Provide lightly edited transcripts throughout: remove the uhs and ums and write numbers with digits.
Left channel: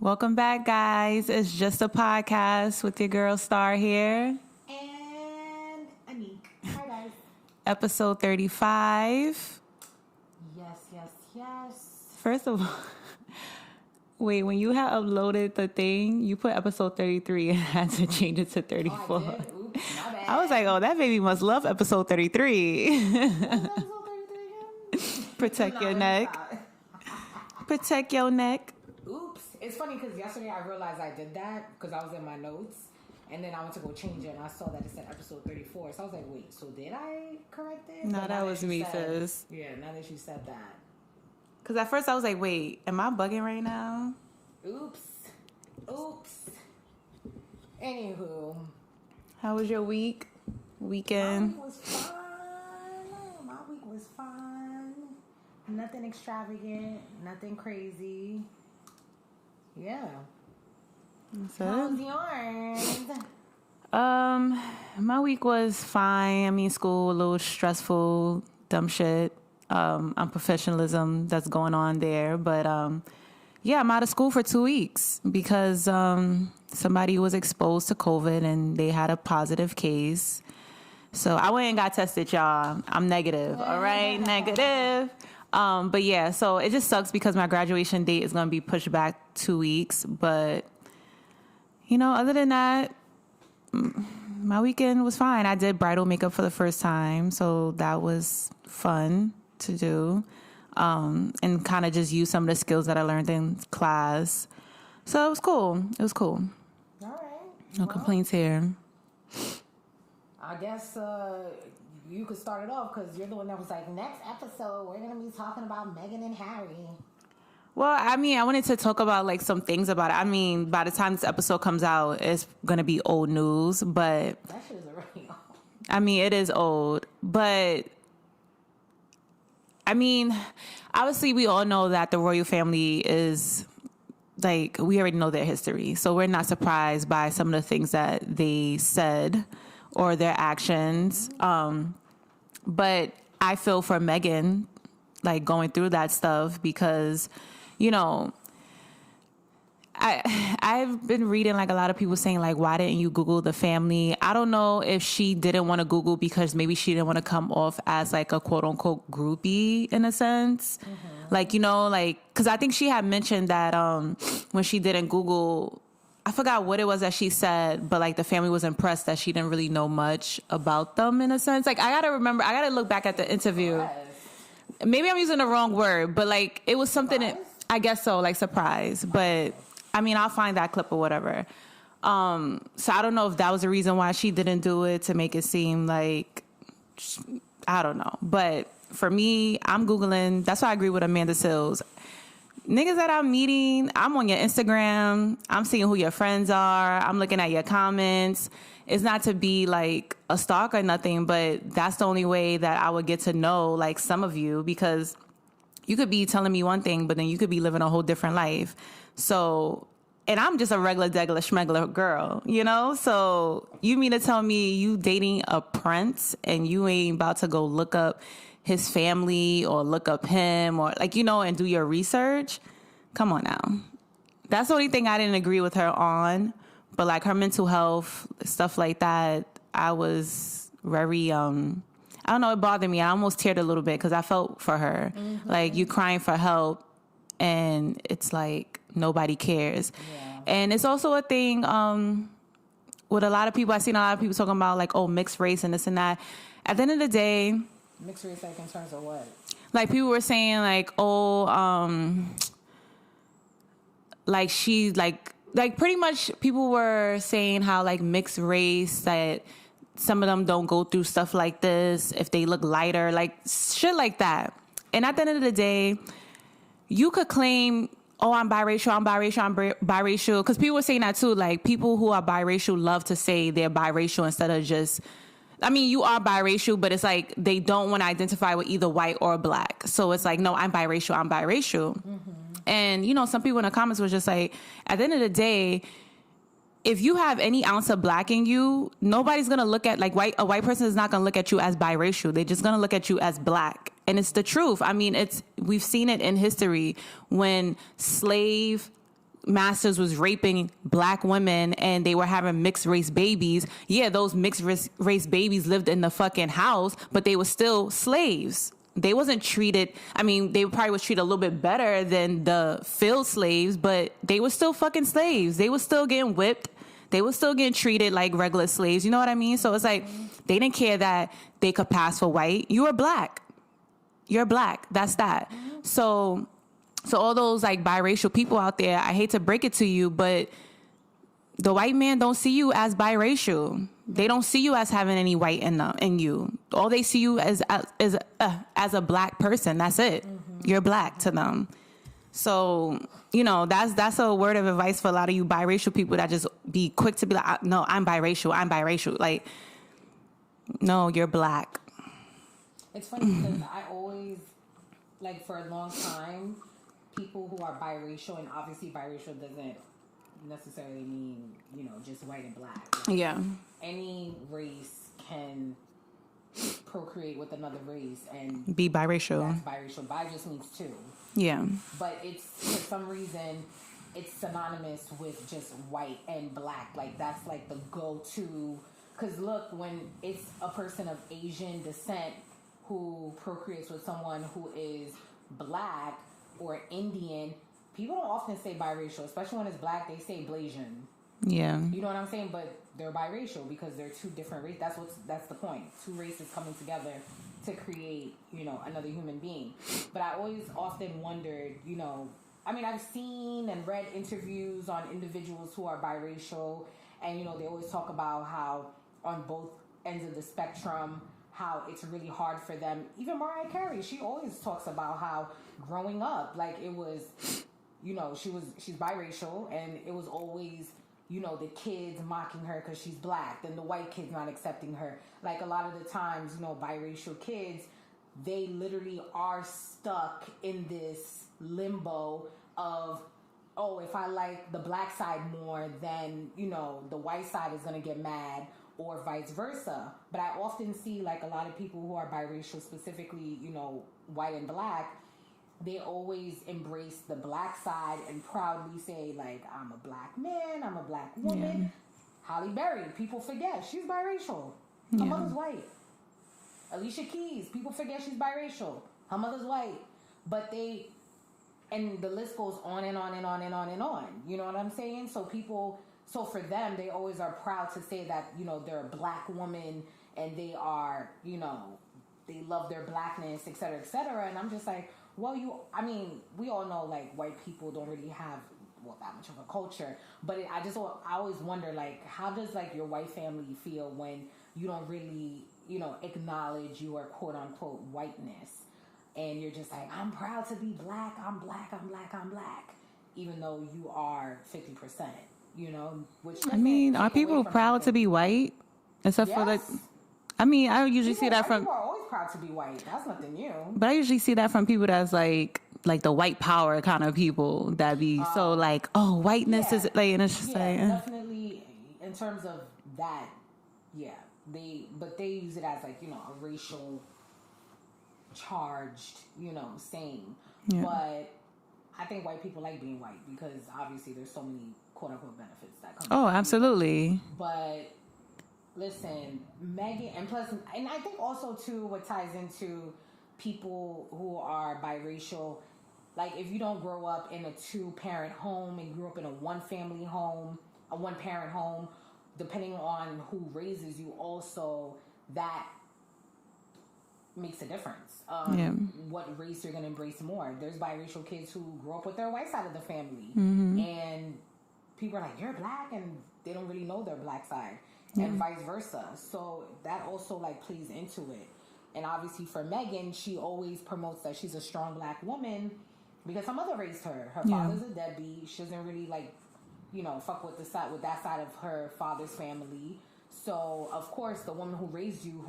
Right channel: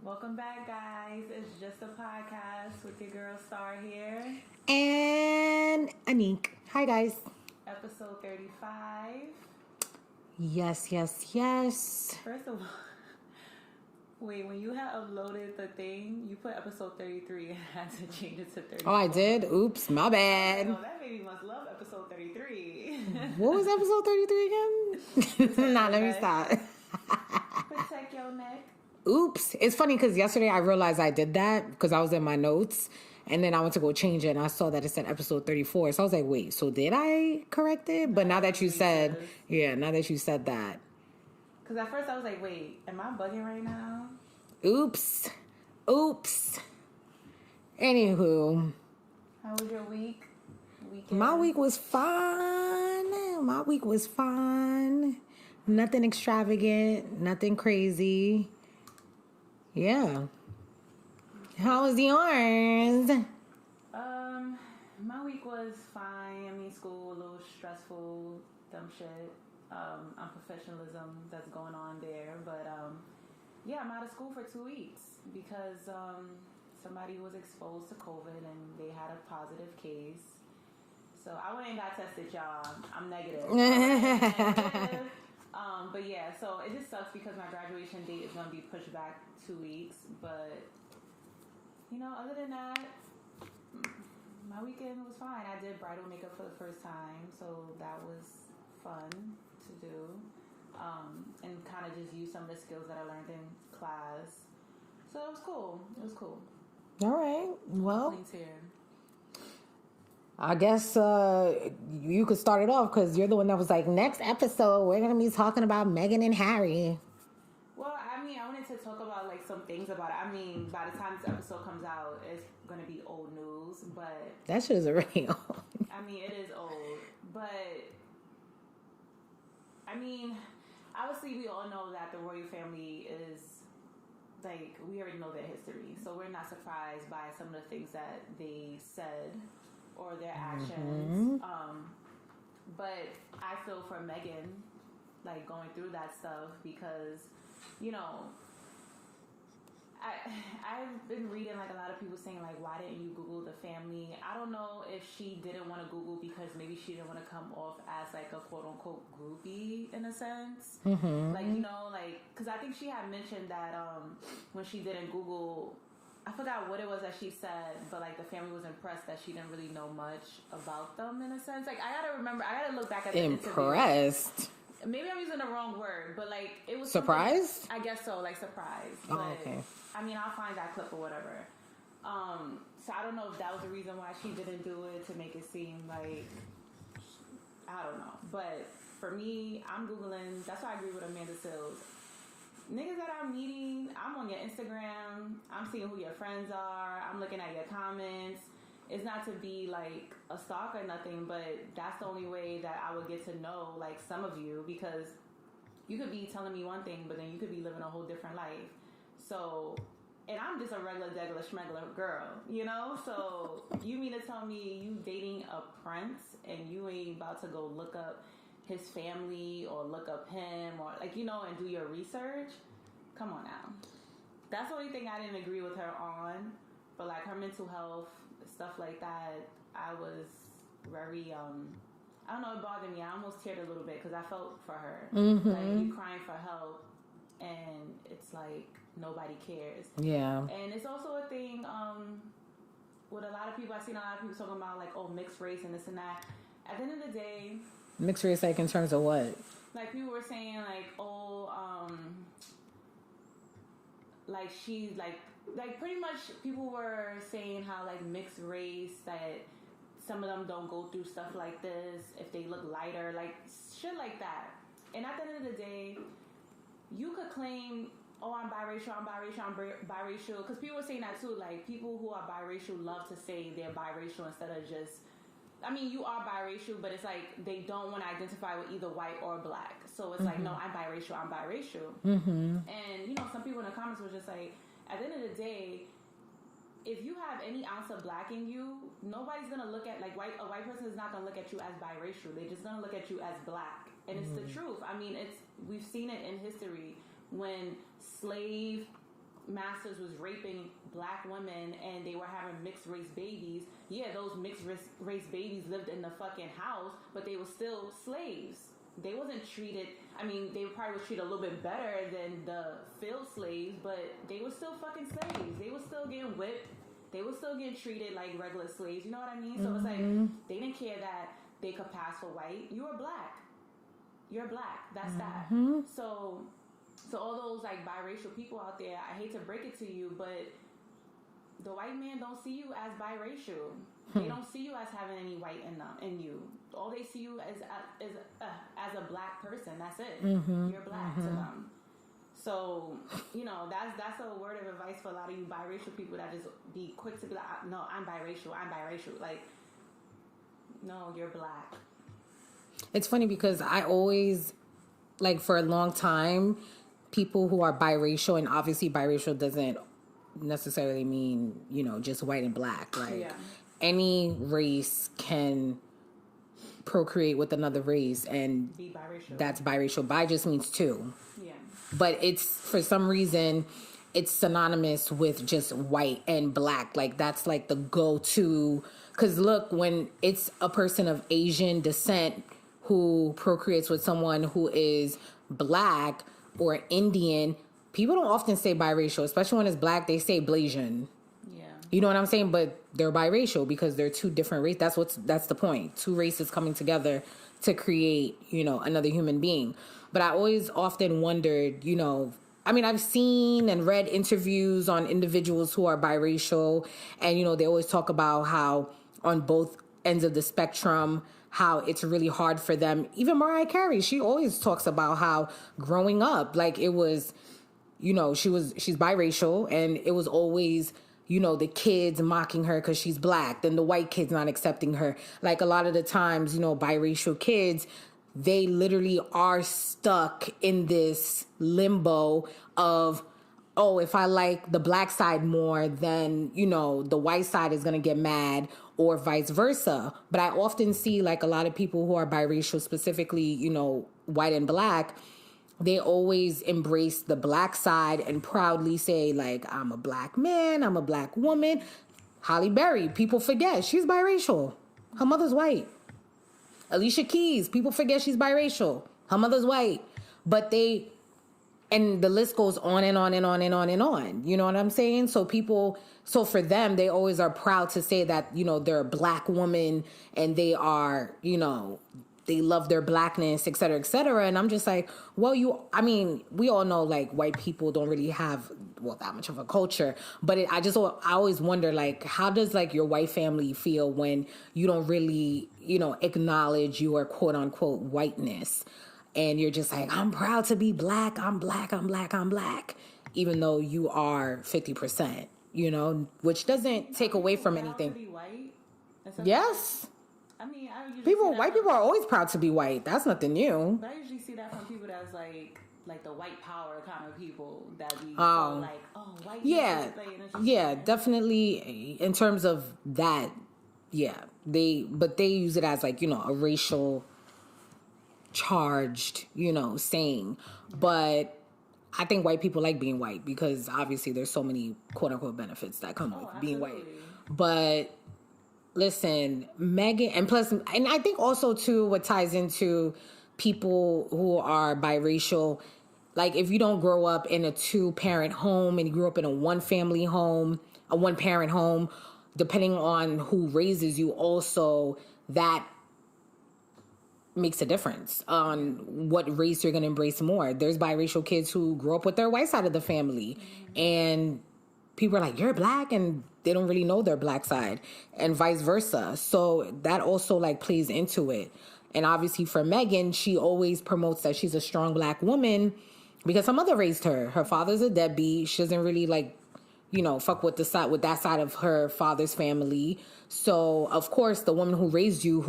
Welcome back, guys. It's just a podcast with your girl Star here. And Anik. Hi, guys. Episode 35. Yes. First of all, wait, when you had uploaded the thing, you put episode 33 and had to change it to 34. Oh, I did? Oops, my bad. I was like, oh, that baby must love episode 33. What was episode 33 again? Protect your neck. Protect your neck. Oops. It's funny because yesterday I realized I did that because I was in my notes. And then I went to go change it, and I saw that it said episode 34. So I was like, wait, so did I correct it? No, but now that you said, sis. now that you said that. Because at first I was like, wait, am I bugging right now? Oops. Anywho. How was your weekend? My week was fun. Nothing extravagant, nothing crazy. Yeah. How was yours? My week was fine. I mean, school a little stressful, dumb shit. Unprofessionalism that's going on there, but yeah, I'm out of school for 2 weeks because somebody was exposed to COVID and they had a positive case. So I went and got tested, y'all. I'm negative. All right, negative. But yeah, so it just sucks because my graduation date is going to be pushed back 2 weeks. But, you know, other than that, my weekend was fine. I did bridal makeup for the first time, so that was fun to do. And kind of just use some of the skills that I learned in class. So it was cool. All right. No complaints here. I guess you could start it off because you're the one that was like, next episode, we're going to be talking about Meghan and Harry. Well, I mean, I wanted to talk about like some things about it. I mean, by the time this episode comes out, it's going to be old news, but... That shit is already old. I mean, it is old, but... I mean, obviously we all know that the royal family is... Like, we already know their history, so we're not surprised by some of the things that they said or their actions. Mm-hmm. But I feel for Meghan, like, going through that stuff because, you know, I've been reading, like, a lot of people saying, like, why didn't you Google the family? I don't know if she didn't want to Google because maybe she didn't want to come off as, like, a quote-unquote groupie, in a sense. Mm-hmm. Like, you know, like, because I think she had mentioned that when she didn't Google... I forgot what it was that she said, but like the family was impressed that she didn't really know much about them in a sense. Like I gotta look back at the interview. Maybe I'm using the wrong word, but like it was surprised? Something. I guess so, like surprised. But okay. I mean, I'll find that clip or whatever. So I don't know if that was the reason why she didn't do it to make it seem like I don't know. But for me, I'm Googling. That's why I agree with Amanda Sills. Niggas that I'm meeting, I'm on your Instagram. I'm seeing who your friends are. I'm looking at your comments. It's not to be like a stalker or nothing, but that's the only way that I would get to know like some of you because you could be telling me one thing, but then you could be living a whole different life. So, and I'm just a regular, degular, schmegular girl, you know? So you mean to tell me you dating a prince and you ain't about to go look up his family or look up him or like, you know, and do your research? Come on now. That's the only thing I didn't agree with her on. But like her mental health, stuff like that, I was very, I don't know, it bothered me. I almost teared a little bit because I felt for her. Mm-hmm. Like you crying for help and it's like nobody cares. Yeah. And it's also a thing with a lot of people. I've seen a lot of people talking about like, oh, mixed race and this and that. At the end of the day, mixed race, like in terms of what? Like people were saying, like, oh, like she, like pretty much people were saying how like mixed race that some of them don't go through stuff like this if they look lighter, like shit like that. And at the end of the day, you could claim, oh, I'm biracial, because people were saying that too. Like people who are biracial love to say they're biracial instead of just. I mean, you are biracial, but it's like they don't want to identify with either white or black. So it's like, no, I'm biracial. Mm-hmm. And, you know, some people in the comments was just like, at the end of the day, if you have any ounce of black in you, nobody's going to look at, like, a white person is not going to look at you as biracial. They're just going to look at you as black. And it's the truth. I mean, we've seen it in history when slave masters was raping black women and they were having mixed race babies, yeah, those mixed race babies lived in the fucking house, but they were still slaves. They wasn't treated, I mean, they probably was treated a little bit better than the field slaves, but they were still fucking slaves. They were still getting whipped. They were still getting treated like regular slaves. You know what I mean? So it's like, they didn't care that they could pass for white. You were black. You're black. That's that. So all those like biracial people out there, I hate to break it to you, but the white man don't see you as biracial. They don't see you as having any white in you. All they see you as a black person. That's it. You're black to them. So, you know, that's a word of advice for a lot of you biracial people that just be quick to be like, no, I'm biracial. Like, no, you're black. It's funny because I always, like, for a long time, people who are biracial, and obviously biracial doesn't necessarily mean, you know, just white and black. Like, Yeah. Any race can procreate with another race and Be biracial. that's biracial. Bi just means two. Yeah. But it's, for some reason, it's synonymous with just white and black. Like, that's like the go-to. Because look, when it's a person of Asian descent who procreates with someone who is black or Indian, people don't often say biracial, especially when it's black. They say Blasian. Yeah. You know what I'm saying? But they're biracial because they're two different races. That's the point. Two races coming together to create, you know, another human being. But I always often wondered, you know, I mean, I've seen and read interviews on individuals who are biracial, and, you know, they always talk about how on both ends of the spectrum, how it's really hard for them. Even Mariah Carey, she always talks about how growing up, like, it was, you know, she's biracial, and it was always, you know, the kids mocking her because she's black, then the white kids not accepting her. Like, a lot of the times, you know, biracial kids, they literally are stuck in this limbo of, oh, if I like the black side more, then, you know, the white side is going to get mad, or vice versa. But I often see, like, a lot of people who are biracial, specifically, you know, white and black, they always embrace the black side and proudly say, like, I'm a black man, I'm a black woman. Halle Berry, people forget she's biracial. Her mother's white. Alicia Keys, people forget she's biracial. Her mother's white. But and the list goes on and on and on and on and on. You know what I'm saying? So for them, they always are proud to say that, you know, they're a black woman and they are, you know, they love their blackness, et cetera, et cetera. And I'm just like, well, we all know, like, white people don't really have, well, that much of a culture. But I always wonder, like, how does, like, your white family feel when you don't really, you know, acknowledge your quote unquote whiteness? And you're just like, I'm proud to be black. I'm black. I'm black. I'm black. Even though you are 50%, you know, which doesn't take away from anything. Are people proud to be white? Except yes. for, like, I mean, I usually see that white people are always proud to be white. That's nothing new. But I usually see that from people that's like the white power kind of people that be so like, oh, whiteness is like, and it's just like, definitely in terms of that. Yeah, they use it as, like, you know, a racial charged, you know, saying. Yeah. But I think white people like being white because obviously there's so many quote unquote benefits that come. Oh, absolutely. But listen, Meghan, and I think also too what ties into people who are biracial, like, if you don't grow up in a 2-parent home and you grew up in a 1-family home, a 1-parent home, depending on who raises you, also that makes a difference on what race you're going to embrace more. There's biracial kids who grow up with their white side of the family, and people are like, you're black, and they don't really know their black side, and vice versa. So that also, like, plays into it. And obviously for Meghan, she always promotes that she's a strong black woman because her mother raised her. Her father's a deadbeat. She doesn't really, like, you know, fuck with that side of her father's family. So of course the woman who raised you,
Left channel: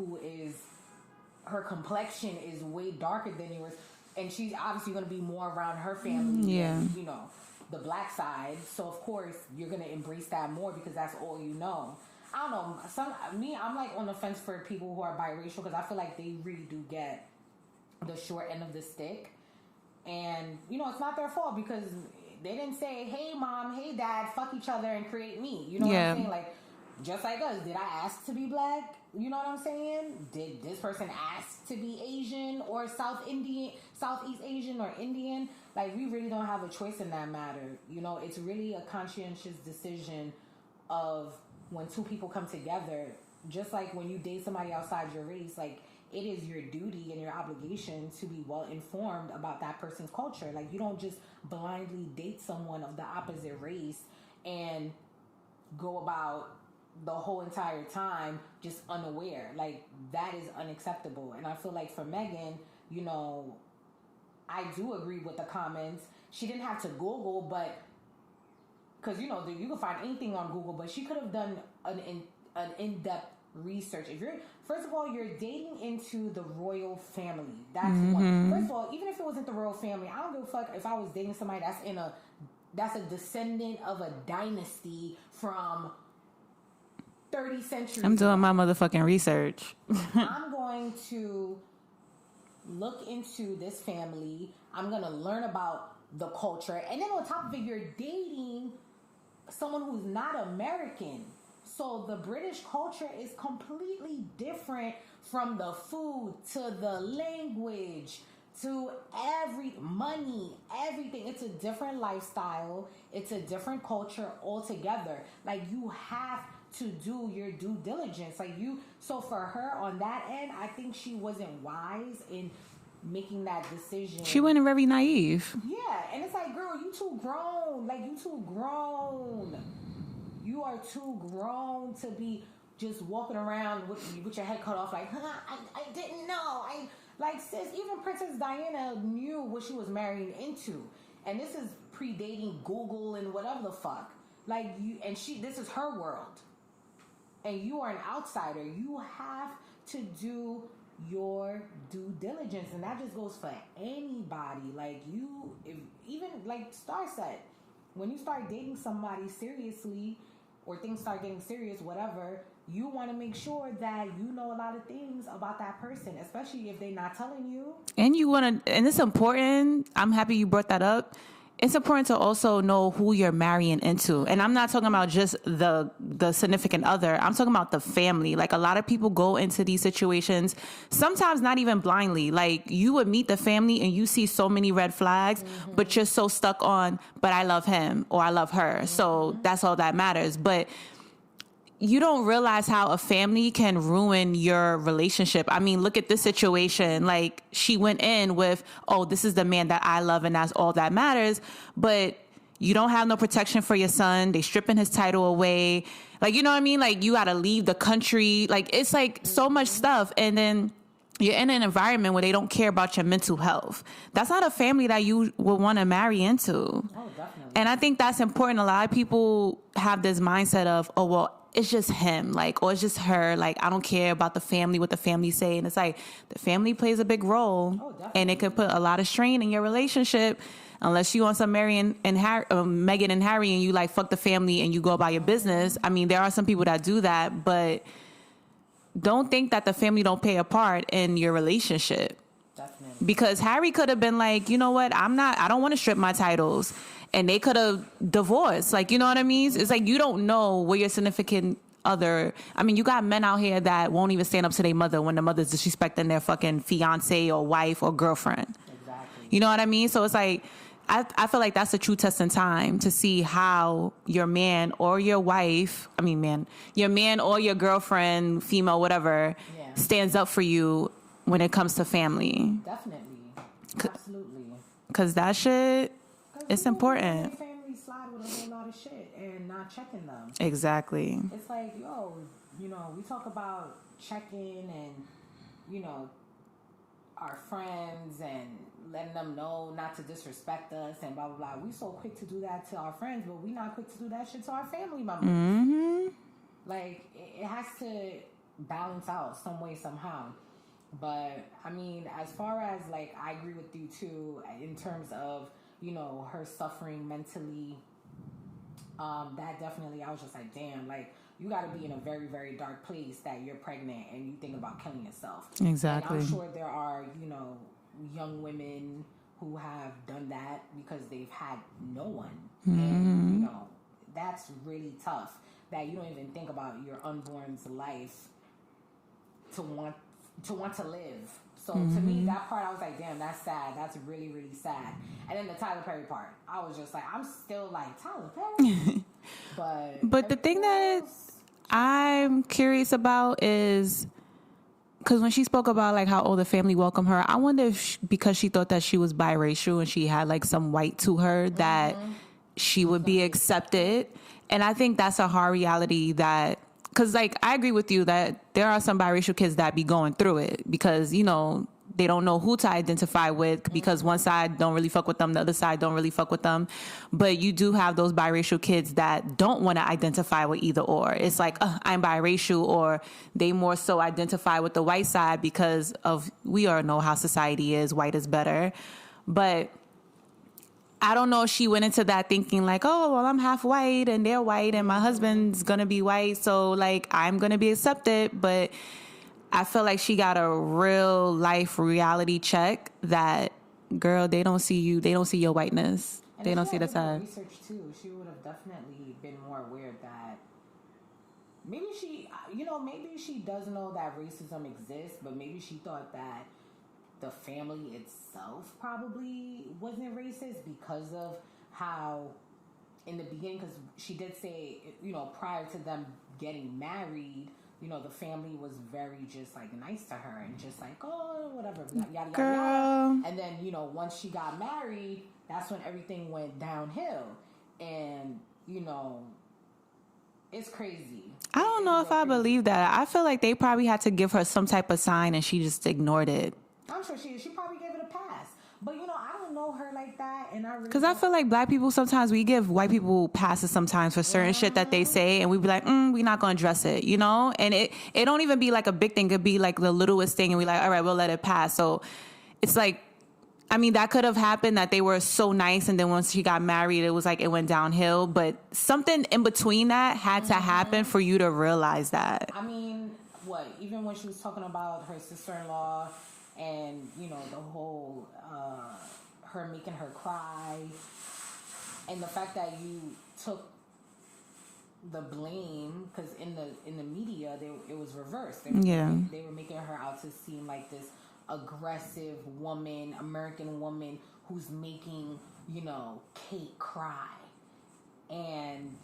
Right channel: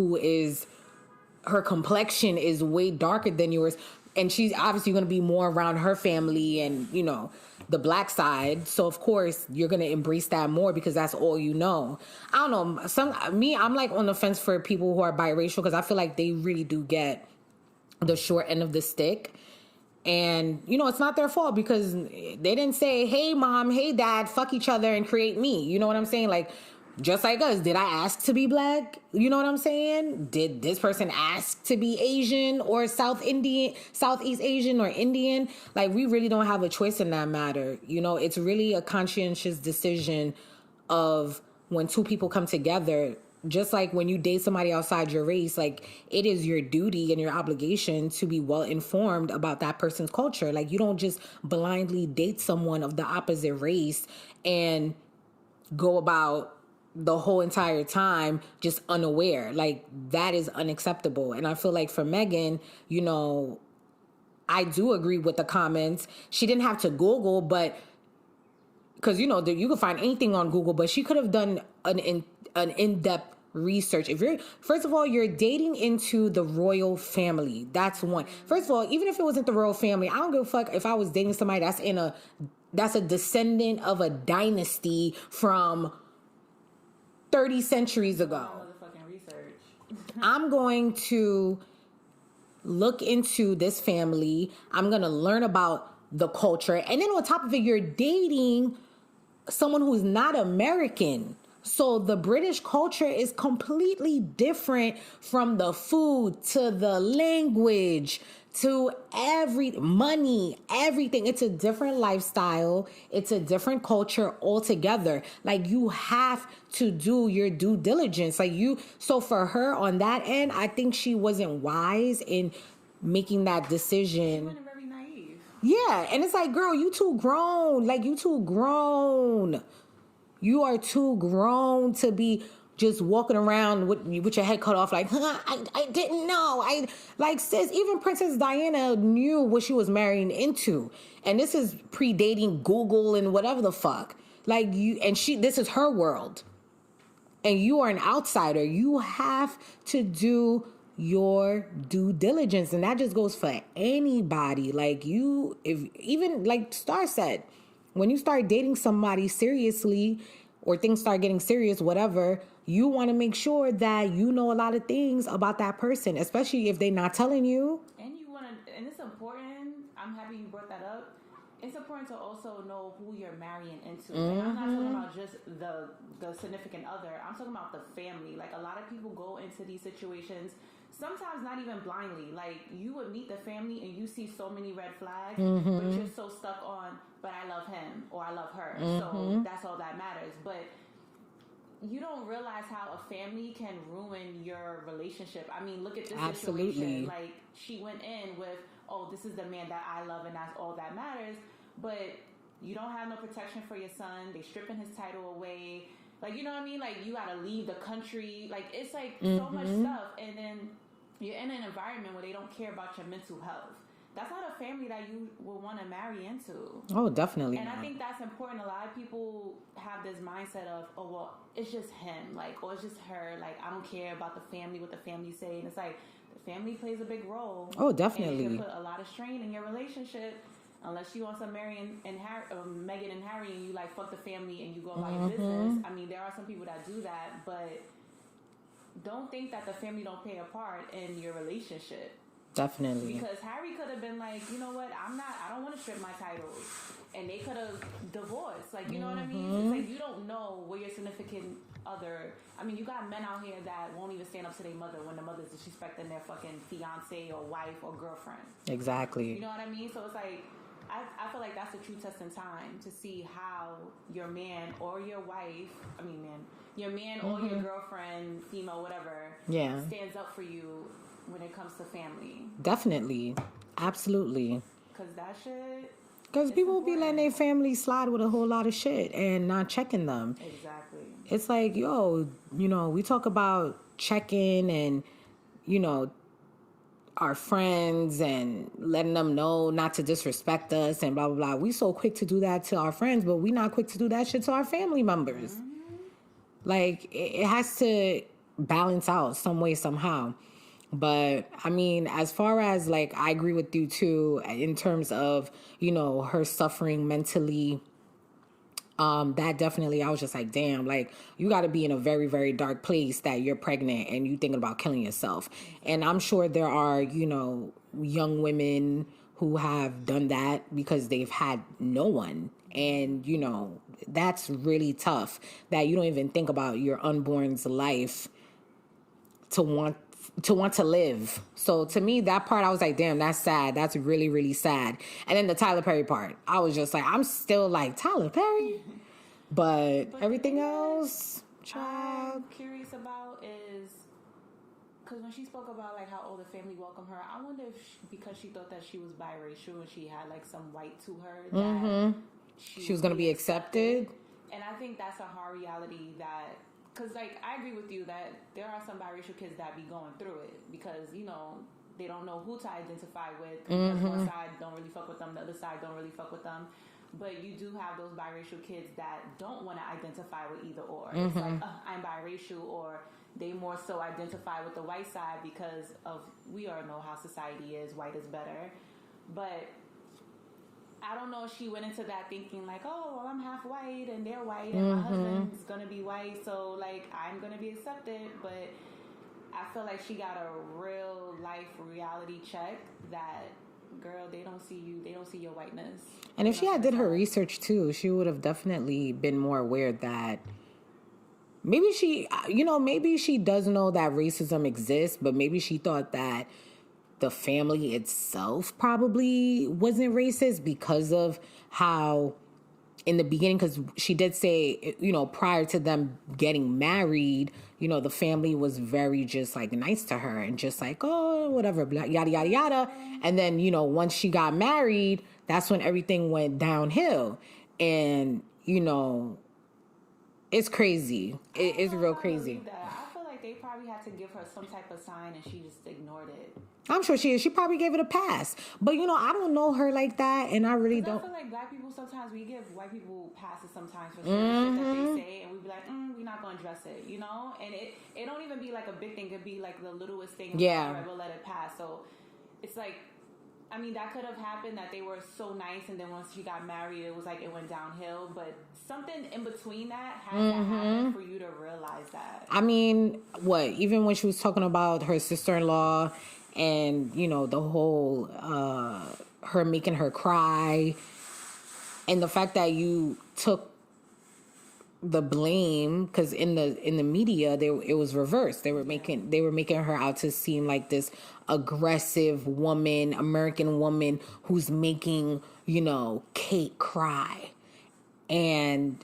her complexion is way darker than yours, and she's obviously going to be more around her family and, you know, the black side. So of course you're going to embrace that more because that's all you know. I don't know. I'm like on the fence for people who are biracial because I feel like they really do get the short end of the stick. And, you know, it's not their fault because they didn't say, hey, mom, hey, dad, fuck each other and create me. You know what I'm saying? Like, just like us, did I ask to be black? You know what I'm saying? Did this person ask to be Asian or Southeast Asian or Indian? Like, we really don't have a choice in that matter. You know, it's really a conscientious decision of when two people come together. Just like when you date somebody outside your race, like it is your duty and your obligation to be well informed about that person's culture. Like you don't just blindly date someone of the opposite race and go about the whole entire time just unaware. Like that is unacceptable. And I feel like for Meghan, you know, I do agree with the comments. She didn't have to Google, but because, you know, you can find anything on Google, but she could have done an in-depth research. If you're, first of all, you're dating into the royal family. That's one. First of all, even if it wasn't the royal family, I don't give a fuck if I was dating somebody that's a descendant of a dynasty from 30 centuries ago. I'm doing my motherfucking research. I'm going to look into this family. I'm going to learn about the culture. And then on top of it, you're dating someone who's not American. So the British culture is completely different from the food to the language to money, everything. It's a different lifestyle. It's a different culture altogether. Like you have to do your due diligence. So for her on that end, I think she wasn't wise in making that decision. She went in very naive. Yeah. And it's like, girl, you too grown. Like you too grown. You are too grown to be just walking around with your head cut off like, I didn't know. Sis, even Princess Diana knew what she was marrying into. And this is predating Google and whatever the fuck. This is her world. And you are an outsider. You have to do your due diligence. And that just goes for anybody. Like Star said, when you start dating somebody seriously or things start getting serious, whatever, you want to make sure that you know a lot of things about that person, especially if they're not telling you. And and it's important. I'm happy you brought that up. It's important to also know who you're marrying into. Mm-hmm. And I'm not talking about just the significant other. I'm talking about the family. Like a lot of people go into these situations, sometimes not even blindly. Like you would meet the family and you see so many red flags, but you're so stuck on, but I love him or I love her. So that's all that matters. But you don't realize how a family can ruin your relationship. I mean, look at this situation. Like she went in with, oh, this is the man that I love and that's all that matters. But you don't have no protection for your son. They stripping his title away. Like, you know what I mean? Like you got to leave the country. Like it's like so much stuff. And then you're in an environment where they don't care about your mental health. That's not a family that you would want to marry into. Oh, definitely. And I think that's important. A lot of people have this mindset of, oh, well, it's just him, like, or it's just her. Like, I don't care about the family, what the family say. And it's like, the family plays a big role. Oh, definitely. And it could put a lot of strain in your relationship unless you want some Meghan and Harry and you like, fuck the family and you go about your business. I mean, there are some people that do that, but don't think that the family don't play a part in your relationship. Definitely. Because Harry could have been like, you know what, I don't want to strip my titles. And they could have divorced. Like, you know what I mean? It's like you don't know where your significant other... I mean, you got men out here that won't even stand up to their mother when the mother's disrespecting their fucking fiance or wife or girlfriend. Exactly. You know what I mean? So it's like, I feel like that's a true test in time to see how your man or your wife... your man or your girlfriend, female, whatever, stands up for you when it comes to family. Definitely. Absolutely. Because that shit... Because people important. And their family slide with a whole lot of shit and not checking them. Exactly. It's like, we talk about checking and, our friends and letting them know not to disrespect us and blah, blah, blah. We so quick to do that to our friends, but we not quick to do that shit to our family members. Mm-hmm. Like, it has to balance out some way, somehow. But I mean, as far as like, I agree with you too, in terms of, her suffering mentally, that definitely, I was just like, damn, like you got to be in a very, very dark place that you're pregnant and you thinking about killing yourself. Exactly. And I'm sure there are, young women who have done that because they've had no one. And, you know, that's really tough that you don't even think about your unborn's life to want to live. So to me, that part, I was like, damn, that's sad. That's really, really sad. And then the Tyler Perry part, I was just like, I'm still like, Tyler Perry? But the thing that I'm curious about is, because when she spoke about like how the family welcomed her, I wonder if because she thought that she was biracial and she had like some white to her, that she would be accepted. And I think that's a hard reality that, because like I agree with you that there are some biracial kids that be going through it because, you know, they don't know who to identify with because one side don't really fuck with them, the other side don't really fuck with them. But you do have those biracial kids that don't want to identify with either or. It's like, I'm biracial, or they more so identify with the white side because of, we all know how society is, white is better. But I don't know if she went into that thinking like, oh, well, I'm half white and they're white and my husband's going to be white, so like I'm going to be accepted. But I feel like she got a real life reality check that, girl, they don't see you. They don't see your whiteness. And they if don't she had see did her research too, she would have definitely been more aware that maybe she does know that racism exists, but maybe she thought that the family itself probably wasn't racist because of how in the beginning, because she did say, you know, prior to them getting married, you know, the family was very just like nice to her and just like, oh, whatever, yada, yada, yada. And then, you know, once she got married, that's when everything went downhill. And, you know, it's crazy. I don't know if I believe that. I feel like they probably had to give her some type of sign and she just ignored it. I'm sure she is. She probably gave it a pass. But, you know, I don't know her like that, and I really don't. Because I feel like black people, sometimes we give white people passes sometimes for certain shit that they say, and we be like, we're not going to address it, you know? And it don't even be like a big thing. It could be like the littlest thing, and we're like, all right, we'll let it pass. So it's like, I mean, that could have happened that they were so nice, and then once she got married, it was like it went downhill. But something in between that had to happen for you to realize that. I mean, even when she was talking about her sister-in-law and, you know, the whole her making her cry, and the fact that you took the blame, because in the media it was reversed. They were making her out to seem like this aggressive woman, American woman who's making, you know, Kate cry. And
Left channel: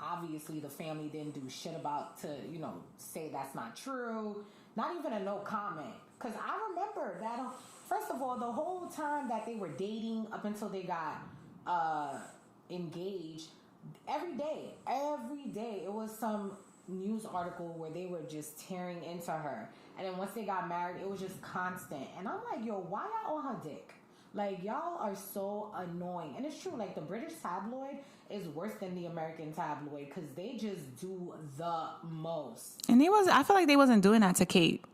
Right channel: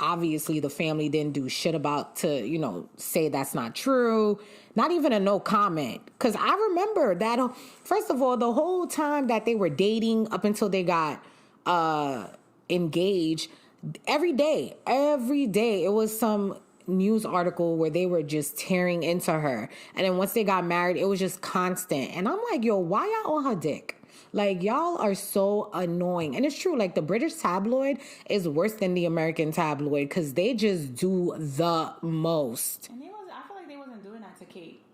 obviously the family didn't do shit about to, you know, say that's not true. Not even a no comment. Because I remember that, first of all, the whole time that they were dating up until they got engaged, every day, it was some news article where they were just tearing into her. And then once they got married, it was just constant. And I'm like, yo, why y'all on her dick? Like, y'all are so annoying. And it's true, like, the British tabloid is worse than the American tabloid because they just do the most. And I feel like they wasn't doing that to Kate.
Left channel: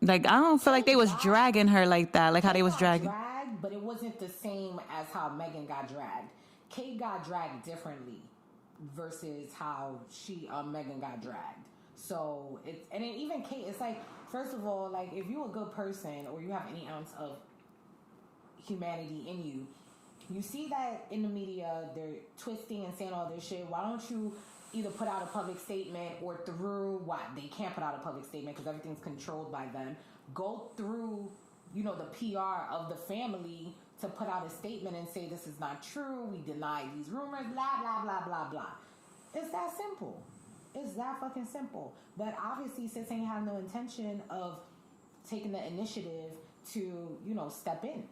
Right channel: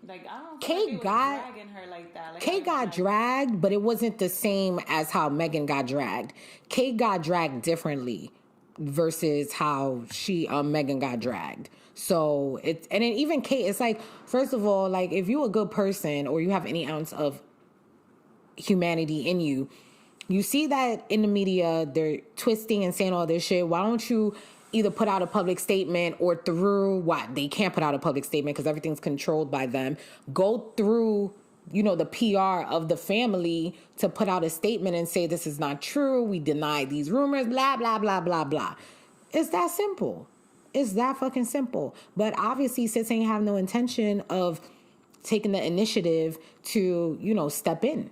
Like, I don't feel like they was dragging her like that. Like, Kate how they was dragged, but it wasn't the same as how Meghan got dragged. Kate got dragged differently versus how Meghan got dragged. So, and then even Kate, it's like, first of all, like, if you're a good person or you have any ounce of humanity in you, you see that in the media they're twisting and saying all this shit. Why don't you either put out a public statement or through they can't put out a public statement because everything's controlled by them. Go through, you know, the PR of the family to put out a statement and say this is not true. We deny these rumors, blah, blah, blah, blah, blah. It's that simple. It's that fucking simple. But obviously Sis ain't have no intention of taking the initiative to, you know, step in.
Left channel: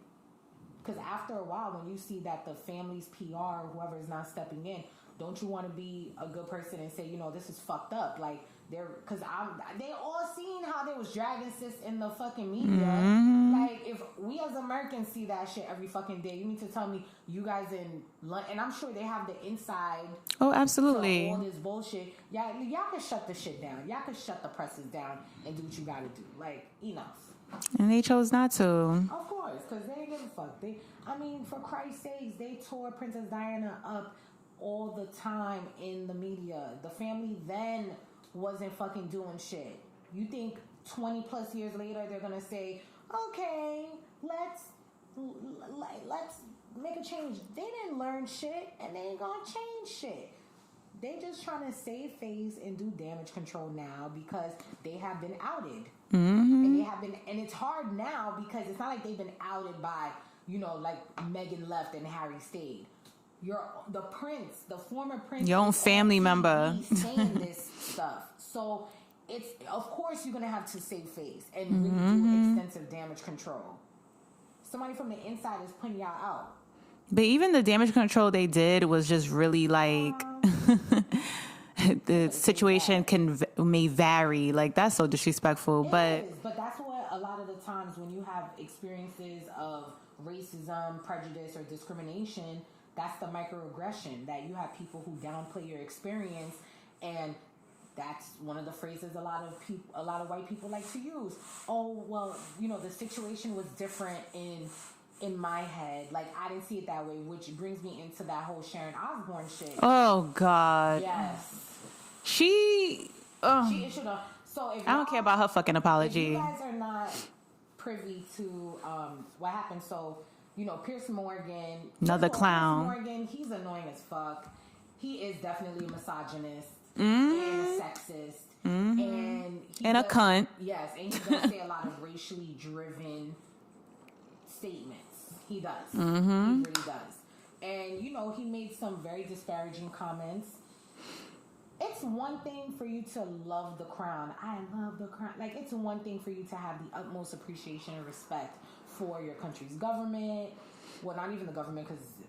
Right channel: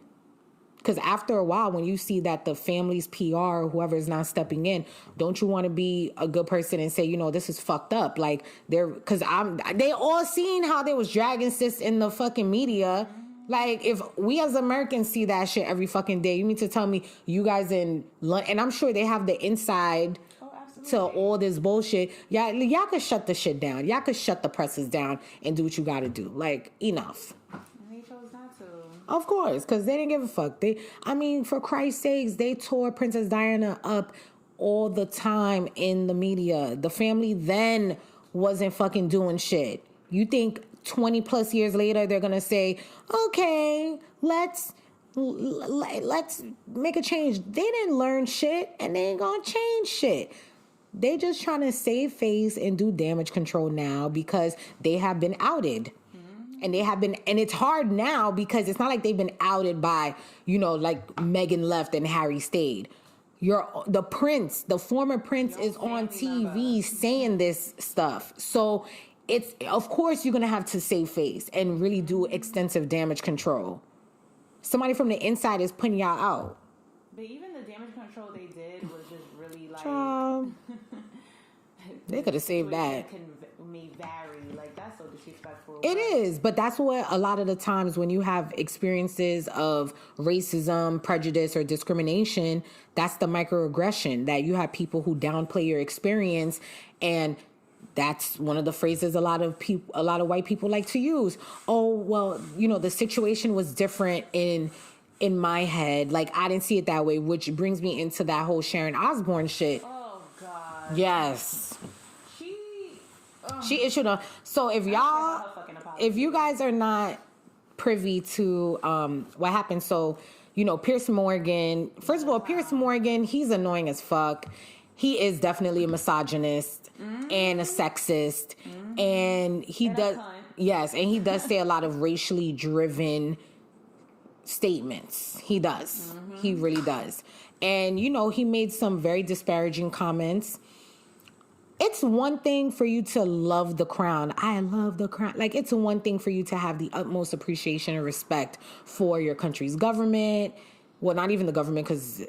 Because after a while, when you see that the family's PR or whoever is not stepping in, don't you want to be a good person and say, you know, this is fucked up? Like, they all seen how they was dragging Sis in the fucking media. Mm-hmm. Like, if we as Americans see that shit every fucking day, you mean to tell me you guys in London, and I'm sure they have the inside. Oh, absolutely. To all this bullshit. Y'all could shut the shit down. Y'all could shut the presses down and do what you got to do. Like, enough. And they chose not to. Of course, because they didn't give a fuck. For Christ's sakes, they tore Princess Diana up all the time in the media. The family then wasn't fucking doing shit. You think 20 plus years later, they're going to say, okay, let's let's make a change. They didn't learn shit, and they ain't gonna change shit. They just trying to save face and do damage control now because they have been outed. And they have been, and it's hard now because it's not like they've been outed by, like Meghan left and Harry stayed. The prince, the former prince, your own is family on TV member saying this stuff. So it's, of course, you're gonna have to save face and really do extensive damage control. Somebody from the inside is putting y'all out. But even the damage control they did was just really like the situation may vary. Like, that's so disrespectful. It is, but that's what a lot of the times when you have experiences of racism, prejudice, or discrimination, that's the microaggression, that you have people who downplay your experience, and that's one of the phrases a lot of white people like to use. Oh, well, the situation was different in my head. Like, I didn't see it that way, which brings me into that whole Sharon Osboune shit. Oh, God. Yes. She issued a... So if y'all... I don't care about her fucking apology. If you guys are not privy to what happened, so, Piers Morgan... First of all, Piers Morgan, he's annoying as fuck. He is definitely a misogynist and a sexist. And he does... a cunt. Yes, and he does say a lot of racially driven statements. He does. He really does. And, he made some very disparaging comments. It's one thing for you to love the crown. I love the crown. Like, it's one thing for you to have the utmost appreciation and respect for your country's government. Well, not even the government, because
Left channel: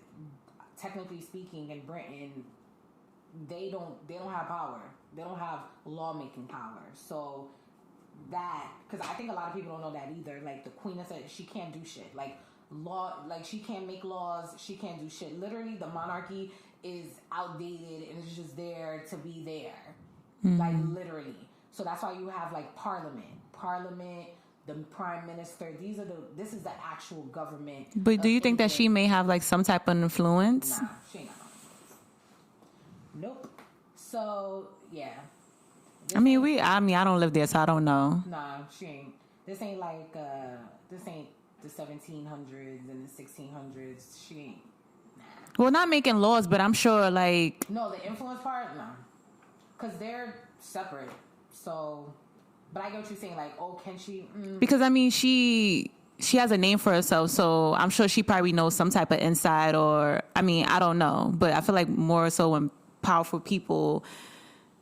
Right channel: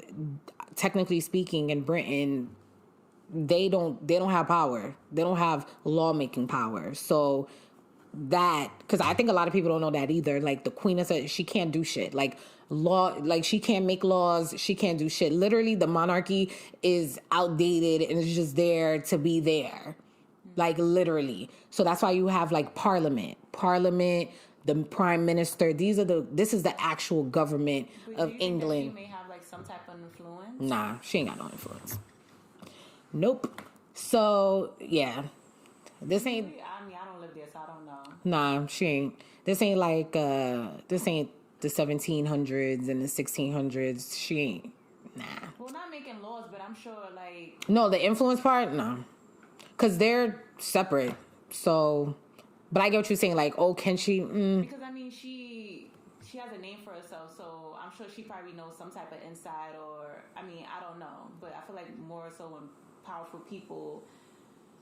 technically speaking, in Britain, they don't have power. They don't have lawmaking power. So that, because I think a lot of people don't know that either. Like, the queen she can't do shit. Like, she can't make laws. She can't do shit. Literally, the monarchy is outdated and it's just there to be there. Like, literally. So that's why you have, like, parliament, the prime minister. This is the actual government. But do you think that she may have, like, some type of influence? Nah, she ain't got no influence. Nope. So, yeah. I don't live there, so I don't know. Nah, she ain't. This ain't like, this ain't the 1700s and the 1600s. She ain't. Nah. Well, not making laws, but I'm sure, like... No, the influence part, no. Because they're separate. So, but I get what you're saying. Like, oh, can she... Because, she has a name for herself, so I'm sure she probably knows some type of inside, or... I don't know. But I feel like more so when powerful people...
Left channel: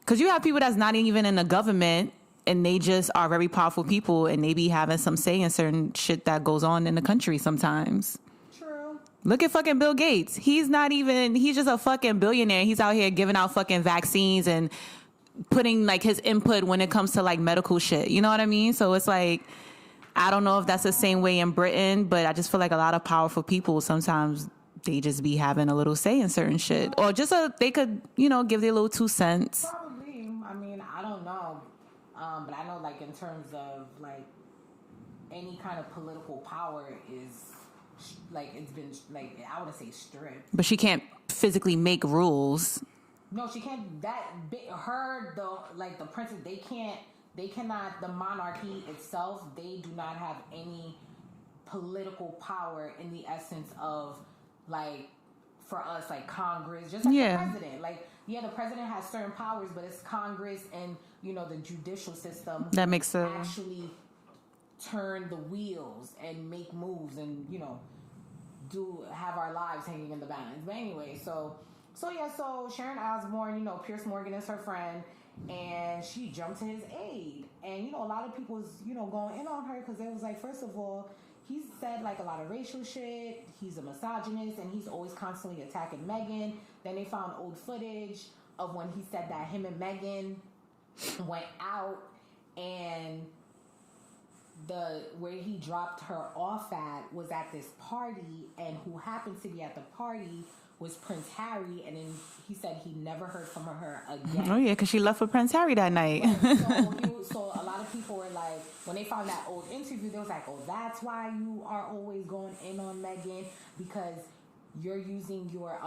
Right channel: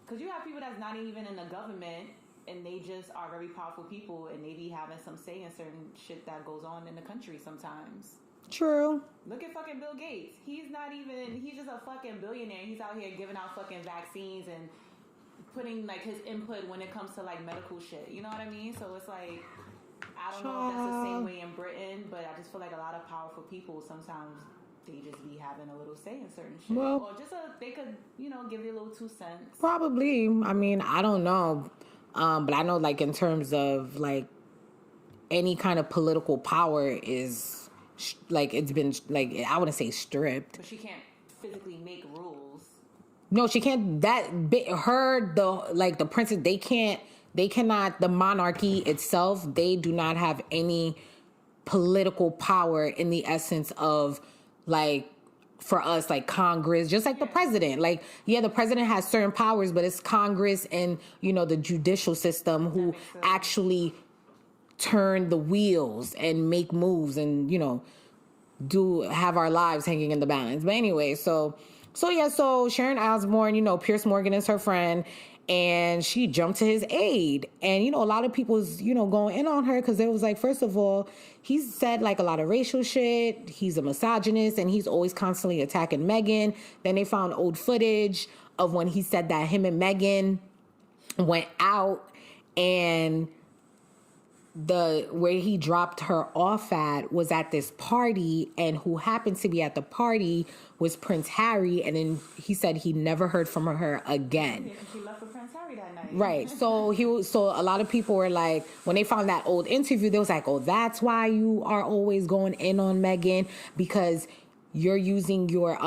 Because you have people that's not even in the government, and they just are very powerful people, and they be having some say in certain shit that goes on in the country sometimes. True. Look at fucking Bill Gates. He's just a fucking billionaire. He's out here giving out fucking vaccines and putting, like, his input when it comes to, like, medical shit. You know what I mean? So it's like, I don't know if that's the same way in Britain, but I just feel like a lot of powerful people sometimes... they just be having a little say in certain shit. Or just they could, give their little 2 cents. Probably. I don't know. But I know, like, in terms of, like, any kind of political power is, like, it's been, like, I wouldn't say stripped. But she can't physically make rules. No, she can't. The princess, they cannot, the monarchy itself, they do not have any political power in the essence of, like, for us, like Congress, just like the president. Like, the president has certain powers, but it's Congress and, the judicial system who actually turn the wheels and make moves and, have our lives hanging in the balance. But anyway, so Sharon Osboune, Piers Morgan is her friend, and she jumped to his aid. And, a lot of people's, going in on her because it was like, first of all, he's said, like, a lot of racial shit. He's a misogynist, and he's always constantly attacking Meghan. Then they found old footage of when he said that him and Meghan went out, and where he dropped her off at was at this party, and who happened to be at the party was Prince Harry, and then he said he never heard from her again. Oh yeah, because she left with Prince Harry that night. Right. So a lot of people were like, when they found that old interview, they was like, oh, that's why you are always going in on Meghan, because you're using your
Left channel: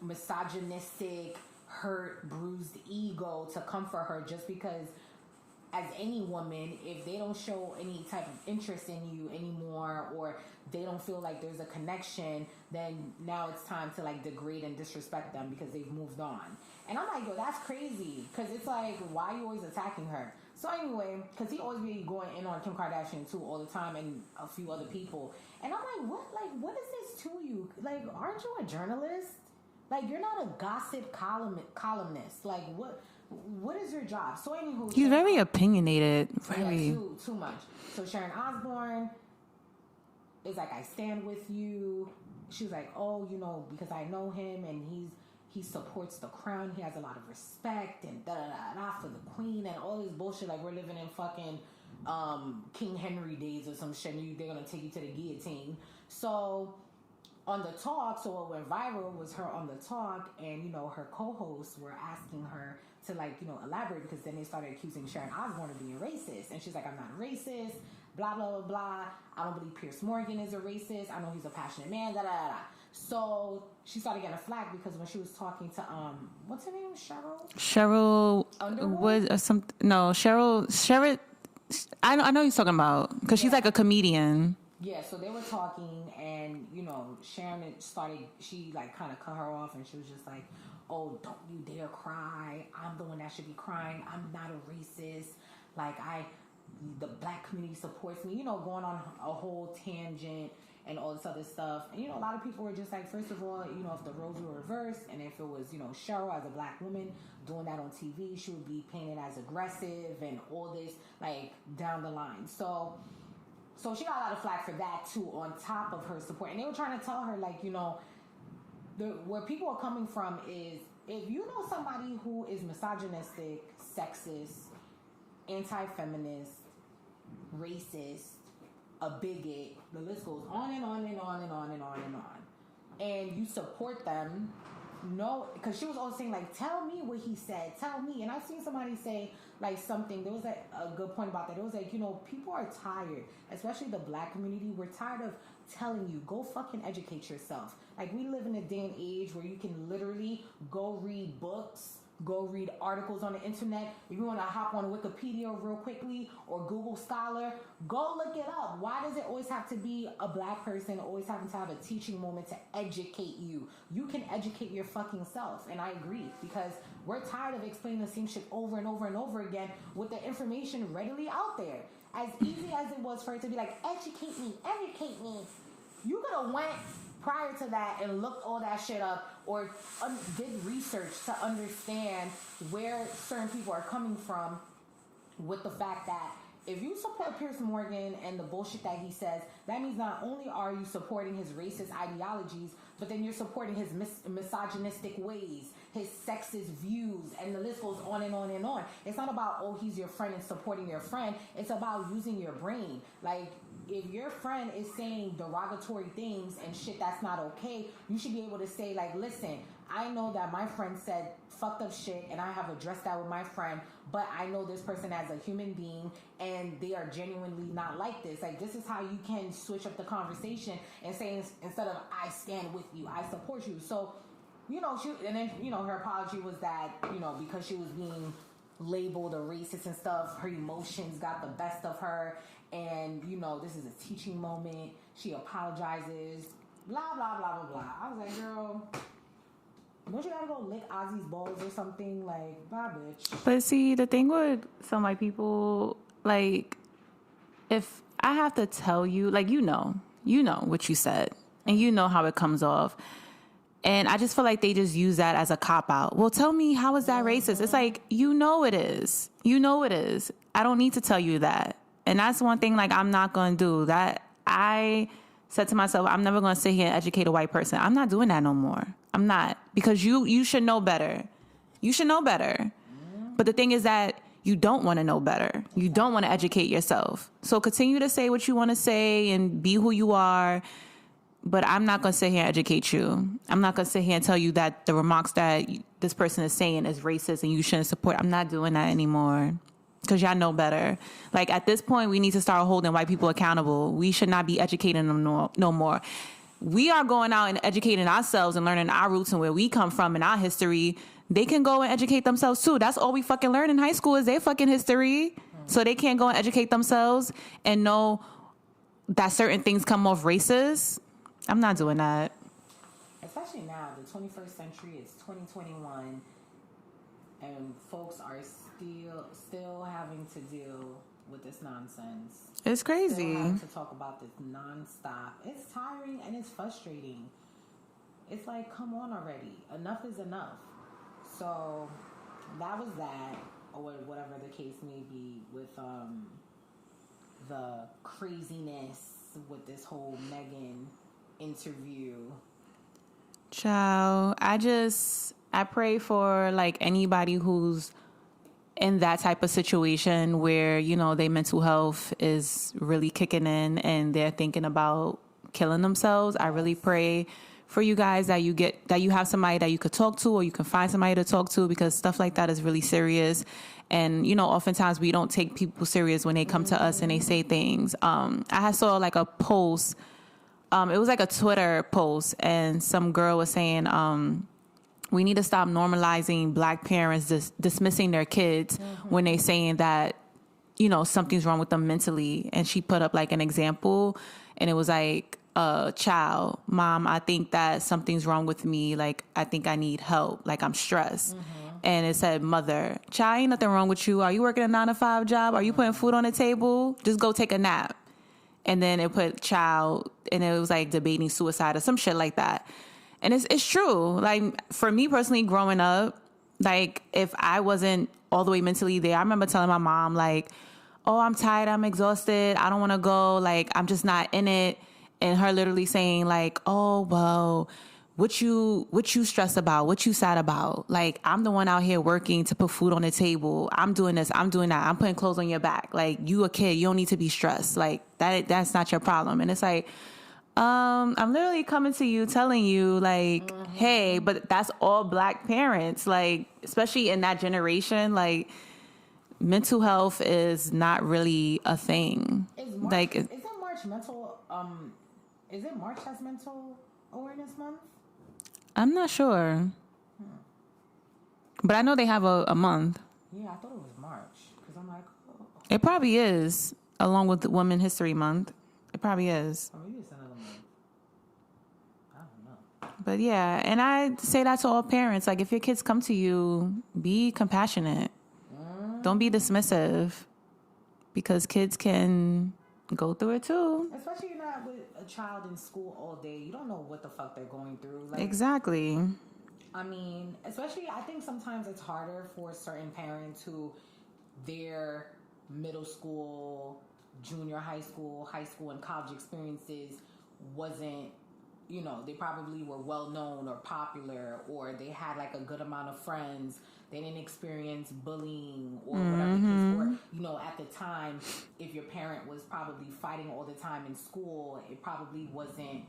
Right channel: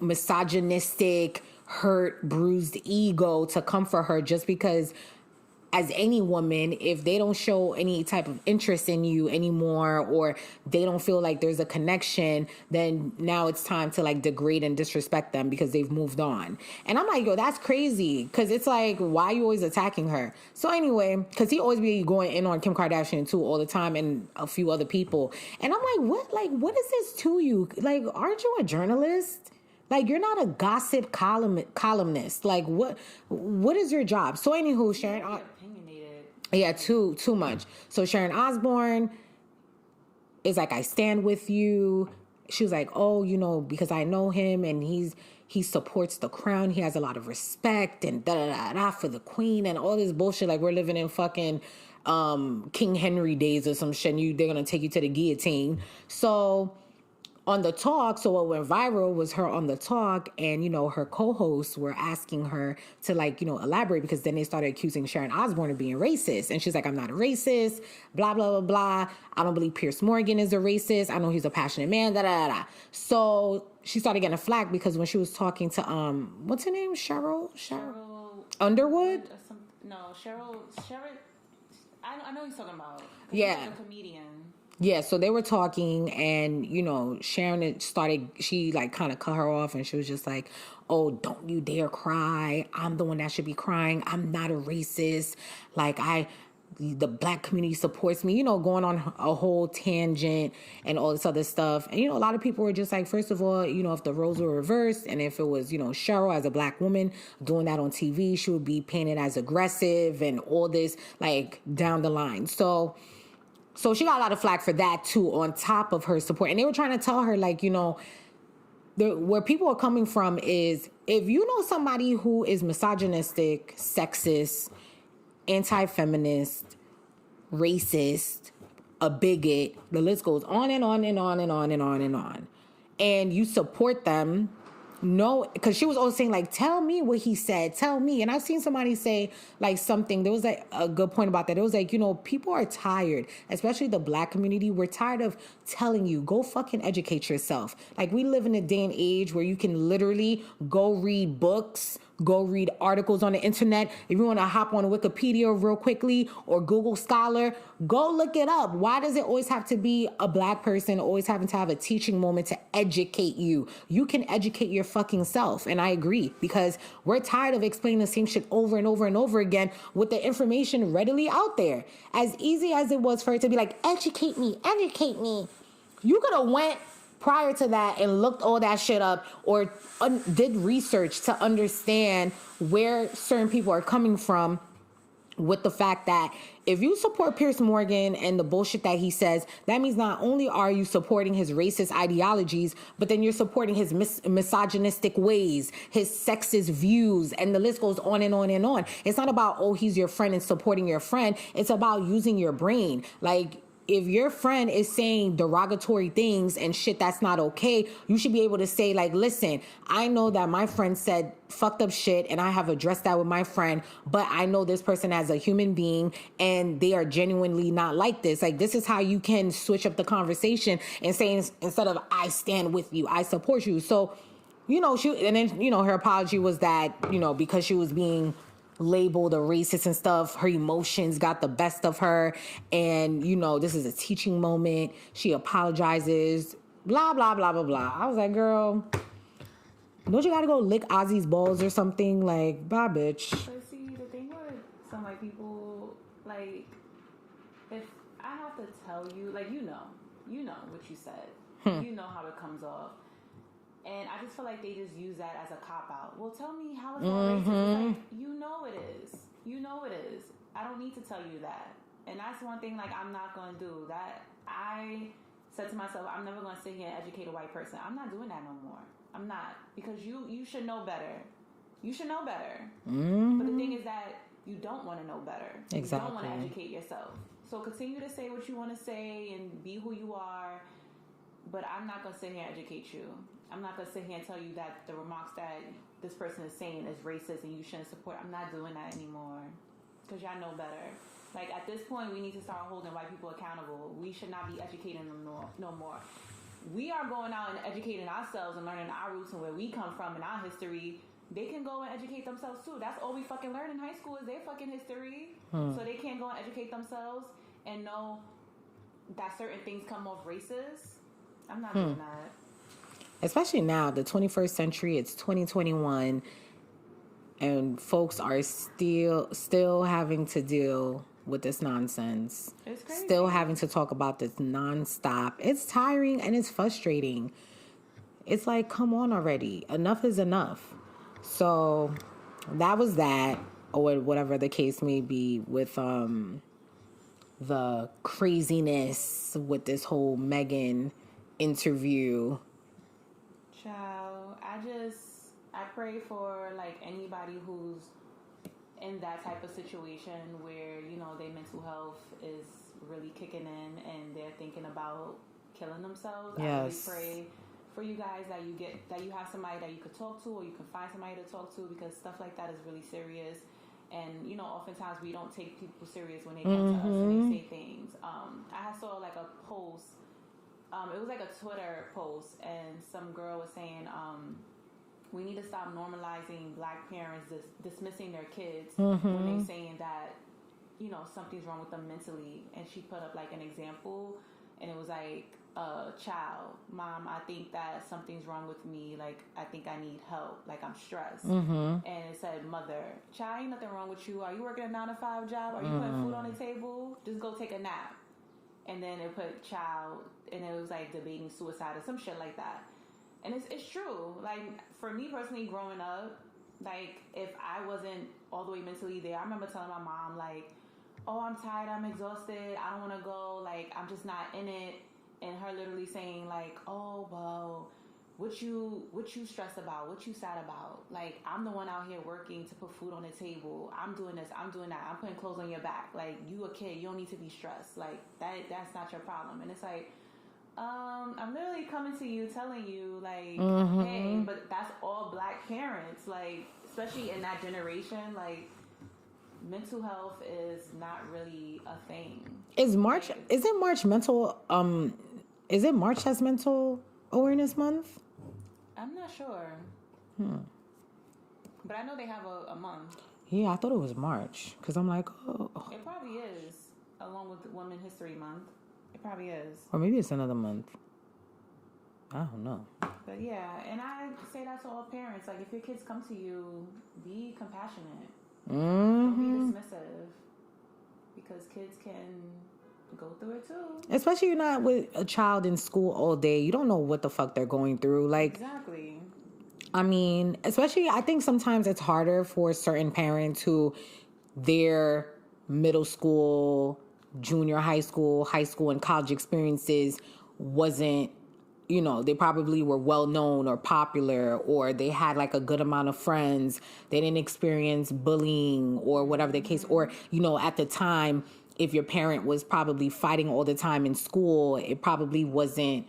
misogynistic, hurt, bruised ego to comfort her just because as any woman, if they don't show any type of interest in you anymore, or they don't feel like there's a connection, then now it's time to like degrade and disrespect them because they've moved on. And I'm like, yo, that's crazy. Because it's like, why are you always attacking her? So anyway, because he always be going in on Kim Kardashian too all the time, and a few other people. And I'm like, what is this to you? Like, aren't you a journalist? Like, you're not a gossip columnist. Like, what is your job? So, anywho, She's very opinionated. Yeah, too much. So, Sharon Osboune is like, I stand with you. She was like, oh, you know, because I know him and he supports the crown. He has a lot of respect and da-da-da-da for the queen and all this bullshit. Like, we're living in fucking King Henry days or some shit. And they're going to take you to the guillotine. So... on the talk, so what went viral was her on the talk, and, you know, her co-hosts were asking her to, like, you know, elaborate, because then they started accusing Sharon Osboune of being racist. And she's like, I'm not a racist, blah, blah, blah, blah. I don't believe Piers Morgan is a racist. I know he's a passionate man, da, da, da, da. So she started getting a flack because when she was talking to, what's her name? Cheryl Underwood? Cheryl. I know you're talking about, because she's like a comedian. Yeah, so they were talking, and, you know, Sharon started, she, like, kind of cut her off, and she was just like, oh, don't you dare cry. I'm the one that should be crying. I'm not a racist. Like, the black community supports me, you know, going on a whole tangent and all this other stuff. And, you know, a lot of people were just like, first of all, you know, if the roles were reversed, and if it was, you know, Cheryl as a black woman doing that on TV, she would be painted as aggressive and all this, like, down the line. So she got a lot of flack for that, too, on top of her support. And they were trying to tell her, like, you know, where people are coming from is, if you know somebody who is misogynistic, sexist, anti-feminist, racist, a bigot, the list goes on and on and on and on and on and on, and you support them, no, because she was always saying, like, tell me what he said, tell me. And I've seen somebody say, like, something, there was like a good point about that. It was like, you know, people are tired, especially the black community. We're tired of telling you, go fucking educate yourself. Like, we live in a day and age where you can literally go read books, go read articles on the internet. If you want to hop on Wikipedia real quickly or Google Scholar, go look it up. Why does it always have to be a black person always having to have a teaching moment to educate you? You can educate your fucking self. And I agree, because we're tired of explaining the same shit over and over and over again with the information readily out there. As easy as it was for her to be like, educate me. You could have went prior to that and looked all that shit up, or did research to understand where certain people are coming from, with the fact that if you support Piers Morgan and the bullshit that he says, that means not only are you supporting his racist ideologies, but then you're supporting his misogynistic ways, his sexist views, and the list goes on and on and on. It's not about, oh, he's your friend and supporting your friend. It's about using your brain. Like, if your friend is saying derogatory things and shit that's not okay, you should be able to say, like, listen, I know that my friend said fucked up shit and I have addressed that with my friend, but I know this person as a human being and they are genuinely not like this. Like, this is how you can switch up the conversation and say, instead of I stand with you, I support you. So, you know, her apology was that, you know, because she was being labeled a racist and stuff, her emotions got the best of her, and, you know, this is a teaching moment. She apologizes, blah, blah, blah, blah, blah. I was like, girl, don't you gotta go lick Ozzy's balls or something? Like, bye, bitch. But see, the thing with some, like, people, like, if I have to tell you, like, you know what you said, and you know how it comes off. And I just feel like they just use that as a cop-out. Well, tell me, how is that racist? It's like, you know it is. You know it is. I don't need to tell you that. And that's one thing, like, I'm not going to do. That I said to myself, I'm never going to sit here and educate a white person. I'm not doing that no more. I'm not. Because you should know better. You should know better. But the thing is that you don't want to know better. Exactly. You don't want to educate yourself. So continue to say what you want to say and be who you are. But I'm not going to sit here and educate you. I'm not going to sit here and tell you that the remarks that this person is saying is racist and you shouldn't support. I'm not doing that anymore, because y'all know better. Like, at this point, we need to start holding white people accountable. We should not be educating them no more. We are going out and educating ourselves and learning our roots and where we come from and our history. they can go and educate themselves too. That's all we fucking learn in high school is their fucking history. So they can't go and educate themselves and know that certain things come off racist. I'm not doing that. Especially now, the 21st century, it's 2021, and folks are still having to deal with this nonsense. It's crazy. Still having to talk about this nonstop. It's tiring and it's frustrating. It's like, come on already. Enough is enough. So that was that, or whatever the case may be with the craziness with this whole Meghan interview. Ciao. I pray for like anybody who's in that type of situation where, you know, their mental health is really kicking in and they're thinking about killing themselves. Yes. I really pray for you guys that you have somebody that you could talk to, or you can find somebody to talk to, because stuff like that is really serious. And, you know, oftentimes we don't take people serious when they come to us and they say things. I saw like a post. It was like a Twitter post, and some girl was saying, we need to stop normalizing black parents dismissing their kids when they saying that, you know, something's wrong with them mentally. And she put up like an example, and it was like, child, mom, I think that something's wrong with me. Like, I think I need help. Like, I'm stressed. And it said, mother, child, ain't nothing wrong with you. Are you working a 9-to-5 job? Are you putting food on the table? Just go take a nap. And then it put child, and it was like debating suicide or some shit like that. And it's true. Like, for me personally, growing up, like, if I wasn't all the way mentally there, I remember telling my mom, like, oh, I'm tired, I'm exhausted, I don't want to go, like, I'm just not in it. And her literally saying, like, oh, well, what you stressed about, what you sad about? Like, I'm the one out here working to put food on the table. I'm doing this, I'm doing that. I'm putting clothes on your back. Like, you a kid, you don't need to be stressed. Like, that's not your problem. And it's like, I'm literally coming to you telling you, like, hey, but that's all black parents. Like, especially in that generation, like, mental health is not really a thing. Is it March as Mental Awareness Month? I'm not sure. But I know they have a month. Yeah, I thought it was March, because I'm like, oh. It probably is, along with Women's History Month. It probably is. Or maybe it's another month. I don't know. But yeah, and I say that to all parents. Like, if your kids come to you, be compassionate. Don't be dismissive, because kids can go through it too. Especially you're not with a child in school all day. You don't know what the fuck they're going through. Like, exactly. I mean, especially I think sometimes it's harder for certain parents who their middle school, junior high school, and college experiences wasn't, you know, they probably were well known or popular, or they had like a good amount of friends. They didn't experience bullying or whatever the case. Or, you know, at the time, if your parent was probably fighting all the time in school, it probably wasn't,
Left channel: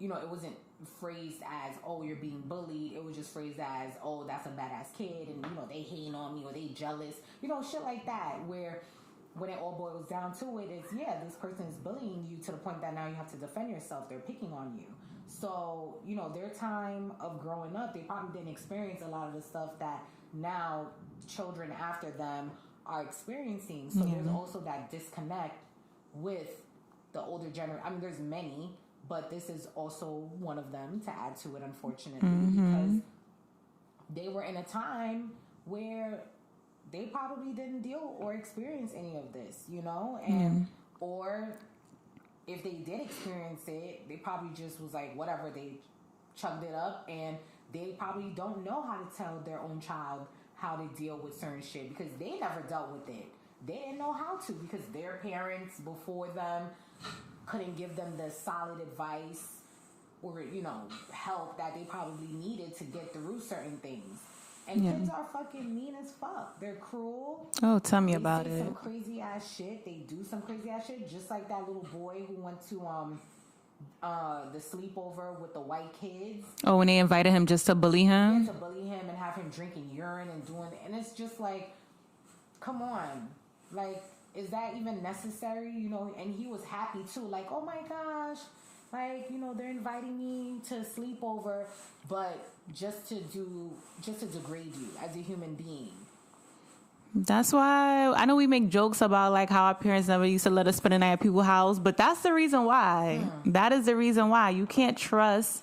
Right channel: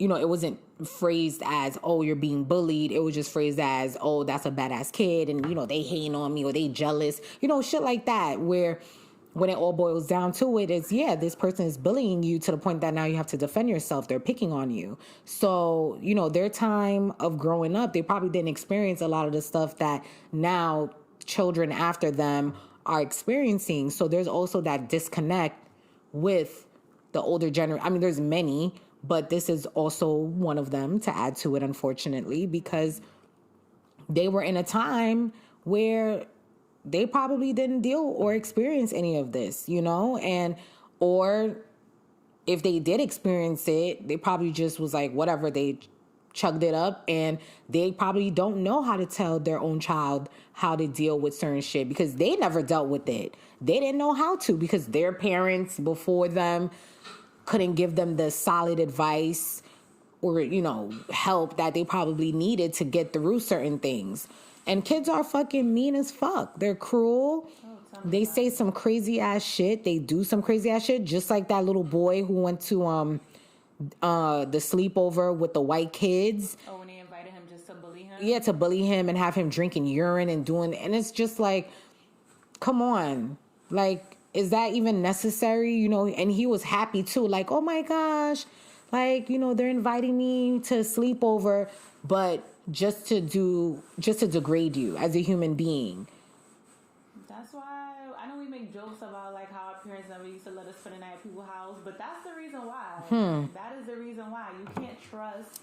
you know, it wasn't phrased as, oh, you're being bullied. It was just phrased as, oh, that's a badass kid, and, you know, they hating on me, or they jealous, you know, shit like that, where when it all boils down to it, it's, yeah, this person is bullying you to the point that now you have to defend yourself. They're picking on you. So, you know, their time of growing up, they probably didn't experience a lot of the stuff that now children after them are experiencing. So there's also that disconnect with the older generation. I mean, there's many, but this is also one of them to add to it, unfortunately, because they were in a time where they probably didn't deal or experience any of this, you know? And, or if they did experience it, they probably just was like, whatever, they chugged it up, and they probably don't know how to tell their own child how to deal with certain shit, because they never dealt with it. They didn't know how to, because their parents before them couldn't give them the solid advice or, you know, help that they probably needed to get through certain things. And kids are fucking mean as fuck. They're cruel. Oh, tell me about it. They say some crazy ass shit. They do some crazy ass shit. Just like that little boy who went to the sleepover with the white kids. Oh, when they invited him just to bully him? Yeah, to bully him and have him drinking urine and doing... And it's just like, come on. Like, is that even necessary? You know, and he was happy too. Like, oh my gosh. Like, you know, they're inviting me to a sleepover. But just to degrade you as a human being. That's why I know we make jokes about like how our parents never used to let us spend the night at people's house, but that's the reason why. That is the reason why you can't trust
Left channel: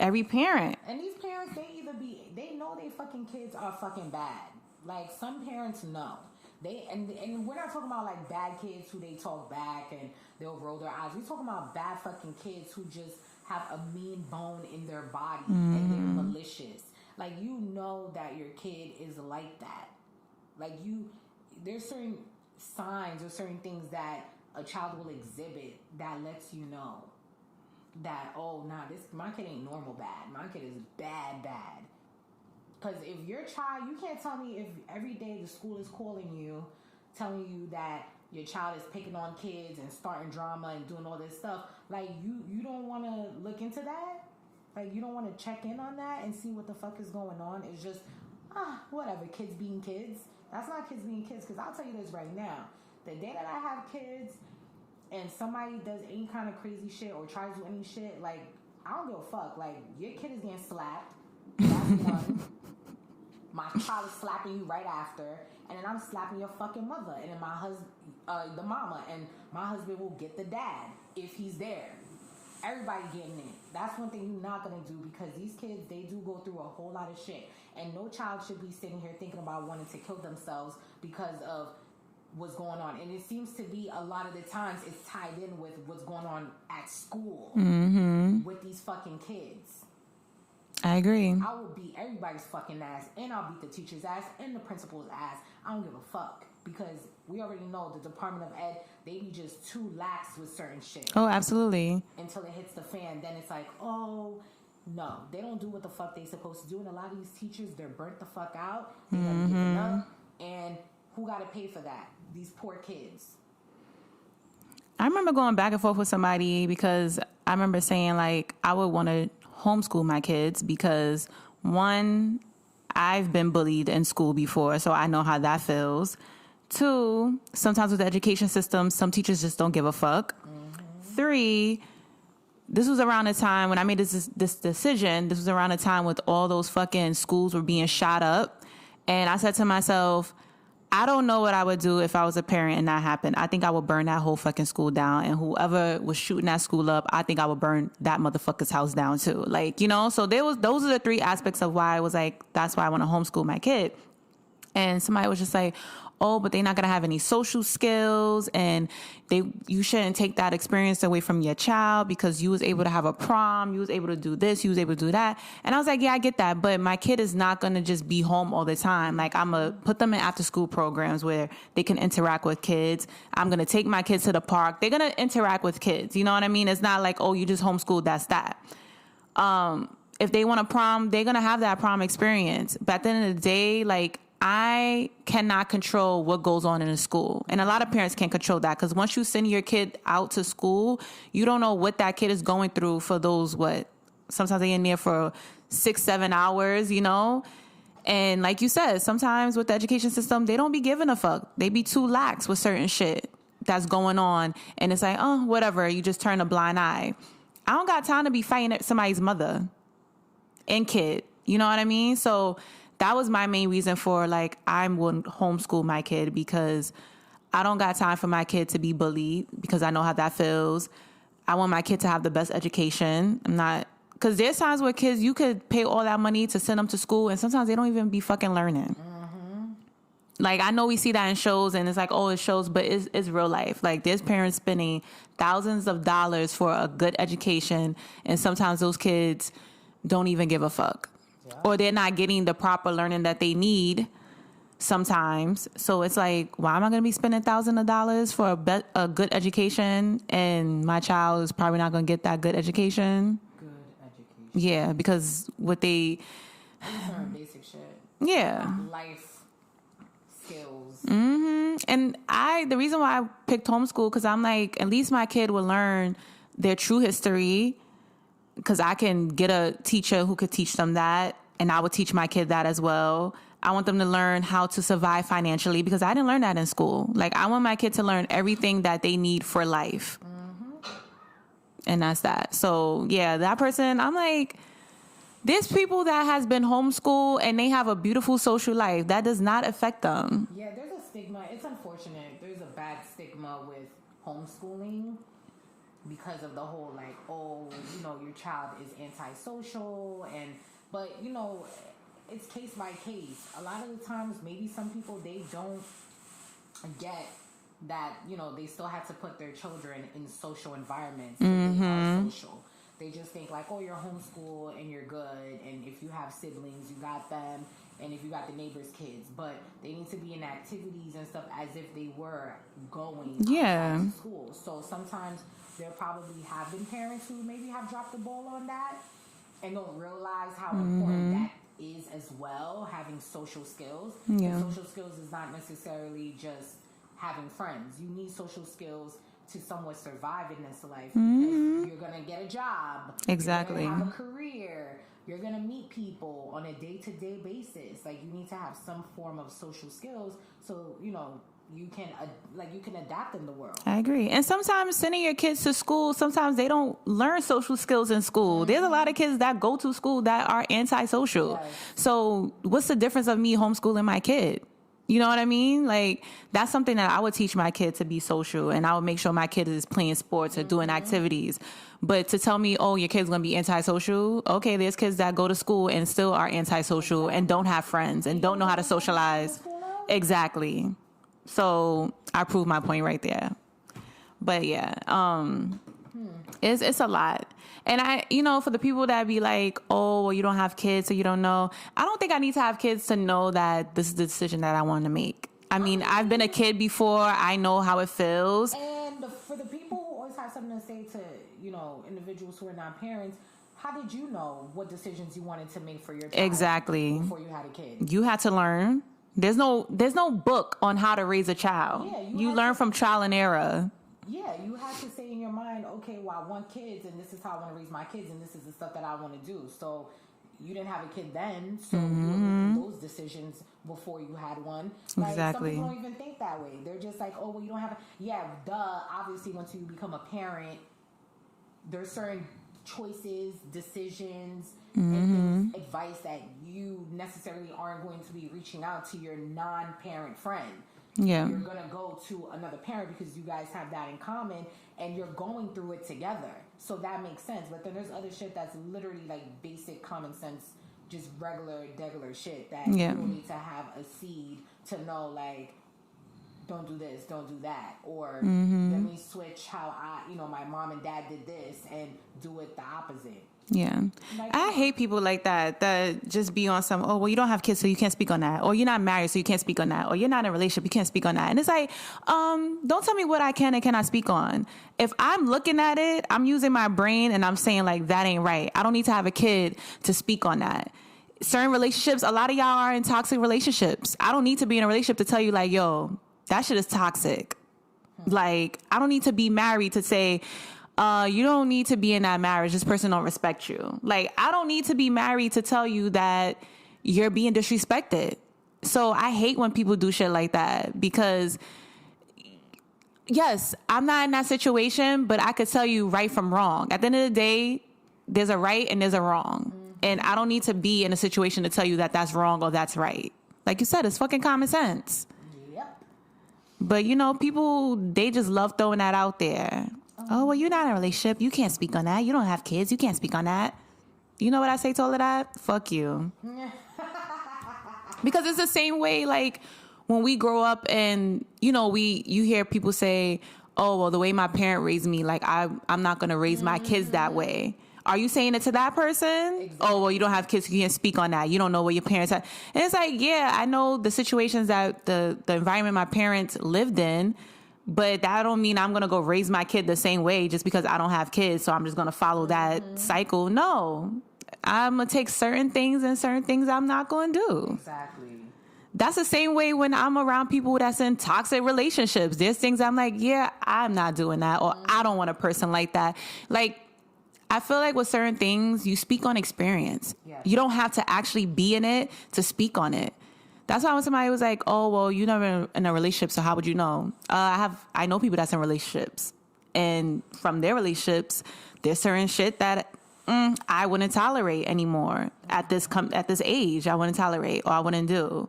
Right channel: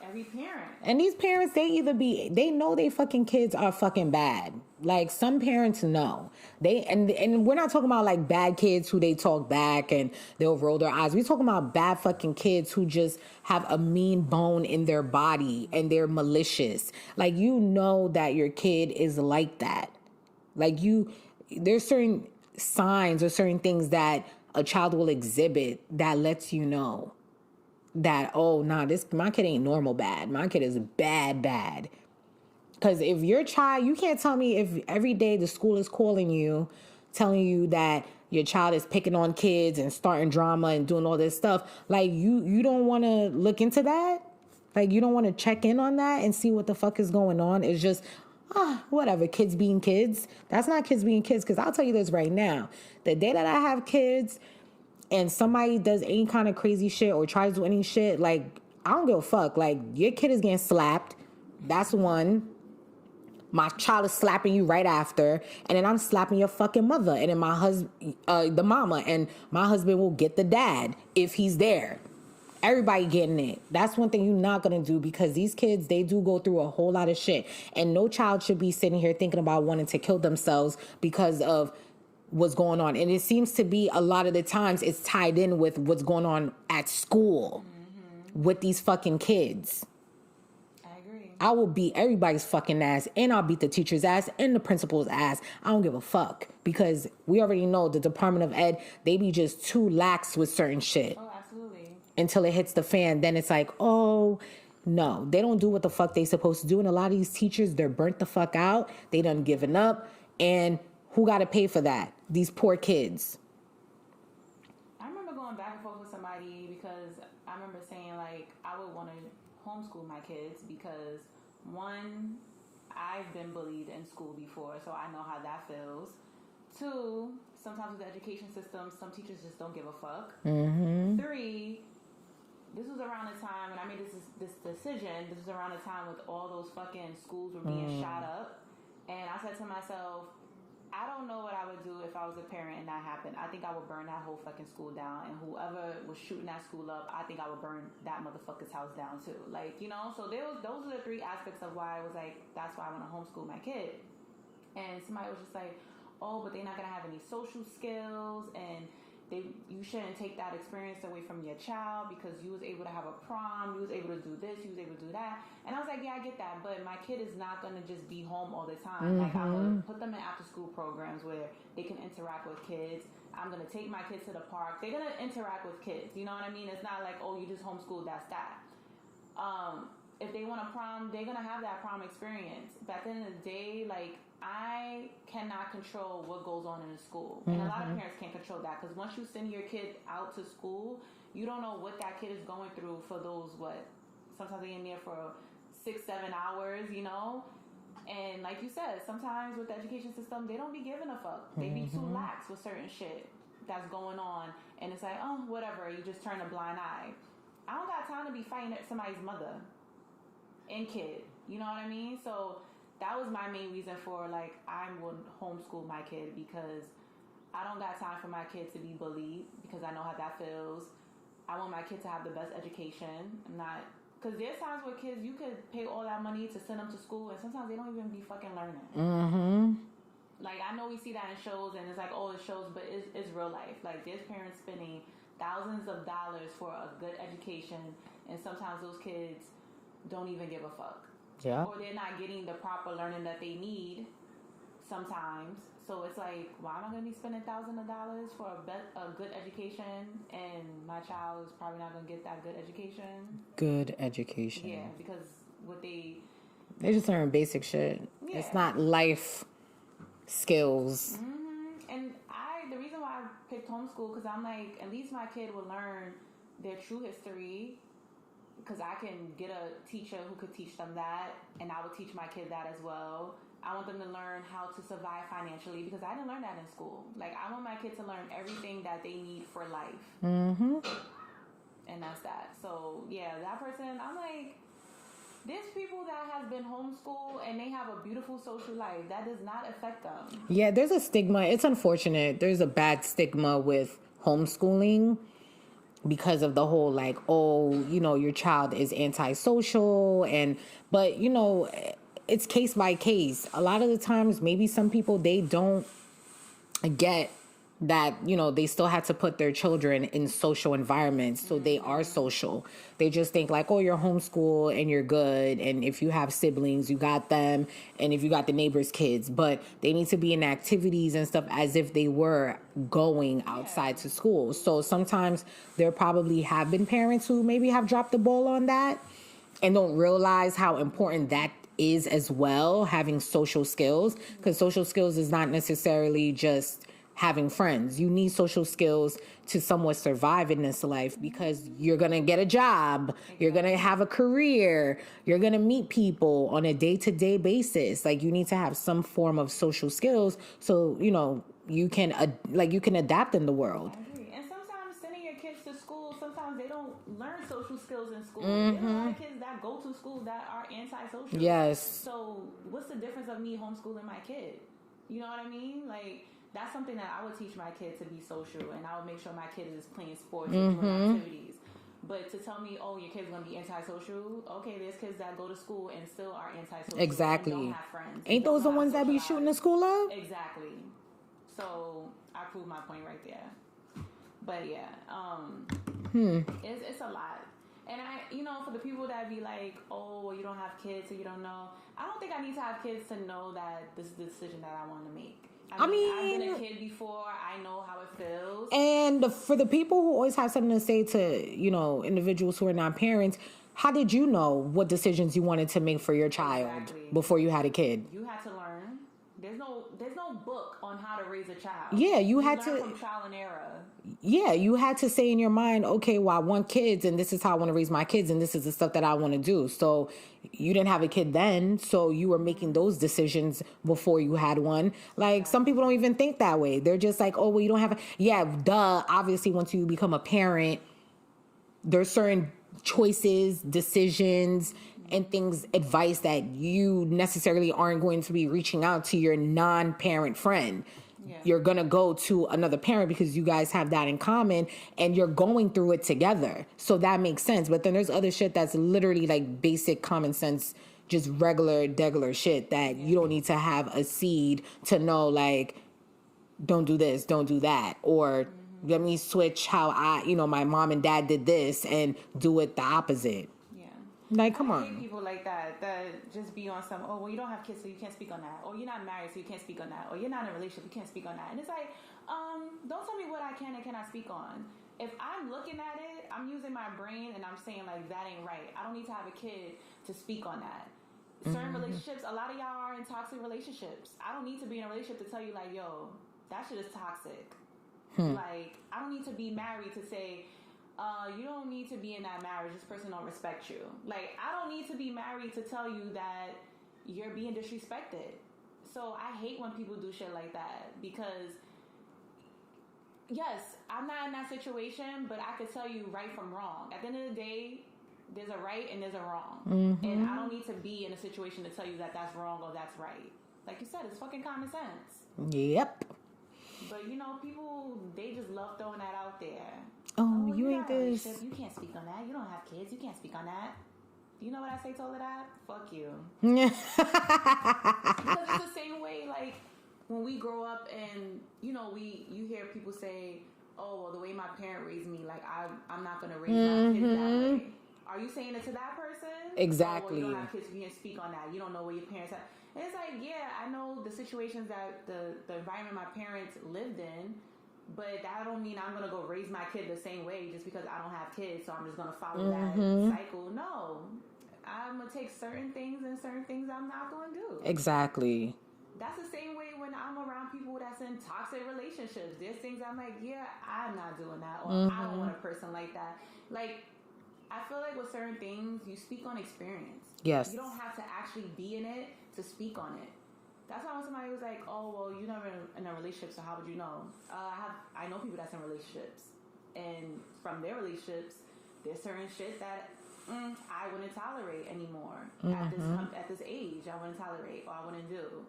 every parent. And these parents, they know they fucking kids are fucking bad. Like, some parents know. And we're not talking about like bad kids who they talk back and they'll roll their eyes. We're talking about bad fucking kids who just have a mean bone in their body and they're malicious. Like, you know that your kid is like that. Like, there's certain signs or certain things that a child will exhibit that lets you know that, oh, nah, my kid ain't normal bad. My kid is bad. Because if your child, you can't tell me if every day the school is calling you, telling you that your child is picking on kids and starting drama and doing all this stuff. Like, you don't want to look into that? Like, you don't want to check in on that and see what the fuck is going on? It's just, whatever, kids being kids. That's not kids being kids, because I'll tell you this right now. The day that I have kids and somebody does any kind of crazy shit or tries to do any shit, like, I don't give a fuck. Like, your kid is getting slapped. That's one. My child is slapping you right after. And then I'm slapping your fucking mother. And then my husband, the mama, and my husband will get the dad if he's there. Everybody getting it. That's one thing you're not going to do, because these kids, they do go through a whole lot of shit. And no child should be sitting here thinking about wanting to kill themselves because of what's going on. And it seems to be a lot of the times it's tied in with what's going on at school with these fucking kids. I agree. I will beat everybody's fucking ass, and I'll beat the teacher's ass and the principal's ass. I don't give a fuck, because we already know the Department of Ed, they be just too lax with certain shit. Oh, absolutely. Until it hits the fan, then it's like, oh, no. They don't do what the fuck they supposed to do. And a lot of these teachers, they're burnt the fuck out. They done given up. And who got to pay for that? These poor kids. I remember going back and forth with somebody, because I remember saying, like, I would want to homeschool my kids because, one, I've been bullied in school before, so I know how that feels. Two, sometimes with the education system, some teachers just don't give a fuck. Three, this was around the time when I made this decision. This was around the time with all those fucking schools were being shot up. And I said to myself, I don't know what I would do if I was a parent and that happened. I think I would burn that whole fucking school down, and whoever was shooting that school up, I think I would burn that motherfucker's house down too. Like, you know, so those are the three aspects of why I was like, that's why I want to homeschool my kid. And somebody was just like, oh, but they're not going to have any social skills, and you shouldn't take that experience away from your child because you was able to have a prom, you was able to do this, you was able to do that. And I was like, yeah, I get that, but my kid is not going to just be home all the time. Like, I'm going to put them in after school programs where they can interact with kids. I'm going to take my kids to the park. They're going to interact with kids. You know what I mean? It's not like, oh, you just homeschool, that's that. If they want a prom, they're going to have that prom experience. But at the end of the day, like, I cannot control what goes on in a school. And a lot of parents can't control that, because once you send your kid out to school, you don't know what that kid is going through for those, sometimes they're in there for 6-7 hours, you know? And like you said, sometimes with the education system, they don't be giving a fuck. They be too lax with certain shit that's going on. And it's like, oh, whatever, you just turn a blind eye. I don't got time to be fighting somebody's mother and kid. You know what I mean? So that was my main reason for, like, I wouldn't homeschool my kid, because I don't got time for my kid to be bullied, because I know how that feels. I want my kid to have the best education. Because there's times where kids, you could pay all that money to send them to school, and sometimes they don't even be fucking learning. Like, I know we see that in shows, and it's like, oh, it shows, but it's real life. Like, there's parents spending thousands of dollars for a good education, and sometimes those kids don't even give a fuck. Yeah. Or they're not getting the proper learning that they need sometimes. So it's like, why am I going to be spending thousands of dollars for a good education, and my child is probably not going to get that good education? Good education. Yeah, because they just learn basic shit. Yeah. It's not life skills. And the reason why I picked homeschool, because I'm like, at least my kid will learn their true history, because I can get a teacher who could teach them that, and I would teach my kid that as well. I want them to learn how to survive financially, because I didn't learn that in school. Like, I want my kid to learn everything that they need for life. And that's that. So, yeah, that person, I'm like, There's people that has been homeschooled and they have a beautiful social life. That does not affect them. Yeah, there's a stigma. It's unfortunate. There's a bad stigma with homeschooling because of the whole like, oh, you know, your child is antisocial, but you know, it's case by case. A lot of the times, maybe some people, they don't get that, you know, they still had to put their children in social environments, so they are social. They just think like, oh, you're homeschooled and you're good, and if you have siblings, you got them, and if you got the neighbor's kids, but they need to be in activities and stuff as if they were going outside to school. So sometimes there probably have been parents who maybe have dropped the ball on that and don't realize how important that is as well, having social skills, because social skills is not necessarily just having friends. You need social skills to somewhat survive in this life, because you're going to get a job. Exactly. You're going to have a career. You're going to meet people on a day-to-day basis. Like, you need to have some form of social skills so, you know, you can adapt in the world. I agree. And sometimes sending your kids to school, sometimes they don't learn social skills in school. There's a lot of kids that go to school that are antisocial. Yes. So what's the difference of me homeschooling my kid? You know what I mean? Like, that's something that I would teach my kid, to be social, and I would make sure my kid is playing sports or doing activities. But to tell me, oh, your kid's going to be antisocial. Okay, there's kids that go to school and still are antisocial and don't have friends and don't know how to socialize. Exactly. So I proved my point right there. But yeah, it's a lot. And I, you know, for the people that be like, oh, well, you don't have kids, so you don't know. I don't think I need to have kids to know that this is the decision that I want to make. I mean, I've been a kid before. I know how it feels. And for the people who always have something to say to, you know, individuals who are not parents, how did you know what decisions you wanted to make for your child? Exactly. Before you had a kid? You had to learn. There's no book on how to raise a child. Yeah, you learn from trial and error. Yeah, you had to say in your mind, okay, well, I want kids, and this is how I want to raise my kids, and this is the stuff that I want to do. So you didn't have a kid then, so you were making those decisions before you had one. Like, some people don't even think that way. They're just like, oh, well, you don't have obviously, once you become a parent, there's certain choices, decisions, and things, advice that you necessarily aren't going to be reaching out to your non-parent friend. Yeah. You're going to go to another parent because you guys have that in common and you're going through it together. So that makes sense. But then there's other shit that's literally like basic common sense, just regular shit that you don't need to have a seed to know, like, don't do this, don't do that. Or let me switch how my mom and dad did this and do it the opposite. Yeah. Like, I hate people like that just be on some, oh, well, you don't have kids, so you can't speak on that. Or you're not married, so you can't speak on that. Or you're not in a relationship, you can't speak on that. And it's like, don't tell me what I can and cannot speak on. If I'm looking at it, I'm using my brain and I'm saying, like, that ain't right. I don't need to have a kid to speak on that. Certain relationships, a lot of y'all are in toxic relationships. I don't need to be in a relationship to tell you, like, yo, that shit is toxic. Like, I don't need to be married to say, you don't need to be in that marriage. This person don't respect you. Like, I don't need to be married to tell you that you're being disrespected. So I hate when people do shit like that, because yes, I'm not in that situation, but I could tell you right from wrong. At the end of the day, there's a right and there's a wrong. And I don't need to be in a situation to tell you that that's wrong or that's right. Like you said, it's fucking common sense. Yep. But, you know, people, they just love throwing that out there. Oh, well, you're not in a relationship. You can't speak on that. You don't have kids. You can't speak on that. You know what I say to all of that? Fuck you. Because it's the same way, like, when we grow up and, you know, you hear people say, oh, well, the way my parent raised me, like, I'm not going to raise my kids that way. Are you saying it to that person? Exactly. Oh, well, you don't have kids, so you can't speak on that. You don't know what your parents have. And it's like, yeah, I know the situations that the environment my parents lived in, but that don't mean I'm going to go raise my kid the same way just because I don't have kids, so I'm just going to follow that cycle. No. I'm going to take certain things and certain things I'm not going to do. Exactly. That's the same way when I'm around people that's in toxic relationships. There's things I'm like, yeah, I'm not doing that, or I don't want a person like that. Like, I feel like with certain things, you speak on experience. Yes. You don't have to actually be in it to speak on it. That's why when somebody was like, oh, well, you're never in a relationship, so how would you know? I know people that's in relationships. And from their relationships, there's certain shit that I wouldn't tolerate anymore at this age. I wouldn't tolerate, or I wouldn't do.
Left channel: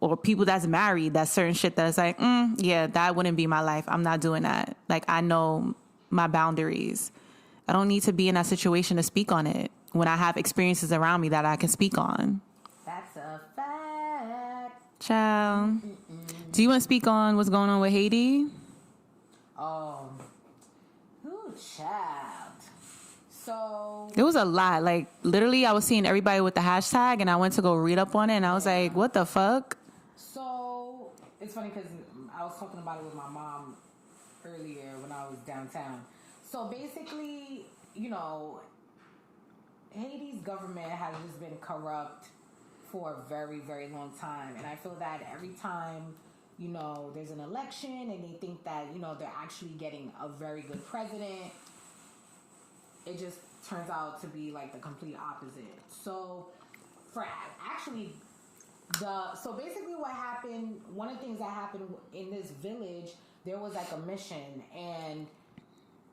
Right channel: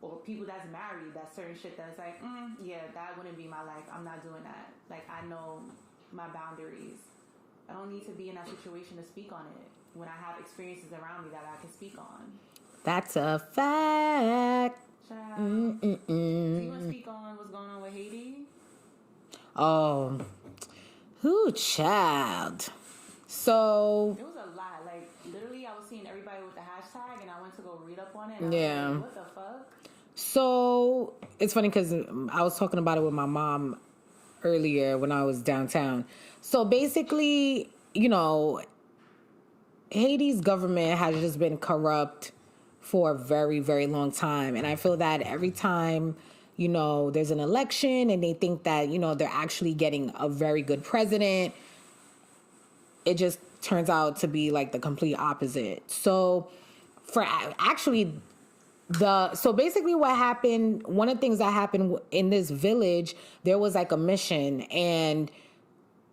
Or people that's married, that's certain shit that's like, yeah, that wouldn't be my life. I'm not doing that. Like, I know my boundaries. I don't need to be in that situation to speak on it when I have experiences around me that I can speak on. That's a fact. Ciao. Do you want to speak on what's going on with Haiti? Oh, who child? So It was a lot. Like, literally, I was seeing everybody with the hashtag, and I went to go read up on it, and I was like, what the fuck? So it's funny because I was talking about it with my mom earlier when I was downtown. So basically, you know, Haiti's government has just been corrupt for a very, very long time. And I feel that every time, you know, there's an election and they think that, you know, they're actually getting a very good president, it just turns out to be like the complete opposite. So for actually so basically what happened, one of the things that happened in this village, there was like a mission, and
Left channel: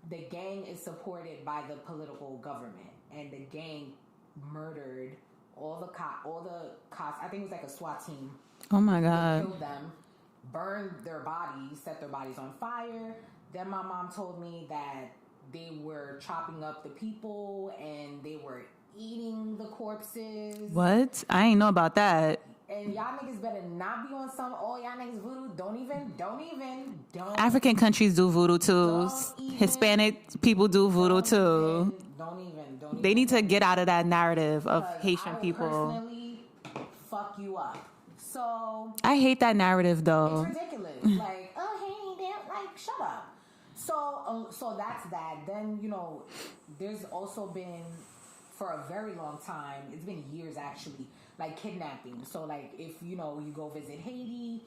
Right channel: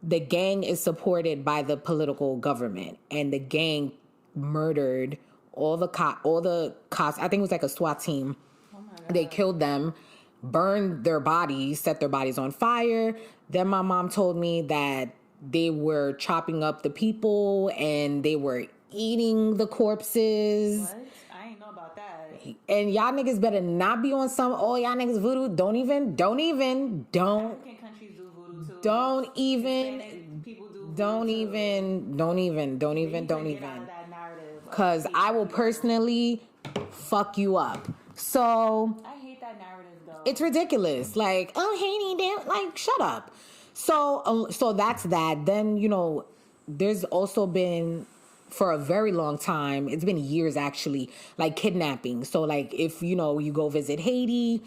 the gang is supported by the political government, and the gang murdered all the cops. I think it was like a SWAT team. Oh my God. They killed them, burned their bodies, set their bodies on fire. Then my mom told me that they were chopping up the people and they were eating the corpses. What? I ain't know about that. And y'all niggas better not be on some, oh, y'all niggas voodoo. Don't. African countries do voodoo too. Don't even. Hispanic people do voodoo too. Don't even. They need to get out of that narrative. Because I will personally fuck you up. So. I hate that narrative though. It's ridiculous. Like, oh, Haiti, like, shut up. So that's that. Then, you know, there's also been, for a very long time, it's been years actually, like kidnapping. So like if, you know, you go visit Haiti,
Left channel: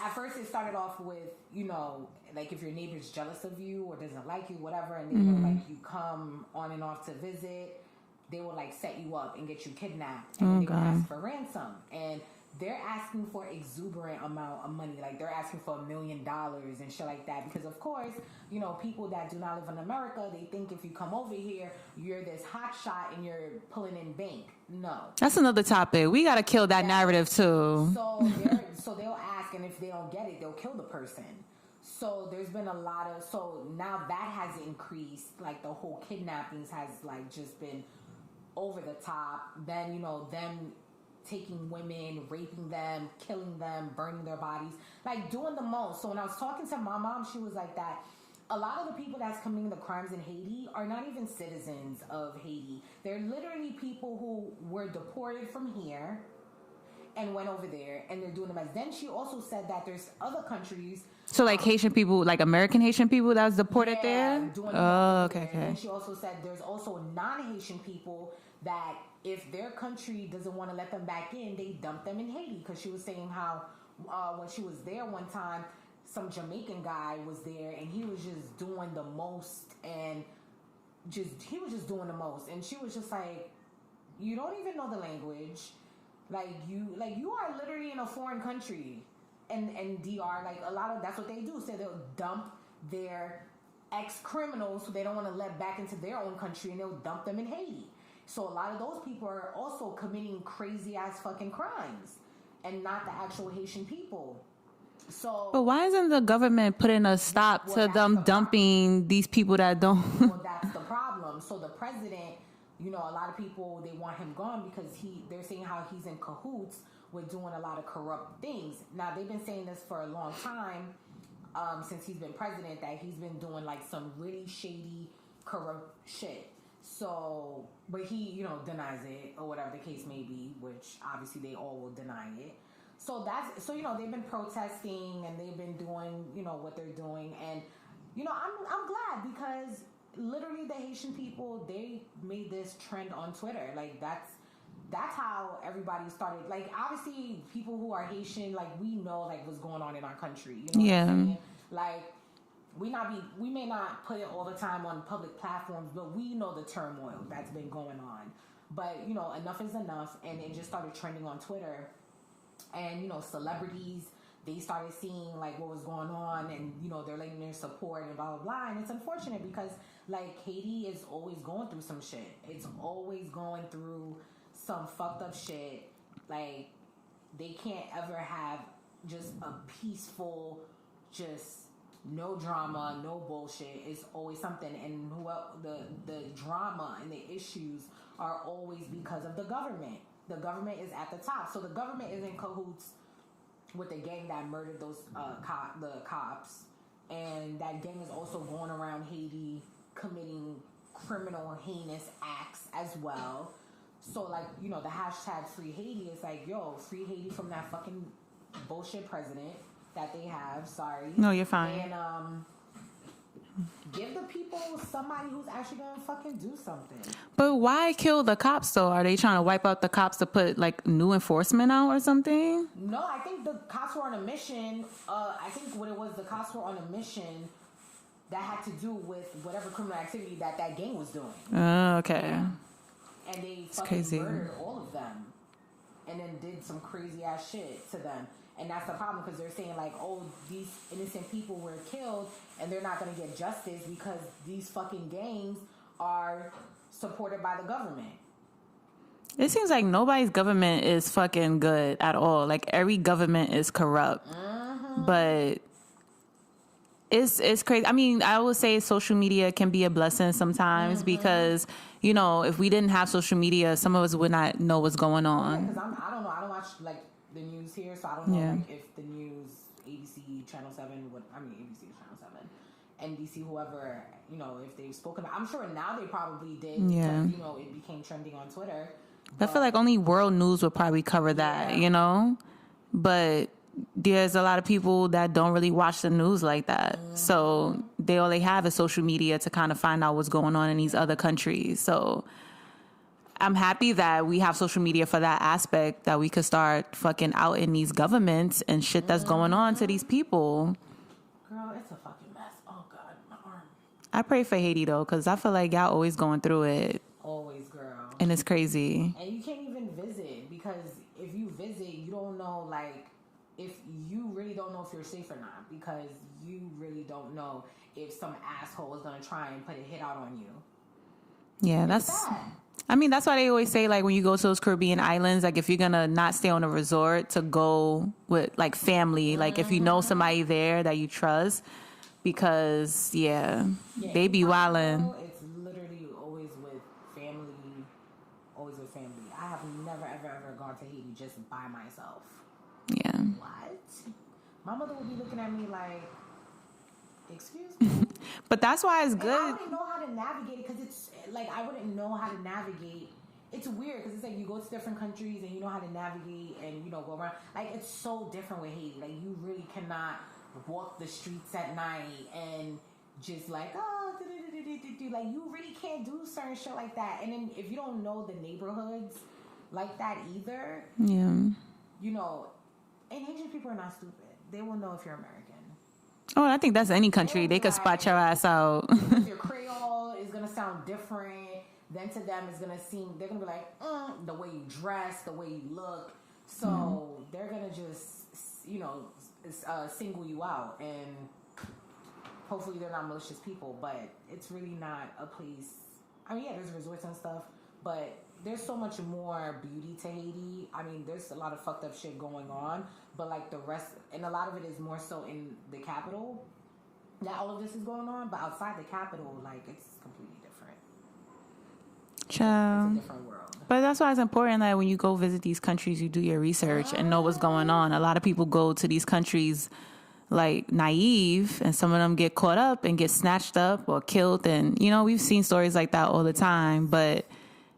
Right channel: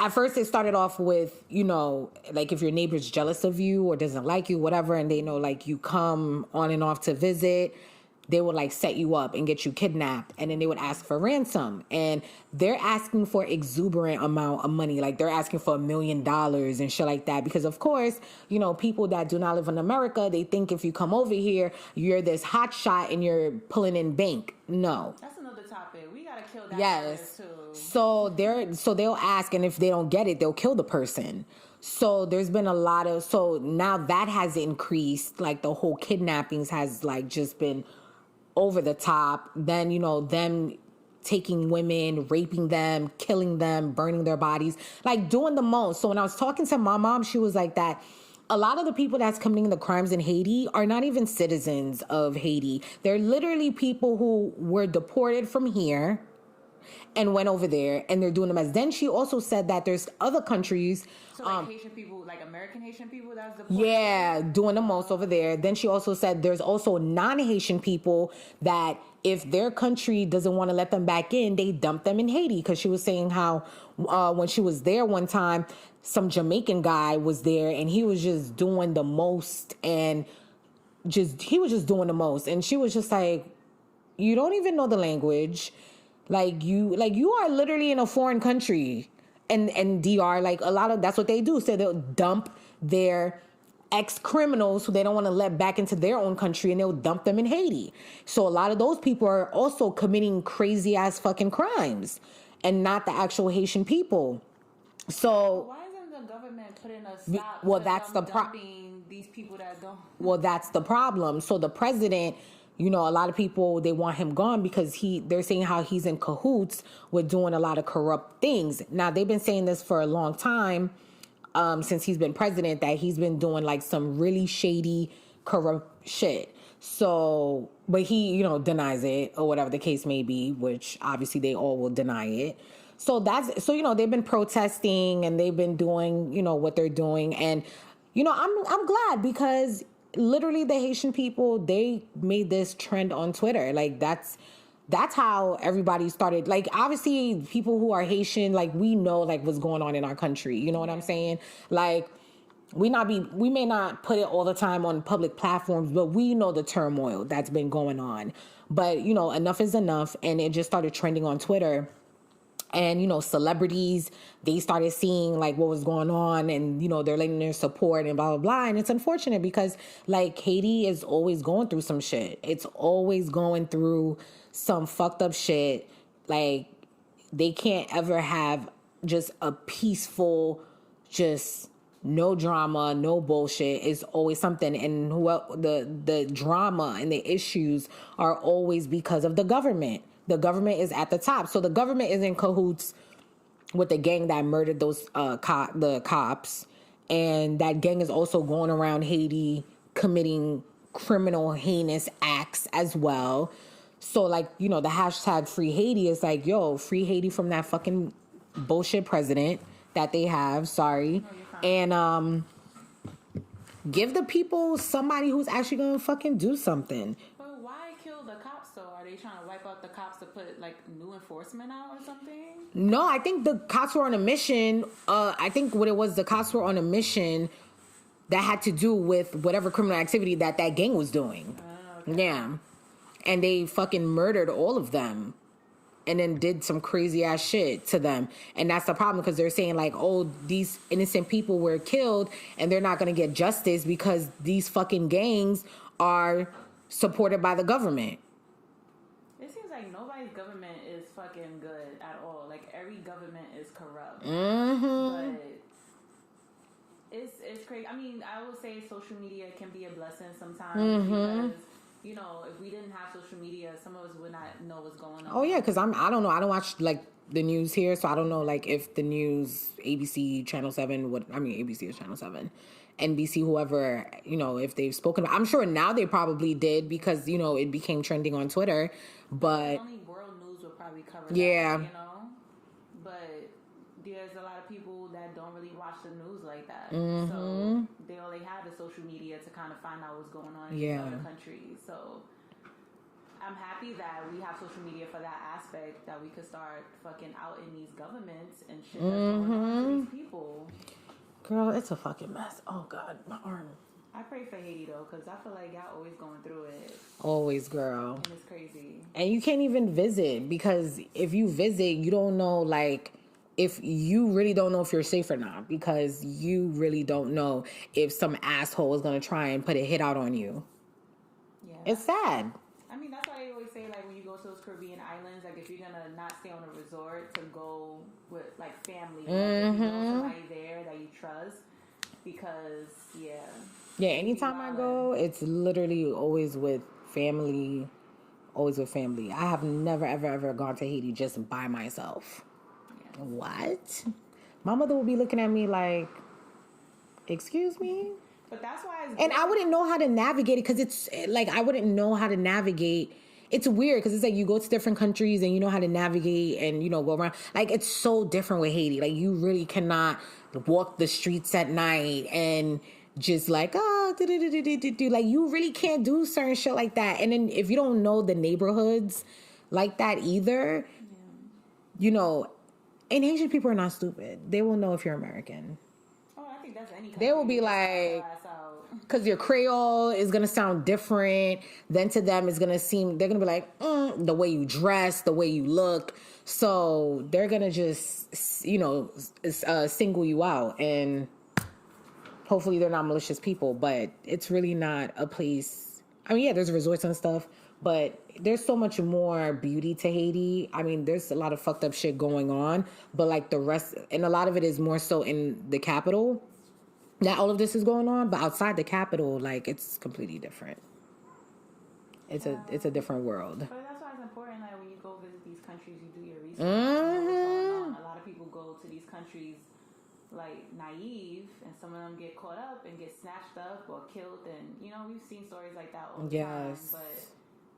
at first it started off with, you know, like if your neighbor's jealous of you or doesn't like you, whatever, and they know like you come on and off to visit, they would like set you up and get you kidnapped, and then they would ask for ransom, and they're asking for exuberant amount of money. Like they're asking for $1 million and shit like that, because of course, you know, people that do not live in America, they think if you come over here, you're this hot shot and you're pulling in bank. No, that's another topic. We got to kill that narrative too. So they'll ask, and if they don't get it, they'll kill the person. So there's been a lot of, so now that has increased, like the whole kidnappings has like just been over the top. Then, you know, them taking women, raping them, killing them, burning their bodies, like doing the most. So when I was talking to my mom, she was like that a lot of the people that's committing the crimes in Haiti are not even citizens of Haiti. They're literally people who were deported from here and went over there, and they're doing them as. Then she also said that there's other countries. So like Haitian people, like American Haitian people that's deported there? Yeah, doing the most over there. Okay. Then she also said there's also non-Haitian people that if their country doesn't want to let them back in, they dump them in Haiti. Because she was saying how when she was there one time, some Jamaican guy was there and he was just doing the most, and he was just doing the most. And she was just like, you don't even know the language. Like you are literally in a foreign country, and DR, like a lot of, that's what they do. So they'll dump their ex-criminals who they don't want to let back into their own country, and they'll dump them in Haiti. So a lot of those people are also committing crazy ass fucking crimes, and not the actual Haitian people. So, but why isn't the government putting a stop to them dumping these people that don't? Well, that's the problem. So the president, you know, a lot of people, they want him gone because they're saying how he's in cahoots with doing a lot of corrupt things. Now, they've been saying this for a long time, since he's been president, that he's been doing like some really shady, corrupt shit. So, but he, you know, denies it, or whatever the case may be, which obviously they all will deny it. So you know, they've been protesting and they've been doing, you know, what they're doing. And, you know, I'm glad, because literally the Haitian people, they made this trend on Twitter. Like that's how everybody started. Like obviously people who are Haitian, like we know like what's going on in our country. You know what I'm saying? Like we may not put it all the time on public platforms, but we know the turmoil that's been going on. But you know, enough is enough, and it just started trending on Twitter. And, you know, celebrities, they started seeing like what was going on, and, you know, they're lending their support and blah, blah, blah. And it's unfortunate because like Haiti is always going through some shit. It's always going through some fucked up shit. Like, they can't ever have just a peaceful, just no drama, no bullshit. It's always something. And the drama and the issues are always because of the government. The government is at the top. So the government is in cahoots with the gang that murdered those the cops. And that gang is also going around Haiti committing criminal, heinous acts as well. So, like, you know, the hashtag Free Haiti is like, yo, free Haiti from that fucking bullshit president that they have. Sorry. No, you're fine. And give the people somebody who's actually gonna fucking do something. But why kill the cops though? Are they trying to wipe out the cops to put like new enforcement out or something? No, I think the cops were on a mission. I think what it was, the cops were on a mission that had to do with whatever criminal activity that gang was doing. Oh, okay. Yeah. And they fucking murdered all of them. And then did some crazy ass shit to them. And that's the problem, because they're saying like, oh, these innocent people were killed and they're not going to get justice because these fucking gangs are supported by the government. It seems like nobody's government is fucking good at all. Like, every government is corrupt. Mm-hmm. But it's crazy. I mean, I would say social media can be a blessing sometimes, mm-hmm. because, you know, if we didn't have social media, some of us would not know what's going on. Oh yeah, because I don't know. I don't watch like the news here, so I don't know like if the news, ABC, Channel 7, ABC is Channel 7, NBC, whoever, you know, if they've spoken. I'm sure now they probably did because, you know, it became trending on Twitter. But I feel like only world news would probably cover that, you know? But there's a lot of people that don't really watch the news like that. Mm-hmm. So all they have is social media to kind of find out what's going on in these other countries. So I'm happy that we have social media for that aspect, that we could start fucking out in these governments and shit that's going on to these people. Girl, it's a fucking mess. Oh God, my arm. I pray for Haiti though, because I feel like y'all always going through it. Always, girl. And it's crazy. And you can't even visit, because if you visit, you don't know, like, if you really don't know if you're safe or not, because you really don't know if some asshole is going to try and put a hit out on you. Yeah, that's bad. I mean, that's why they always say, like, when you go to those Caribbean islands, like, if you're going to not stay on a resort, to go with, like, family. Mm-hmm. Like, if you know somebody there that you trust, because, they be wildin'. It's literally always with family. Always with family. I have never, ever, ever gone to Haiti just by myself. Yeah. What? My mother will be looking at me like, excuse me? But that's why it's good. And I wouldn't know how to navigate it, because it's like, I wouldn't know how to navigate. It's weird because it's like you go to different countries and you know how to navigate and, you know, go around. Like, it's so different with Haiti. Like, you really cannot walk the streets at night and just like, like, you really can't do certain shit like that. And then if you don't know the neighborhoods like that either, you know, and Asian people are not stupid. They will know if you're American. Oh, I think that's any country. They can spot your ass out. Because your Creole is going to sound different. Then to them, it's going to seem, they're going to be like, the way you dress, the way you look. So they're going to just, you know, single you out. And hopefully they're not malicious people. But it's really not a place. I mean, yeah, there's resorts and stuff. But there's so much more beauty to Haiti. I mean, there's a lot of fucked up shit going on, but like the rest, and a lot of it is more so in the capital that all of this is going on, but outside the capital, like, it's completely different. It's a different world. But that's why it's important that when you go visit these countries, you do your research and know what's going on. A lot of people go to these countries like naive, and some of them get caught up and get snatched up or killed. And, you know, we've seen stories like that all the time, but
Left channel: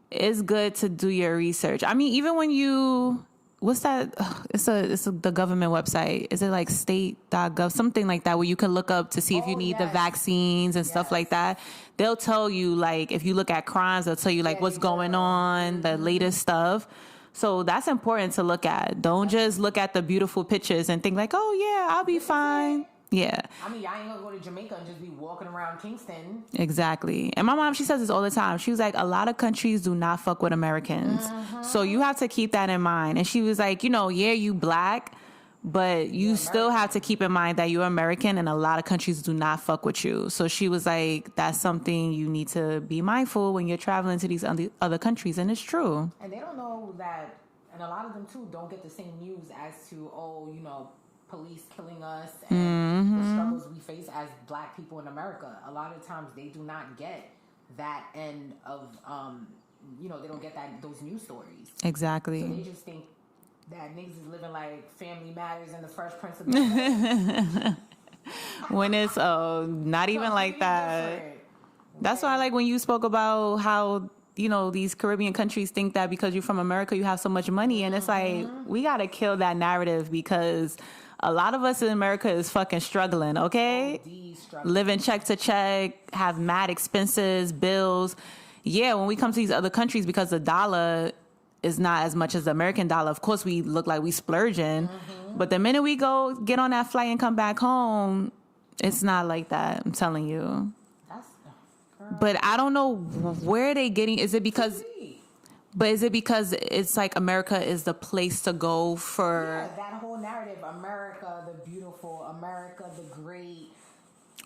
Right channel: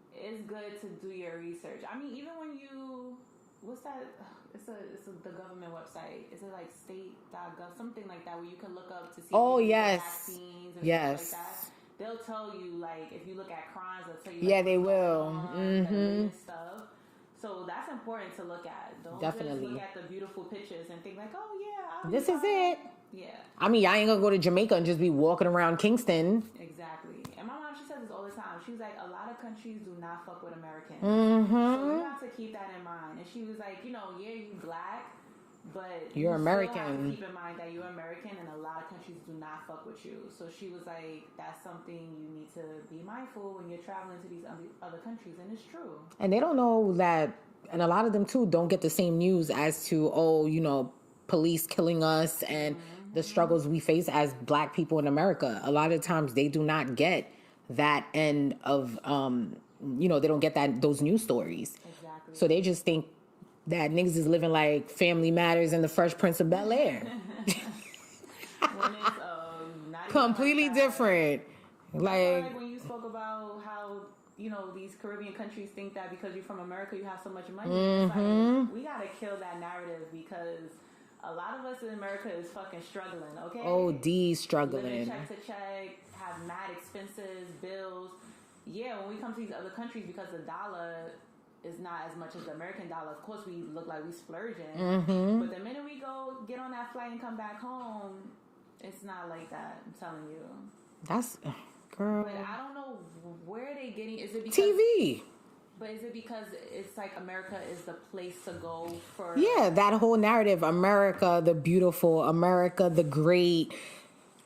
it's good to do your research. I mean, even when you, what's that? The government website. Is it like state.gov? Something like that, where you can look up to see if you need the vaccines and stuff like that. They'll tell you, like, if you look at crimes, they'll tell you, like, what's going on, the latest stuff. So that's important to look at. Don't just look at the beautiful pictures and think like, oh yeah, I'll be fine. Yeah. I mean, y'all ain't gonna go to Jamaica and just be walking around Kingston. Exactly. And my mom, she says this all the time. She was like, a lot of countries do not fuck with Americans. So you have to keep that in mind. And she was like, you know, yeah, you black, but you still have to keep in mind that you're American and a lot of countries do not fuck with you. So she was like, that's something you need to be mindful when you're traveling to these other countries. And it's true. And they don't know that, and a lot of them too don't get the same news as to, oh, you know, police killing us and the struggles we face as black people in America. A lot of times they do not get that end of, you know, they don't get those news stories. Exactly. So they just think that niggas is living like Family Matters and the Fresh Prince of Bel-Air. When it's not even completely like that. Different. That's why, like, when you spoke about how, you know, these Caribbean countries think that because you're from America, you have so much money. And it's like, we got to kill that narrative because a lot of us in America is fucking struggling, okay? OD struggling. Living check to check, have mad expenses, bills. Yeah, when we come to these other countries, because the dollar is not as much as the American dollar, of course we look like we splurging. But the minute we go get on that flight and come back home, it's not like that. I'm telling you. That's... Girl. But I don't know where they getting. Is it because TV? But is it because it's like America is the place to go for? Yeah, that whole narrative: America, the beautiful, America, the great.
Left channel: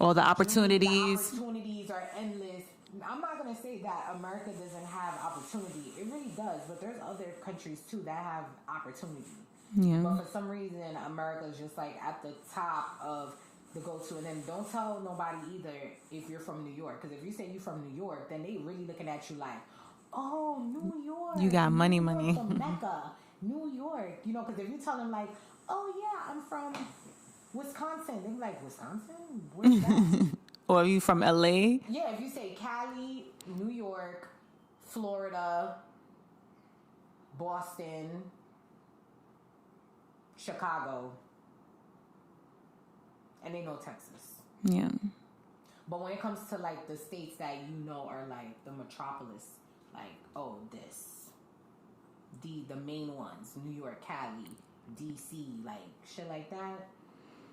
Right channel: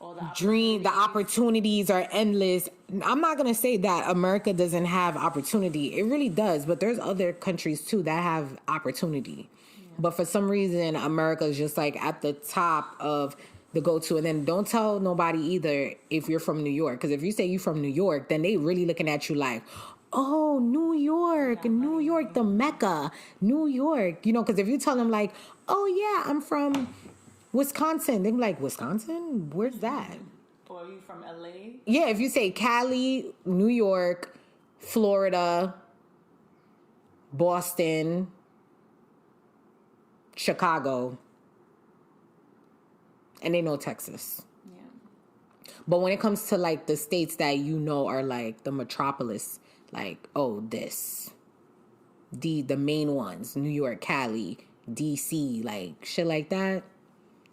All the opportunities. The opportunities are endless. I'm not gonna say that America doesn't have opportunity. It really does. But there's other countries too that have opportunity. Yeah. But for some reason, America is just like at the top of the go-to. And then don't tell nobody either if you're from New York, because if you say you're from New York, then they really looking at you like, oh, New York, you got money, New York, the Mecca, New York. You know, because if you tell them like, oh yeah, I'm from Wisconsin, they're like, Wisconsin, where's that? Or are you from LA? Yeah, if you say Cali, New York, Florida, Boston, Chicago, and they know Texas. Yeah. But when it comes to like the states that you know are like the metropolis, like, oh, the main ones, New York, Cali, DC, like shit like that,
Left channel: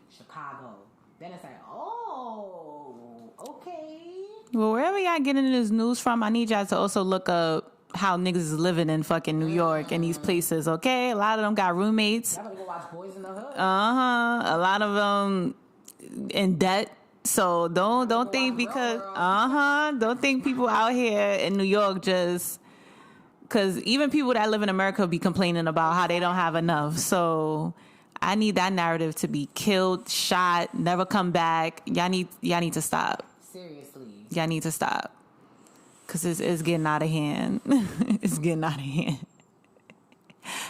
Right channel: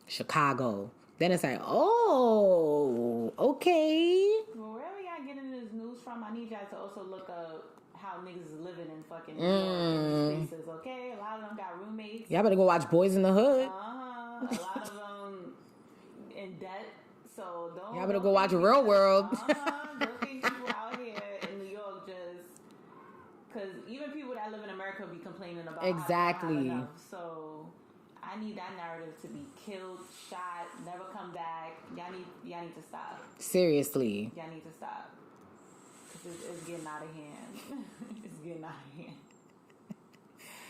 Chicago. Then it's like, oh, okay. Well, wherever y'all getting this news from, I need y'all to also look up how niggas is living in fucking New York and these places, okay? A lot of them got roommates. Y'all better go watch Boys in the Hood. A lot of them in debt. So don't think because don't think people out here in New York just, because even people that live in America be complaining about how they don't have enough. So I need that narrative to be killed, shot, never come back. Y'all need to stop. Seriously, y'all need to stop, because it's getting out of hand. It's getting out of hand.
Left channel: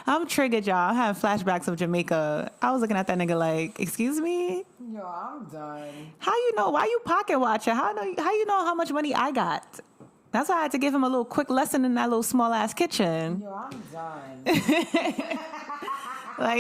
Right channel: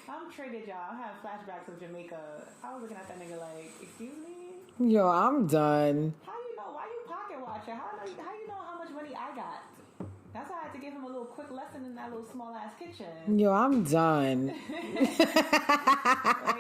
I'm triggered, y'all. I'm having flashbacks of Jamaica. I was looking at that nigga like, excuse me? Yo, I'm done. How you know? Why you pocket watching? How you know how much money I got? That's why I had to give him a little quick lesson in that little small ass kitchen. Yo, I'm done. Like,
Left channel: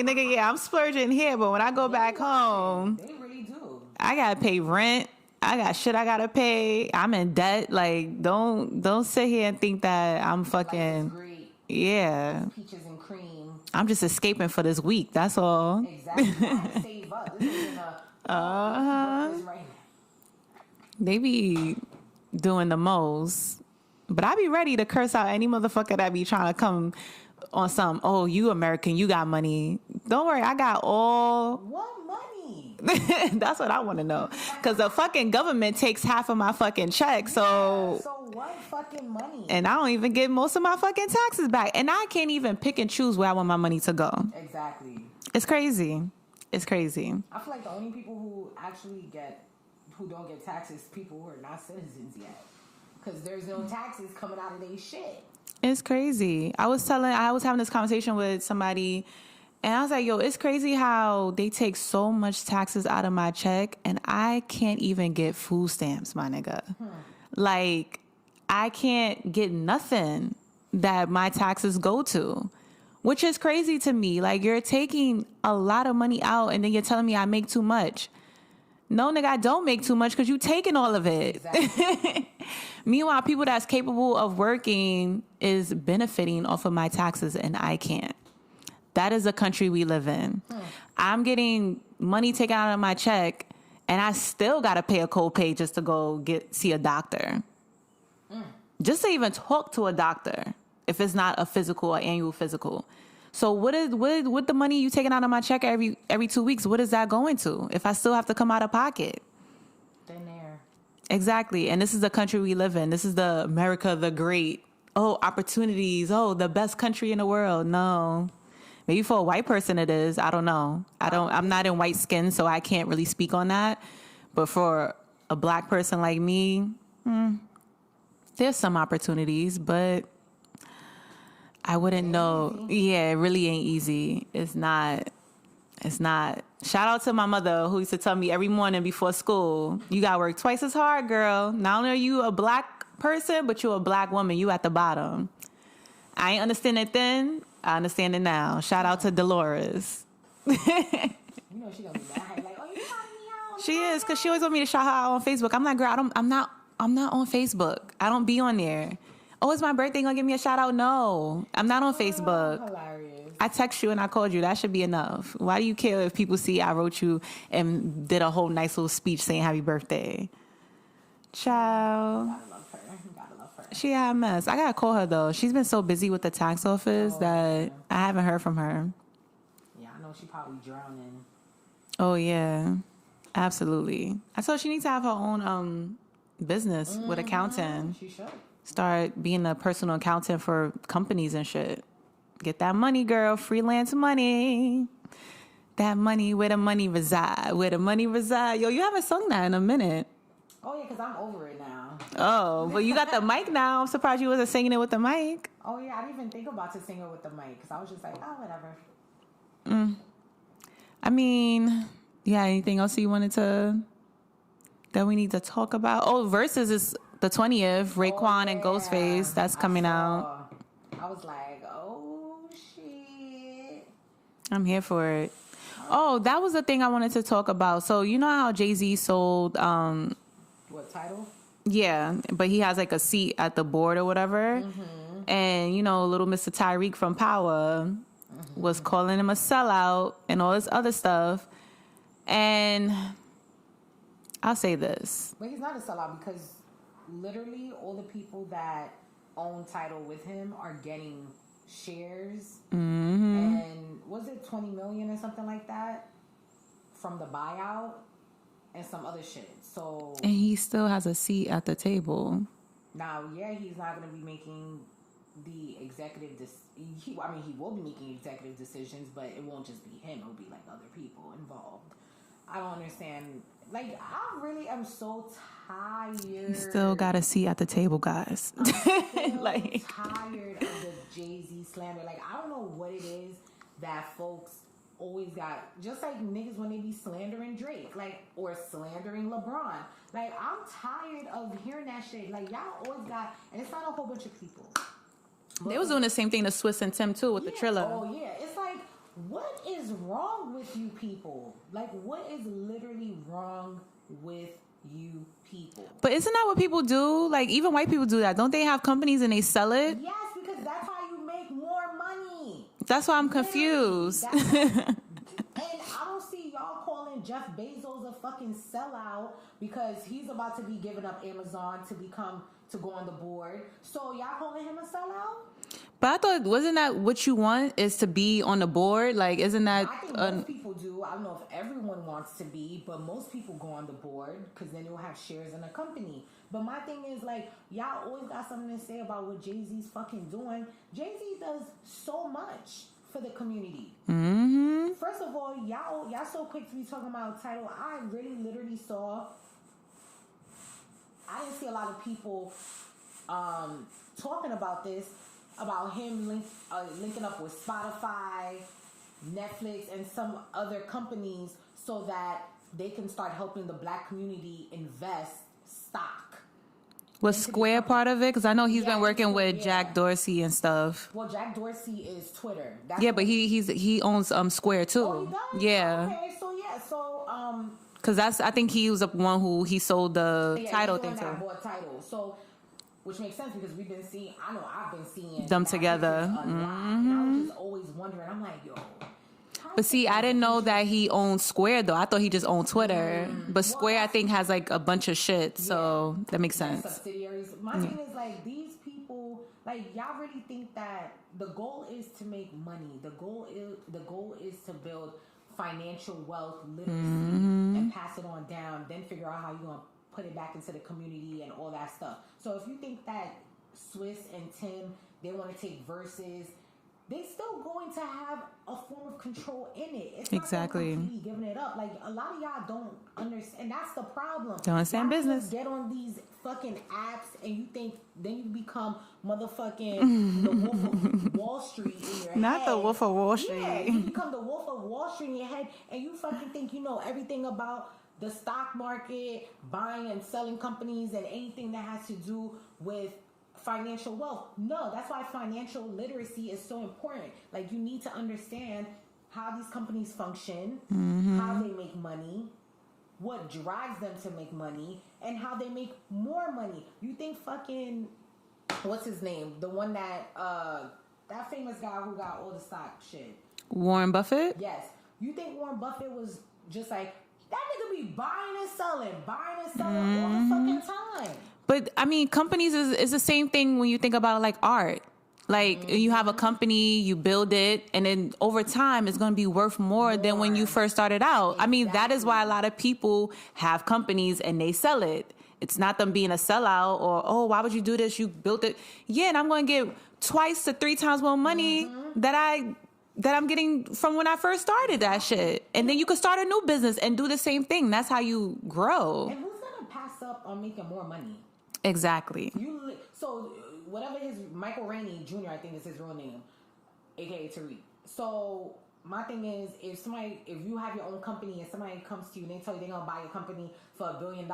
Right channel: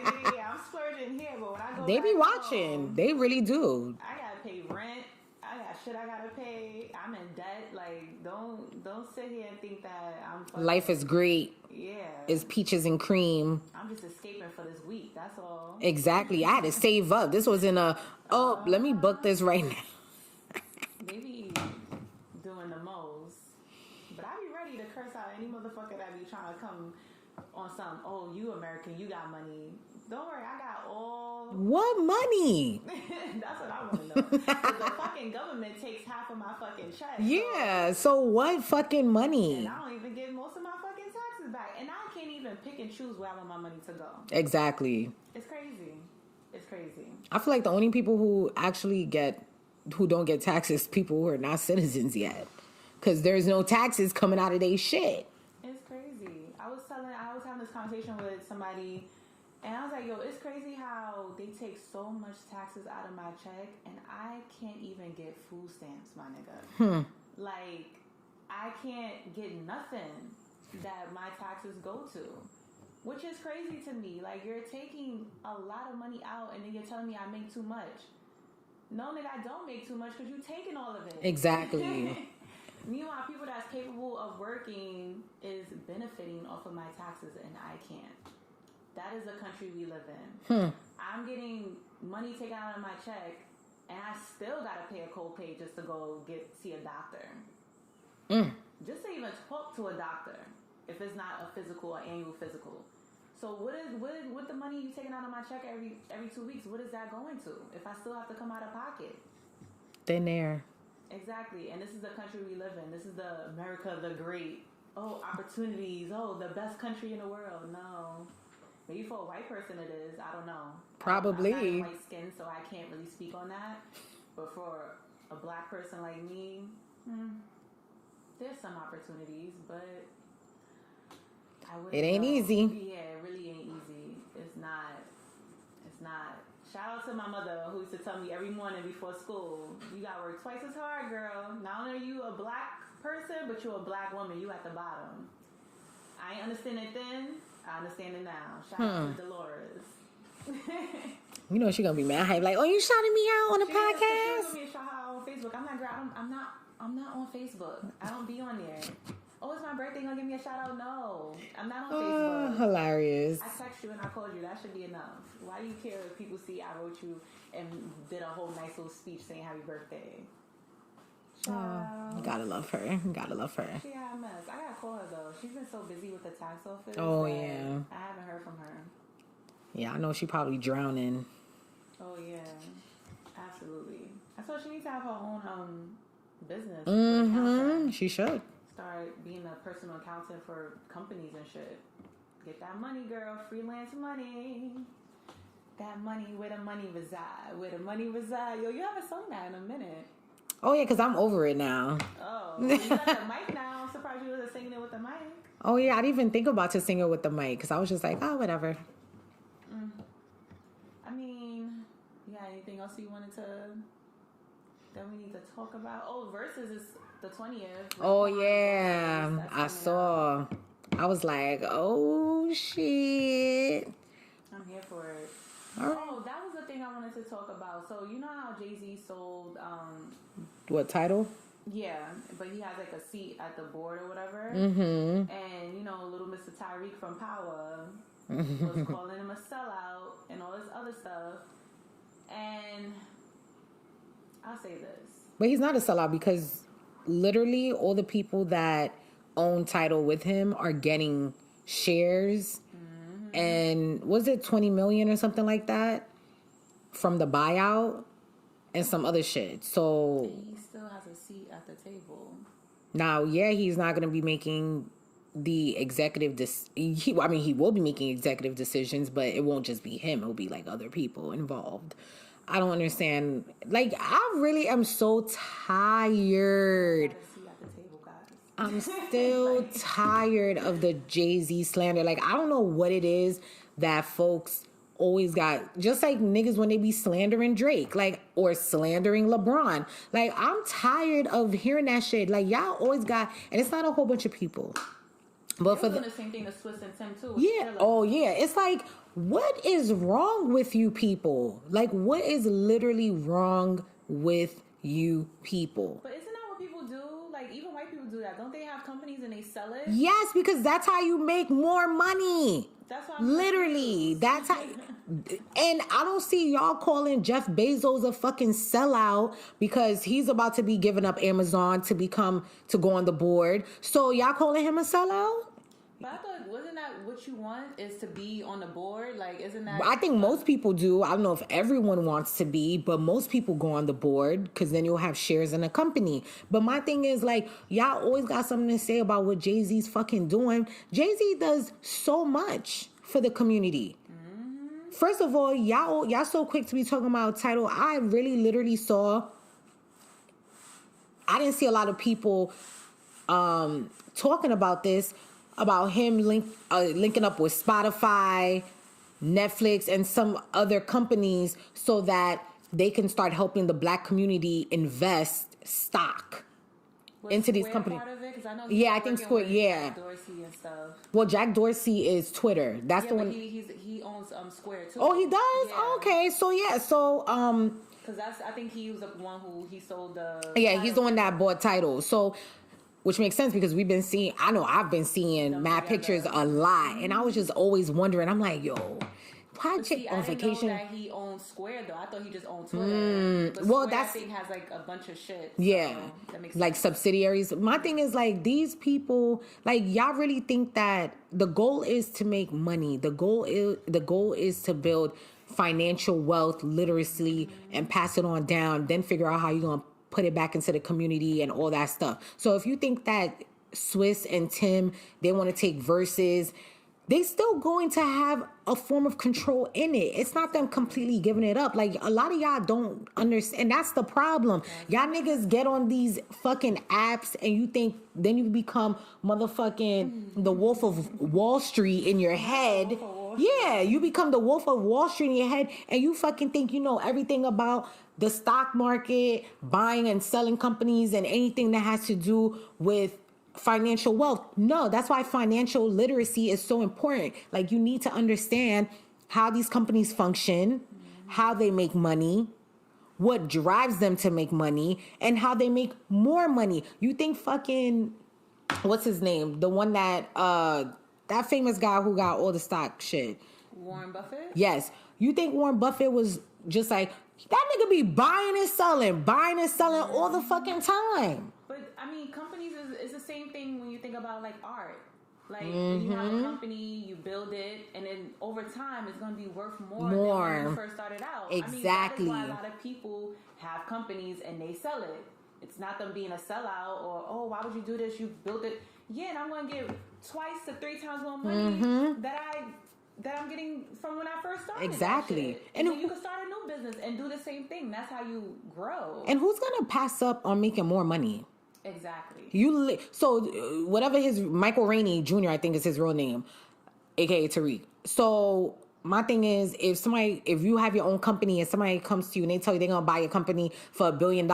nigga, yeah, I'm splurging here, but when I go back home, they really do. I gotta pay rent. I got shit I gotta pay. I'm in debt. Like, don't sit here and think that I'm fucking. Life is great. Yeah, it's peaches and cream. I'm just escaping for this week. That's all. Exactly. I had to save up. This was in let me book this right now. They be doing the most, but I be ready to curse out any motherfucker that be trying to come on some, oh, you American, you got money. Don't worry, I got all... What money? That's what I want to know. Because the fucking government takes half of my fucking check. Yeah, so what fucking money? And I don't even get most of my fucking taxes back. And I can't even pick and choose where I want my money to go. Exactly. It's crazy. It's crazy. I feel like the only people who don't get taxes, people who are not citizens yet. Because there's no taxes coming out of their shit. It's crazy. I was having this conversation with somebody, and I was like, yo, it's crazy how they take so much taxes out of my check, and I can't even get food stamps, my nigga. Like, I can't get nothing that my taxes go to, which is crazy to me. Like, you're taking a lot of money out, and then you're telling me I make too much. No, nigga, I don't make too much because you taking all of it. Exactly. Meanwhile, people that's capable of working is benefiting off of my taxes, and I can't. That is the country we live in. I'm getting money taken out of my check, And I still got to pay a copay just to go see a doctor. Just to even talk to a doctor if it's not a physical or annual physical. So what the money you taking out of my check every 2 weeks, what is that going to if I still have to come out of pocket? Thin air. Exactly. And this is the country we live in. This is the America the Great. Oh, opportunities. Oh, the best country in the world. No. Maybe for a white person it is. I don't know. I'm not in white skin, so I can't really speak on that. But for a black person like me, there's some opportunities, but I wouldn't know. Easy. Yeah, it really ain't easy. It's not. Shout out to my mother who used to tell me every morning before school, you gotta work twice as hard, girl. Not only are you a black person, but you're a black woman. You at the bottom. I ain't understand it then. I understand it now. Shout out to Dolores. You know she gonna be mad. Like, oh, you shouting me out on the podcast? She is, because she always want me to shout her out on Facebook. I'm like, girl, I'm not on Facebook. I don't be on there. Oh, it's my birthday. You gonna give me a shout out? No, I'm not on Facebook. Hilarious. I text you and I called you. That should be enough. Why do you care if people see I wrote you and did a whole nice little speech saying happy birthday? Child. Gotta love her. She a mess. I gotta call her though. She's been so busy with the tax office that I haven't heard from her. Yeah, I know she probably drowning. Oh yeah, absolutely. I told her she needs to have her own business with accounting. She should start being a personal accountant for companies and shit. Get that money, girl. Freelance money. That money, where the money reside. Where the money reside. Yo, you haven't sung that in a minute. Oh, yeah, because I'm over it now. Oh, well, you got the mic now. I'm surprised you wasn't singing it with the mic. Oh, yeah, I didn't even think about to sing it with the mic because I was just like, oh, whatever. I mean, yeah, anything else you wanted that we need to talk about? Oh, Versus is the 20th. Raekwon and Ghostface. That's coming out. I was like, oh, shit. I'm here for it. Right. Oh, that was the thing I wanted to talk about. So, you know how Jay-Z sold... what, Tidal? Yeah, but he has like a seat at the board or whatever. Mm-hmm. And, you know, little Mr. Tyreek from Power was calling him a sellout and all this other stuff. And I'll say this. But he's not a sellout because literally all the people that own Tidal with him are getting shares. Mm-hmm. And was it 20 million or something like that from the buyout? And some other shit. So, and he still has a seat at the table. Now, yeah, he's not going to be making the executive. He will be making executive decisions, but it won't just be him. It'll be like other people involved. I don't understand. Like, I really am so tired. Still got a seat at the table, guys. I'm still tired of the Jay-Z slander. Like, I don't know what it is that folks always got, just like niggas when they be slandering Drake, like, or slandering LeBron. Like, I'm tired of hearing that shit. Like, y'all always got, and it's not a whole bunch of people. But they was doing the same thing to Swiss and Tim too with the Triller. Oh yeah, it's like, what is wrong with you people? Like, what is literally wrong with you people? But isn't that what people do? Like, even white people do that. Don't they have companies and they sell it? Yes, because that's how you make more money. That's why I'm confused. That's how, and I don't see y'all calling Jeff Bezos a fucking sellout because he's about to be giving up Amazon to go on the board. So y'all calling him a sellout? But I thought, wasn't that what you want, is to be on the board? Like, isn't that... I think most people do. I don't know if everyone wants to be, but most people go on the board because then you'll have shares in a company. But my thing is, like, y'all always got something to say about what Jay-Z's fucking doing. Jay-Z does so much for the community. Mm-hmm. First of all, y'all so quick to be talking about Tidal. I really literally saw... I didn't see a lot of people talking about this, about him linking up with Spotify, Netflix, and some other companies so that they can start helping the black community invest stock. Was Square part of it? Because I know he's been working with Jack Dorsey and stuff. Well, Jack Dorsey is Twitter. That's but he owns Square too. Oh, he does? Yeah. Okay, so because I think he was the one who he sold the Tidal, he's the one that bought Tidal. So, which makes sense because I've been seeing them mad together. pictures a lot. And I was just always wondering, I'm like, yo, But see, I didn't know that he owned Square, though. I thought he just owned Twitter. But Square, I think, has like a bunch of shit. So that makes sense. Like subsidiaries. My thing is like these people, like y'all really think that the goal is to make money. The goal is to build financial wealth, literacy, and pass it on down. Then figure out how you're gonna put it back into the community and all that stuff. So if you think that Swiss and Tim, they want to take verses, they still going to have a form of control in it. It's not them completely giving it up. Like, a lot of y'all don't understand. And that's the problem. Y'all niggas get on these fucking apps and you think then you become motherfucking the Wolf of Wall Street in your head. Not the Wolf of Wall Street. Yeah, you become the Wolf of Wall Street in your head and you fucking think you know everything about the stock market, buying and selling companies, and anything that has to do with financial wealth. No, that's why financial literacy is so important. Like, you need to understand how these companies function, how they make money, what drives them to make money, and how they make more money. You think fucking, what's his name? The one that, that famous guy who got all the stock shit. Warren Buffett? Yes. You think Warren Buffett was just like, that nigga be buying and selling all the fucking time. But I mean, companies is the same thing when you think about like art. Like you have a company, you build it, and then over time it's going to be worth more than when you first started out. Exactly. I mean, that is why a lot of people have companies and they sell it. It's not them being a sellout or, oh, why would you do this? You built it. Yeah, and I'm going to get 2 to 3 times more money that I'm getting from when I first started that shit. And then you could start a new business and do the same thing. That's how you grow. And who's going to pass up on making more money? Exactly. So whatever his, Michael Rainey Jr., I think is his real name, aka Tariq. So my thing is, if you have your own company and somebody comes to you and they tell you they're going to buy your company for $1 billion,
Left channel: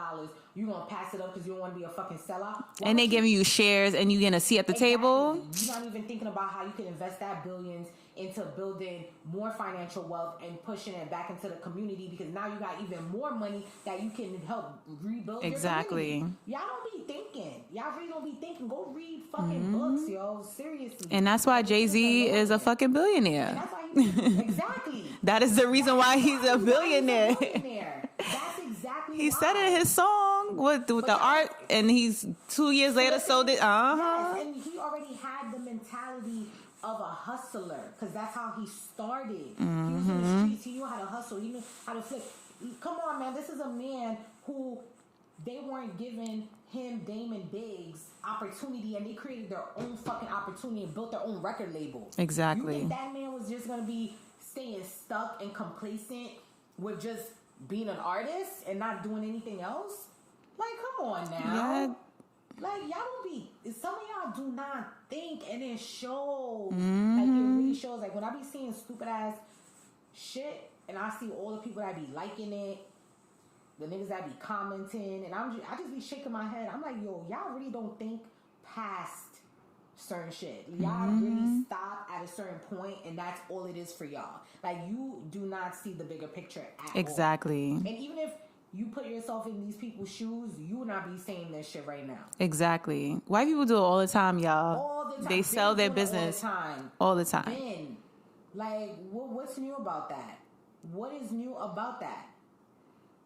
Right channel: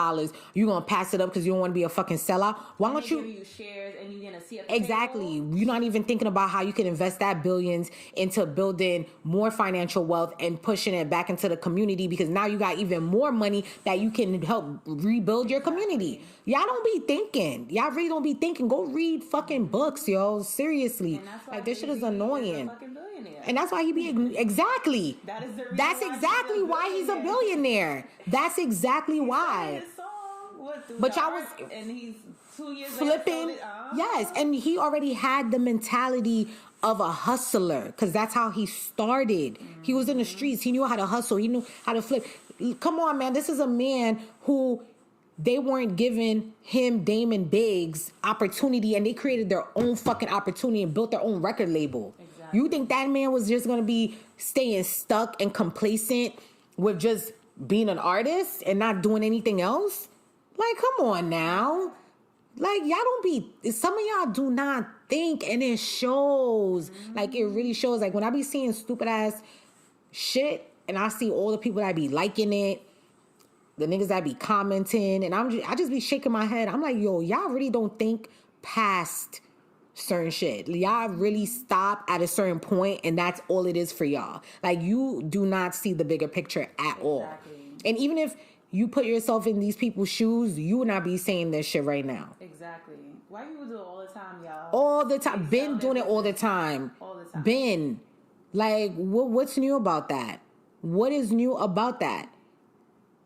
you're going to pass it up because you don't want to be a fucking sellout. And they giving you shares and you getting a seat at the table. Exactly. You're not even thinking about how you can invest that billions into building more financial wealth and pushing it back into the community, because now you got even more money that you can help rebuild your community. Y'all don't be thinking. Y'all really don't be thinking. Go read fucking books, yo. Seriously. And that's why Jay-Z is a fucking billionaire. And that's why he be... Exactly. That is the reason why he's a billionaire. That's exactly why. He said in his song with the art, and he's 2 years later sold it. Yes, and he already had the mentality of a hustler, because that's how he started. He was in the streets. He knew how to hustle. He knew how to flip. Come on, man. This is a man who... They weren't giving him, Damon Biggs, opportunity, and they created their own fucking opportunity and built their own record label. Exactly. You think that man was just going to be staying stuck and complacent with just being an artist and not doing anything else? Like, come on now. Yeah. Like, y'all don't be... Some of y'all do not think, and it shows. Like, it really shows. Like, when I be seeing stupid-ass shit, and I see all the people that be liking it, the niggas that be commenting, and I just be shaking my head. I'm like, yo, y'all really don't think past certain shit. Y'all really stop at a certain point, and that's all it is for y'all. Like, you do not see the bigger picture at all. Exactly. And even if you put yourself in these people's shoes, you would not be saying this shit right now. Exactly. White people do it all the time, y'all. All the time. They sell their business all the time. All the time. Been. Like, what's new about that? What is new about that?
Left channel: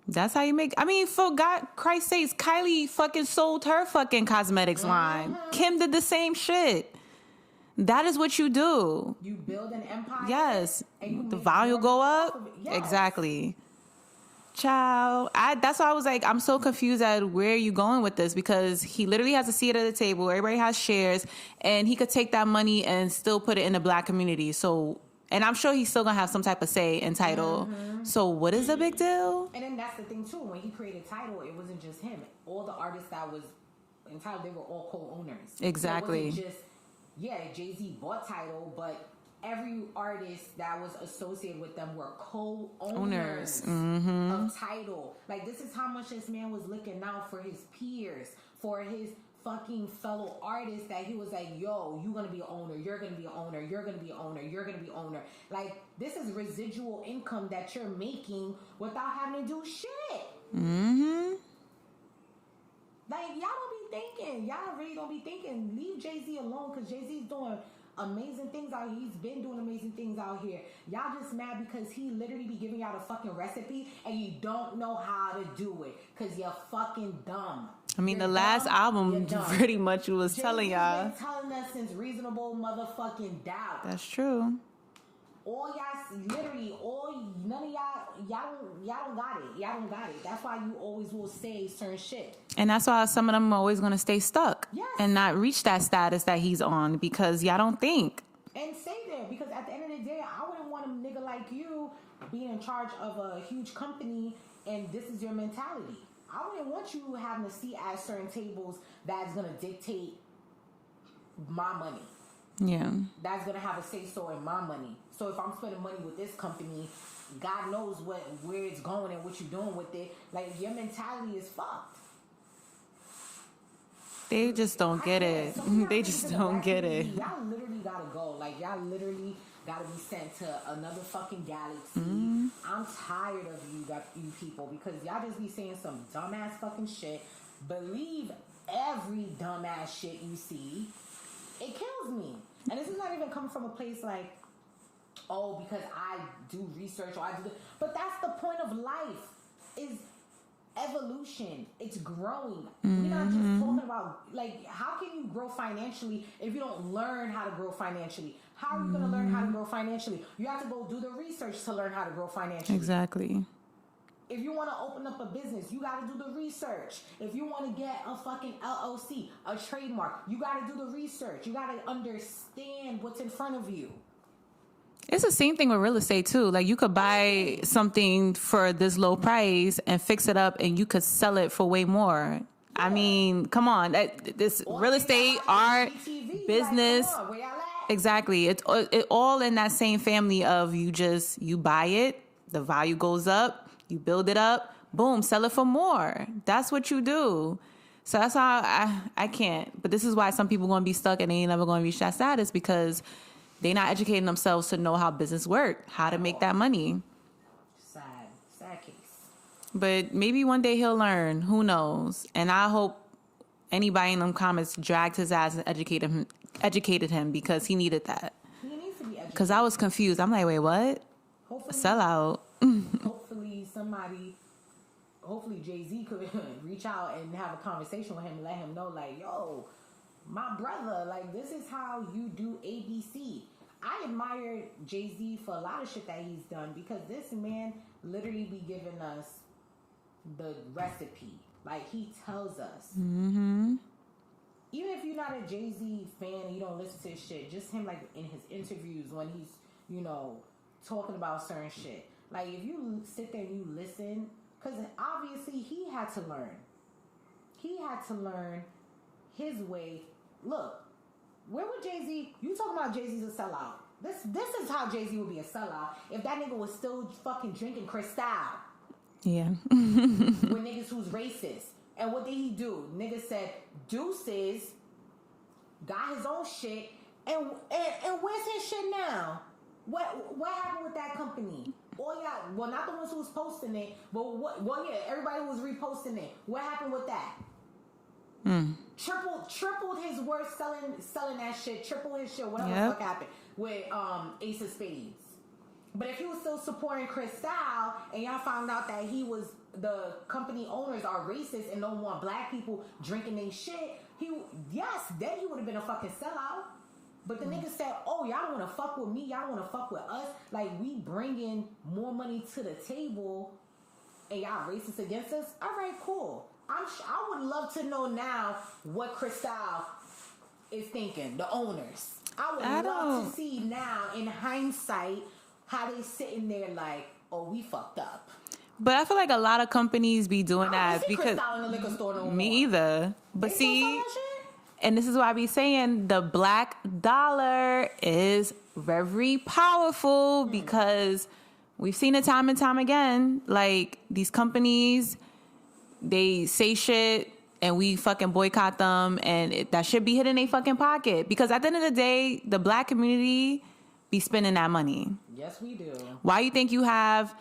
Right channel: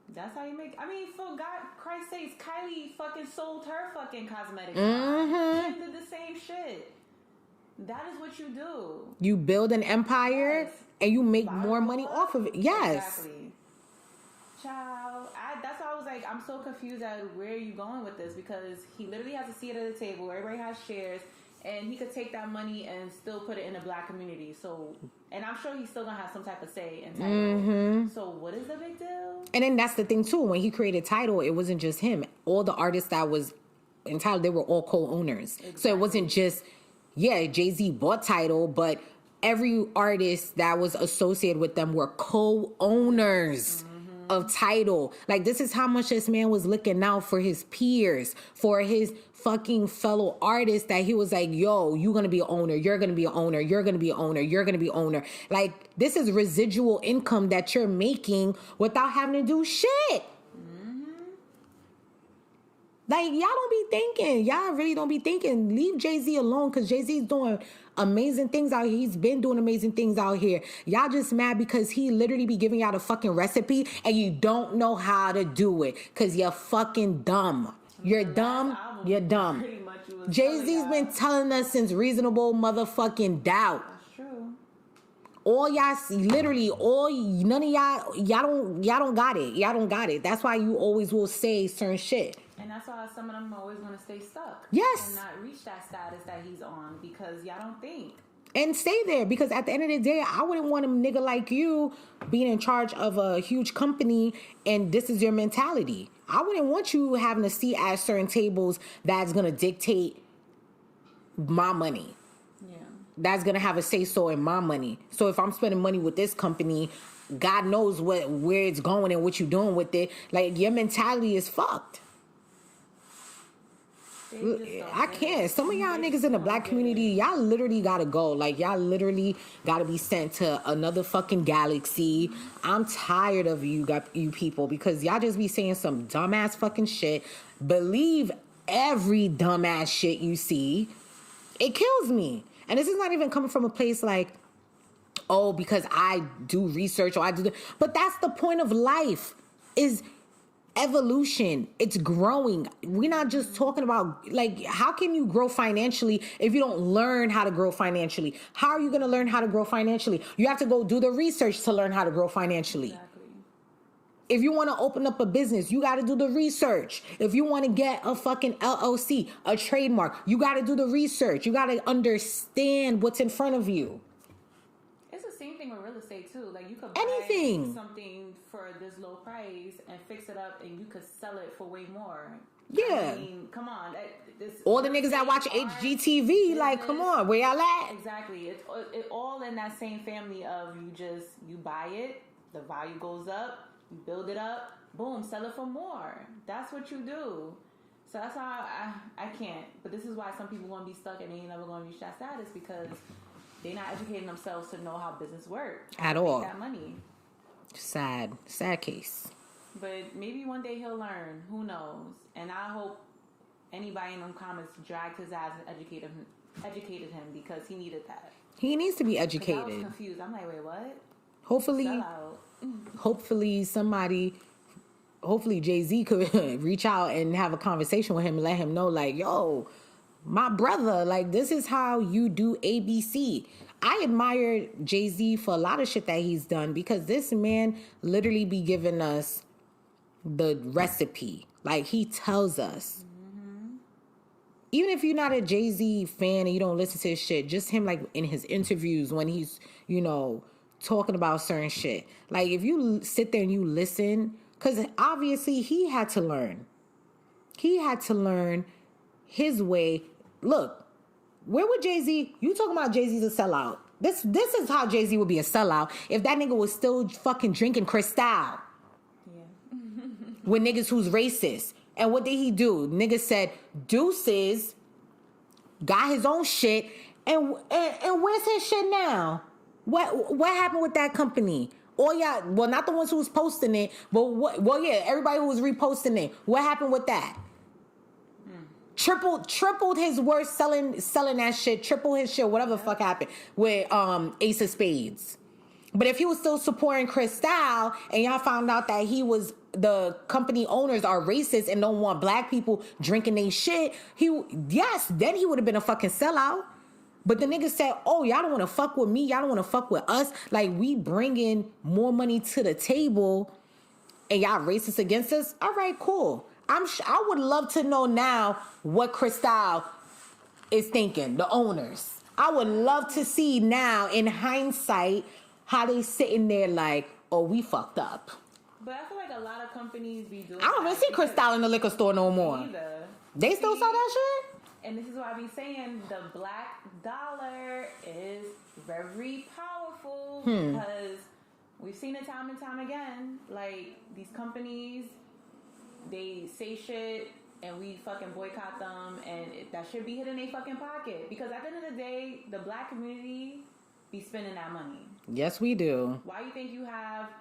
That's how you make... I mean, for God, Christ's sakes, Kylie fucking sold her fucking cosmetics line. Kim did the same shit. That is what you do. You build an empire, and you make more money off of it. Yes. Exactly. Child. That's why I was like, I'm so confused at where you going with this, because he literally has a seat at the table. Everybody has shares, and he could take that money and still put it in the black community. So... And I'm sure he's still going to have some type of say in Tidal. So what is the big deal? And then that's the thing, too. When he created Tidal, it wasn't just him. All the artists that was in Tidal, they were all co-owners. Exactly. So it wasn't just, Jay-Z bought Tidal, but every artist that was associated with them were co-owners of Tidal. Like, this is how much this man was looking out for his peers, for his fucking fellow artists, that he was like, yo, you're gonna be an owner, you're gonna be an owner, you're gonna be an owner, you're gonna be an owner. Like, this is residual income that you're making without having to do shit. Like, y'all don't be thinking. Y'all really don't be thinking. Leave Jay-Z alone, because Jay-Z's doing amazing things out here. He's been doing amazing things out here. Y'all just mad because he literally be giving y'all a fucking recipe and you don't know how to do it because you're fucking dumb. I mean, the last album, you're dumb. Pretty much was telling y'all. Jay-Z's been telling us since Reasonable Motherfucking Doubt. That's true. All y'all, literally, none of y'all don't got it. Y'all don't got it. That's why you always will say certain shit. And that's why some of them are always going to stay stuck. Yes. And not reach that status that he's on because y'all don't think. And stay there because at the end of the day, I wouldn't want a nigga like you being in charge of a huge company and this is your mentality. I wouldn't want you having a seat at certain tables that's going to dictate my money. Yeah. That's going to have a say-so in my money. So if I'm spending money with this company, God knows where it's going and what you're doing with it. Like, your mentality is fucked. They just don't get it. Some of y'all niggas in the black community, y'all literally gotta go. Like, y'all literally gotta be sent to another fucking galaxy. Mm-hmm. I'm tired of you people because y'all just be saying some dumbass fucking shit. Believe every dumbass shit you see. It kills me. And this is not even coming from a place like, oh, because I do research or I do but that's the point of life is evolution. It's growing. Mm-hmm. We're not just talking about, like, how can you grow financially if you don't learn how to grow financially? How are you going to learn how to grow financially? You have to go do the research to learn how to grow financially. Exactly. If you want to open up a business, you got to do the research. If you want to get a fucking LLC, a trademark, you got to do the research. You got to understand what's in front of you. It's the same thing with real estate too. Like, you could buy something for this low price and fix it up and you could sell it for way more. Yeah. I mean, come on. This all real the estate, niggas that watch HGTV, business, like, come on, where y'all at? Exactly. It's all in that same family of you buy it, the value goes up, you build it up, boom, sell it for more. That's what you do. So that's how I can't. But this is why some people going to be stuck and they ain't never going to reach that status because they're not educating themselves to know how business work, how to make that money. Sad case. But maybe one day he'll learn. Who knows? And I hope anybody in them comments dragged his ass and educated him because he needed that. He needs to be educated. Because I was confused. I'm like, wait, what? Hopefully, sell out. Hopefully Jay-Z could reach out and have a conversation with him and let him know, like, yo, my brother, like, this is how you do ABC. I admire Jay-Z for a lot of shit that he's done because this man literally be giving us the recipe. Like, he tells us. Mm-hmm. Even if you're not a Jay-Z fan and you don't listen to his shit, just him, like, in his interviews when he's, talking about certain shit. Like, if you sit there and you listen, because obviously he had to learn. He had to learn his way. Look, where would Jay-Z... You talking about Jay-Z's a sellout. This is how Jay-Z would be a sellout if that nigga was still fucking drinking Cristal. Yeah. With niggas who's racist. And what did he do? Nigga said, deuces, got his own shit, and where's his shit now? What happened with that company? All y'all, well, not the ones who was posting it, but everybody who was reposting it. What happened with that? Tripled his worth selling that shit, triple his shit, whatever the fuck happened with Ace of Spades. But if he was still supporting Cristal and y'all found out that the company owners are racist and don't want black people drinking their shit, then he would have been a fucking sellout. But the nigga said, oh, y'all don't want to fuck with me. Y'all don't want to fuck with us. Like, we bringing more money to the table and y'all racist against us. All right, cool. I would love to know now what Cristal is thinking, the owners. I would love to see now, in hindsight, how they sitting there like, oh, we fucked up. But I feel like a lot of companies be doing that. I don't see Cristal in the liquor store no more. Me either. They still sell that shit? And this is why I be saying the black dollar is very powerful because we've seen it time and time again. Like, these companies, they say shit and we fucking boycott them and that shit be hit in their fucking pocket. Because at the end of the day, the black community be spending that money. Yes, we do. Why you think you have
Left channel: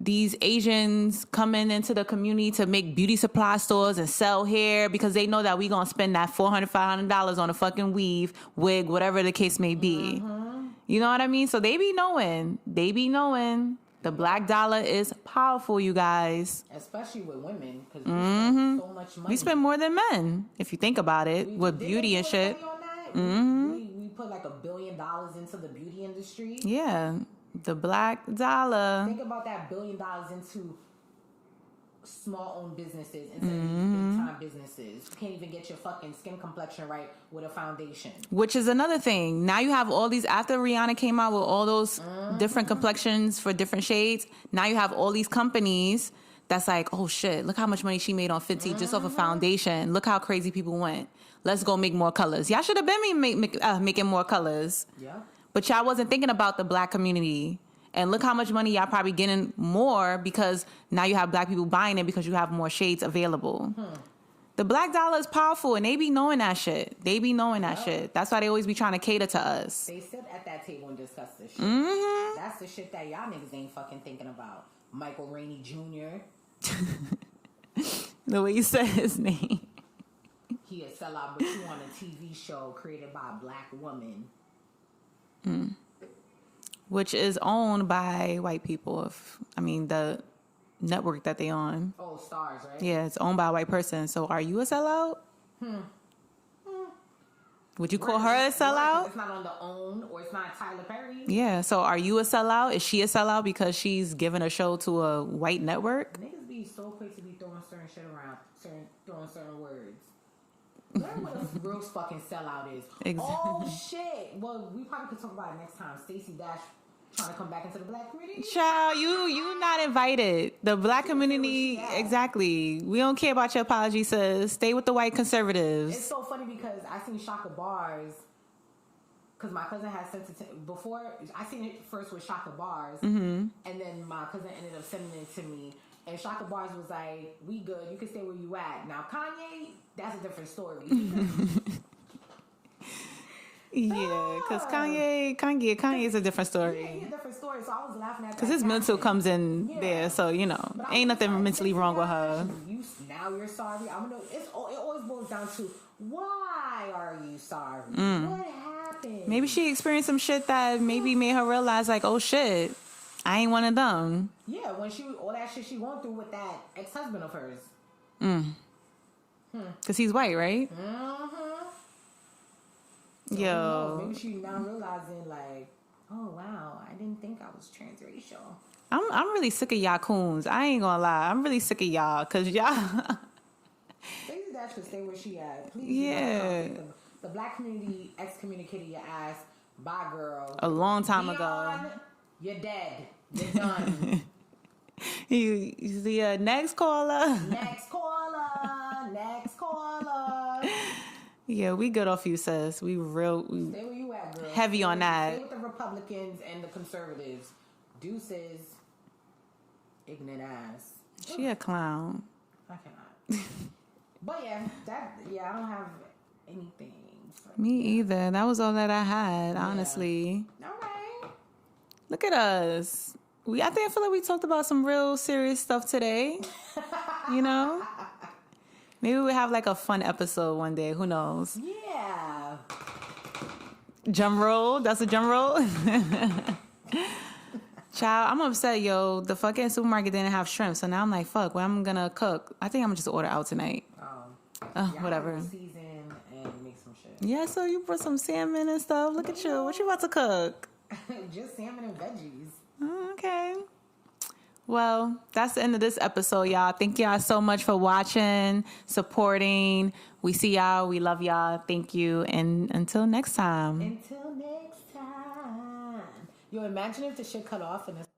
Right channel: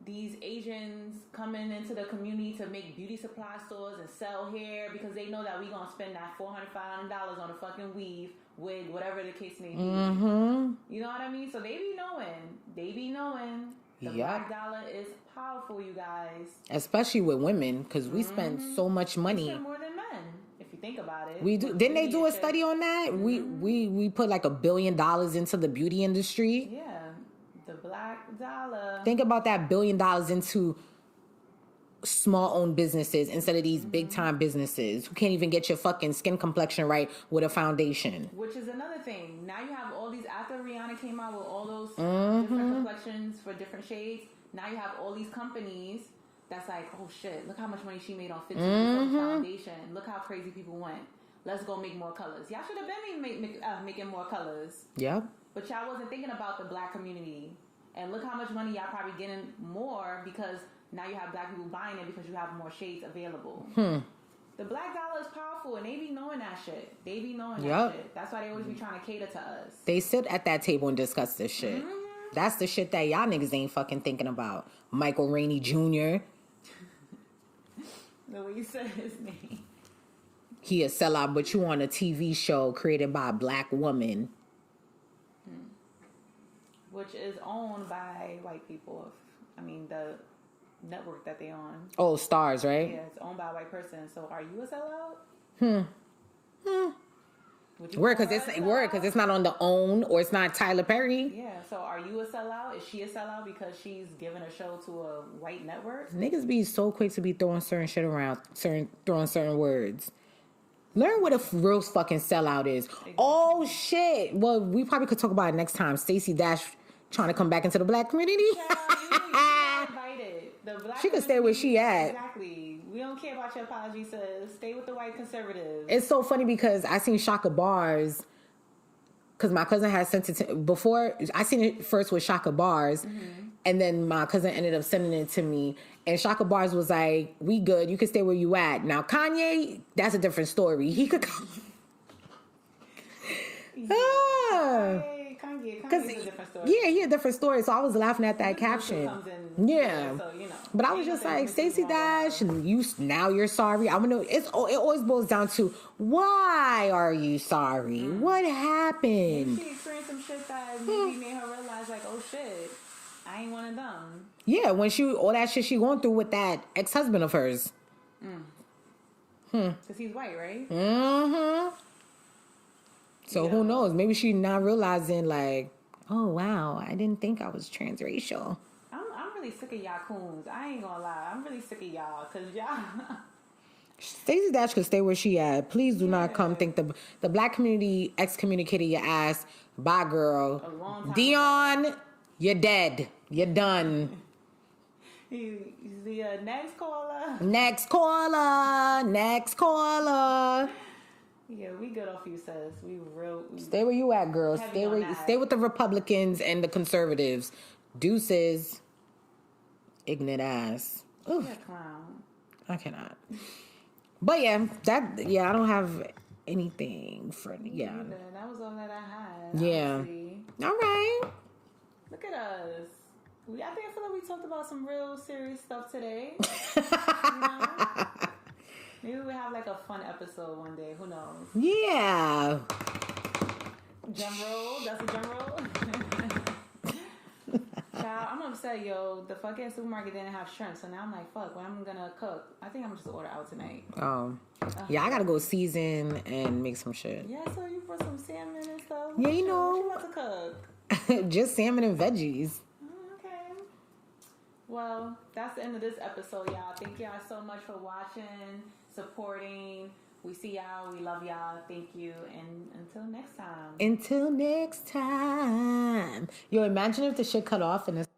these Asians coming into the community to make beauty supply stores and sell hair because they know that we gonna spend that $400, $500 on a fucking weave, wig, whatever the case may be. Mm-hmm. You know what I mean? So they be knowing. The black dollar is powerful, you guys. Especially with women, because we spend so much money. We spend more than men, if you think about it. We do. With Didn't beauty they do a shit. study on that? We put like $1 billion into the beauty industry. Yeah, the black dollar. Think about that $1 billion into small-owned businesses instead of these big-time businesses who can't even get your fucking skin complexion right with a foundation. Which is another thing. Now you have all these, after Rihanna came out with all those different complexions for different shades, now you have all these companies that's like, oh shit, look how much money she made on Fenty just off a foundation. Look how crazy people went. Let's go make more colors. Y'all should have been making more colors. Yeah. But y'all wasn't thinking about the black community. And look how much money y'all probably getting more because now you have black people buying it because you have more shades available. The black dollar is powerful, and they be knowing that shit. That's why they always be trying to cater to us. They sit at that table and discuss this shit. That's the shit that y'all niggas ain't fucking thinking about. Michael Rainey Jr. The way you said his name. He a sellout, but you on a TV show created by a black woman. Which is owned by white people. The network that they on. Oh, Stars, right? Yeah, it's owned by a white person. So are you a sellout? Would you call her a sellout? Because it's not on the OWN or it's not Tyler Perry. Yeah, so are you a sellout? Is she a sellout because she's giving a show to a white network? Niggas be so quick to be throwing certain shit around, throwing certain words. Learn what a real fucking sellout is. Exactly. Oh, shit. Well, we probably could talk about it next time. Stacey Dash trying to come back into the black community. Child, you're not invited. The black community. Can stay where she at. Exactly. We don't care about your apology, sis. Stay with the white conservatives. It's so funny because I seen Shaka Bars, because my cousin had sent it to, before, I seen it first with Shaka Bars, and then my cousin ended up sending it to me. And Shaka Bars was like, we good. You can stay where you at. Now, Kanye, that's a different story. He could Yeah, because Kanye's a different story. Yeah, he a different story. So I was laughing at that his caption. mental comes in there, so, but ain't nothing like, mentally wrong with her. Now you're sorry. I want to. It always boils down to, why are you sorry? What happened? Maybe she experienced some shit that maybe made her realize, like, oh shit, I ain't one of them. Yeah, when all that shit she going through with that ex-husband of hers. Because he's white, right? So who knows? Maybe she not realizing, like, oh wow, I didn't think I was transracial. I'm really sick of y'all coons. I ain't gonna lie. I'm really sick of y'all because y'all. Stacey Dash could stay where she at. Please do not come think the black community excommunicated your ass. Bye, girl. A long time Dion, ago. You're dead. You're done. You see, next caller. Next caller. Yeah, we good off you, sis. We stay where you at, girl. Heavy on that. Stay with the Republicans and the conservatives. Deuces. Ignorant ass. She a clown. I cannot. But I don't have anything for me either. That was all that I had, honestly. All right. Look at us. I feel like we talked about some real serious stuff today. You know? Maybe we'll have like a fun episode one day. Who knows? Yeah. Drum roll. That's a drum roll. Child, I'm upset, yo. The fucking supermarket didn't have shrimp. So now I'm like, fuck, what am I gonna cook? I think I'm gonna just order out tonight. Oh. Yeah, I gotta go season and make some shit. Yeah, so you brought some salmon and stuff. Look at you. What you about to cook? Just salmon and veggies. Okay. Well, that's the end of this episode, y'all. Thank y'all so much for watching, supporting. We see y'all. We love y'all. Thank you. And until next time. Yo, imagine if the shit cut off and it's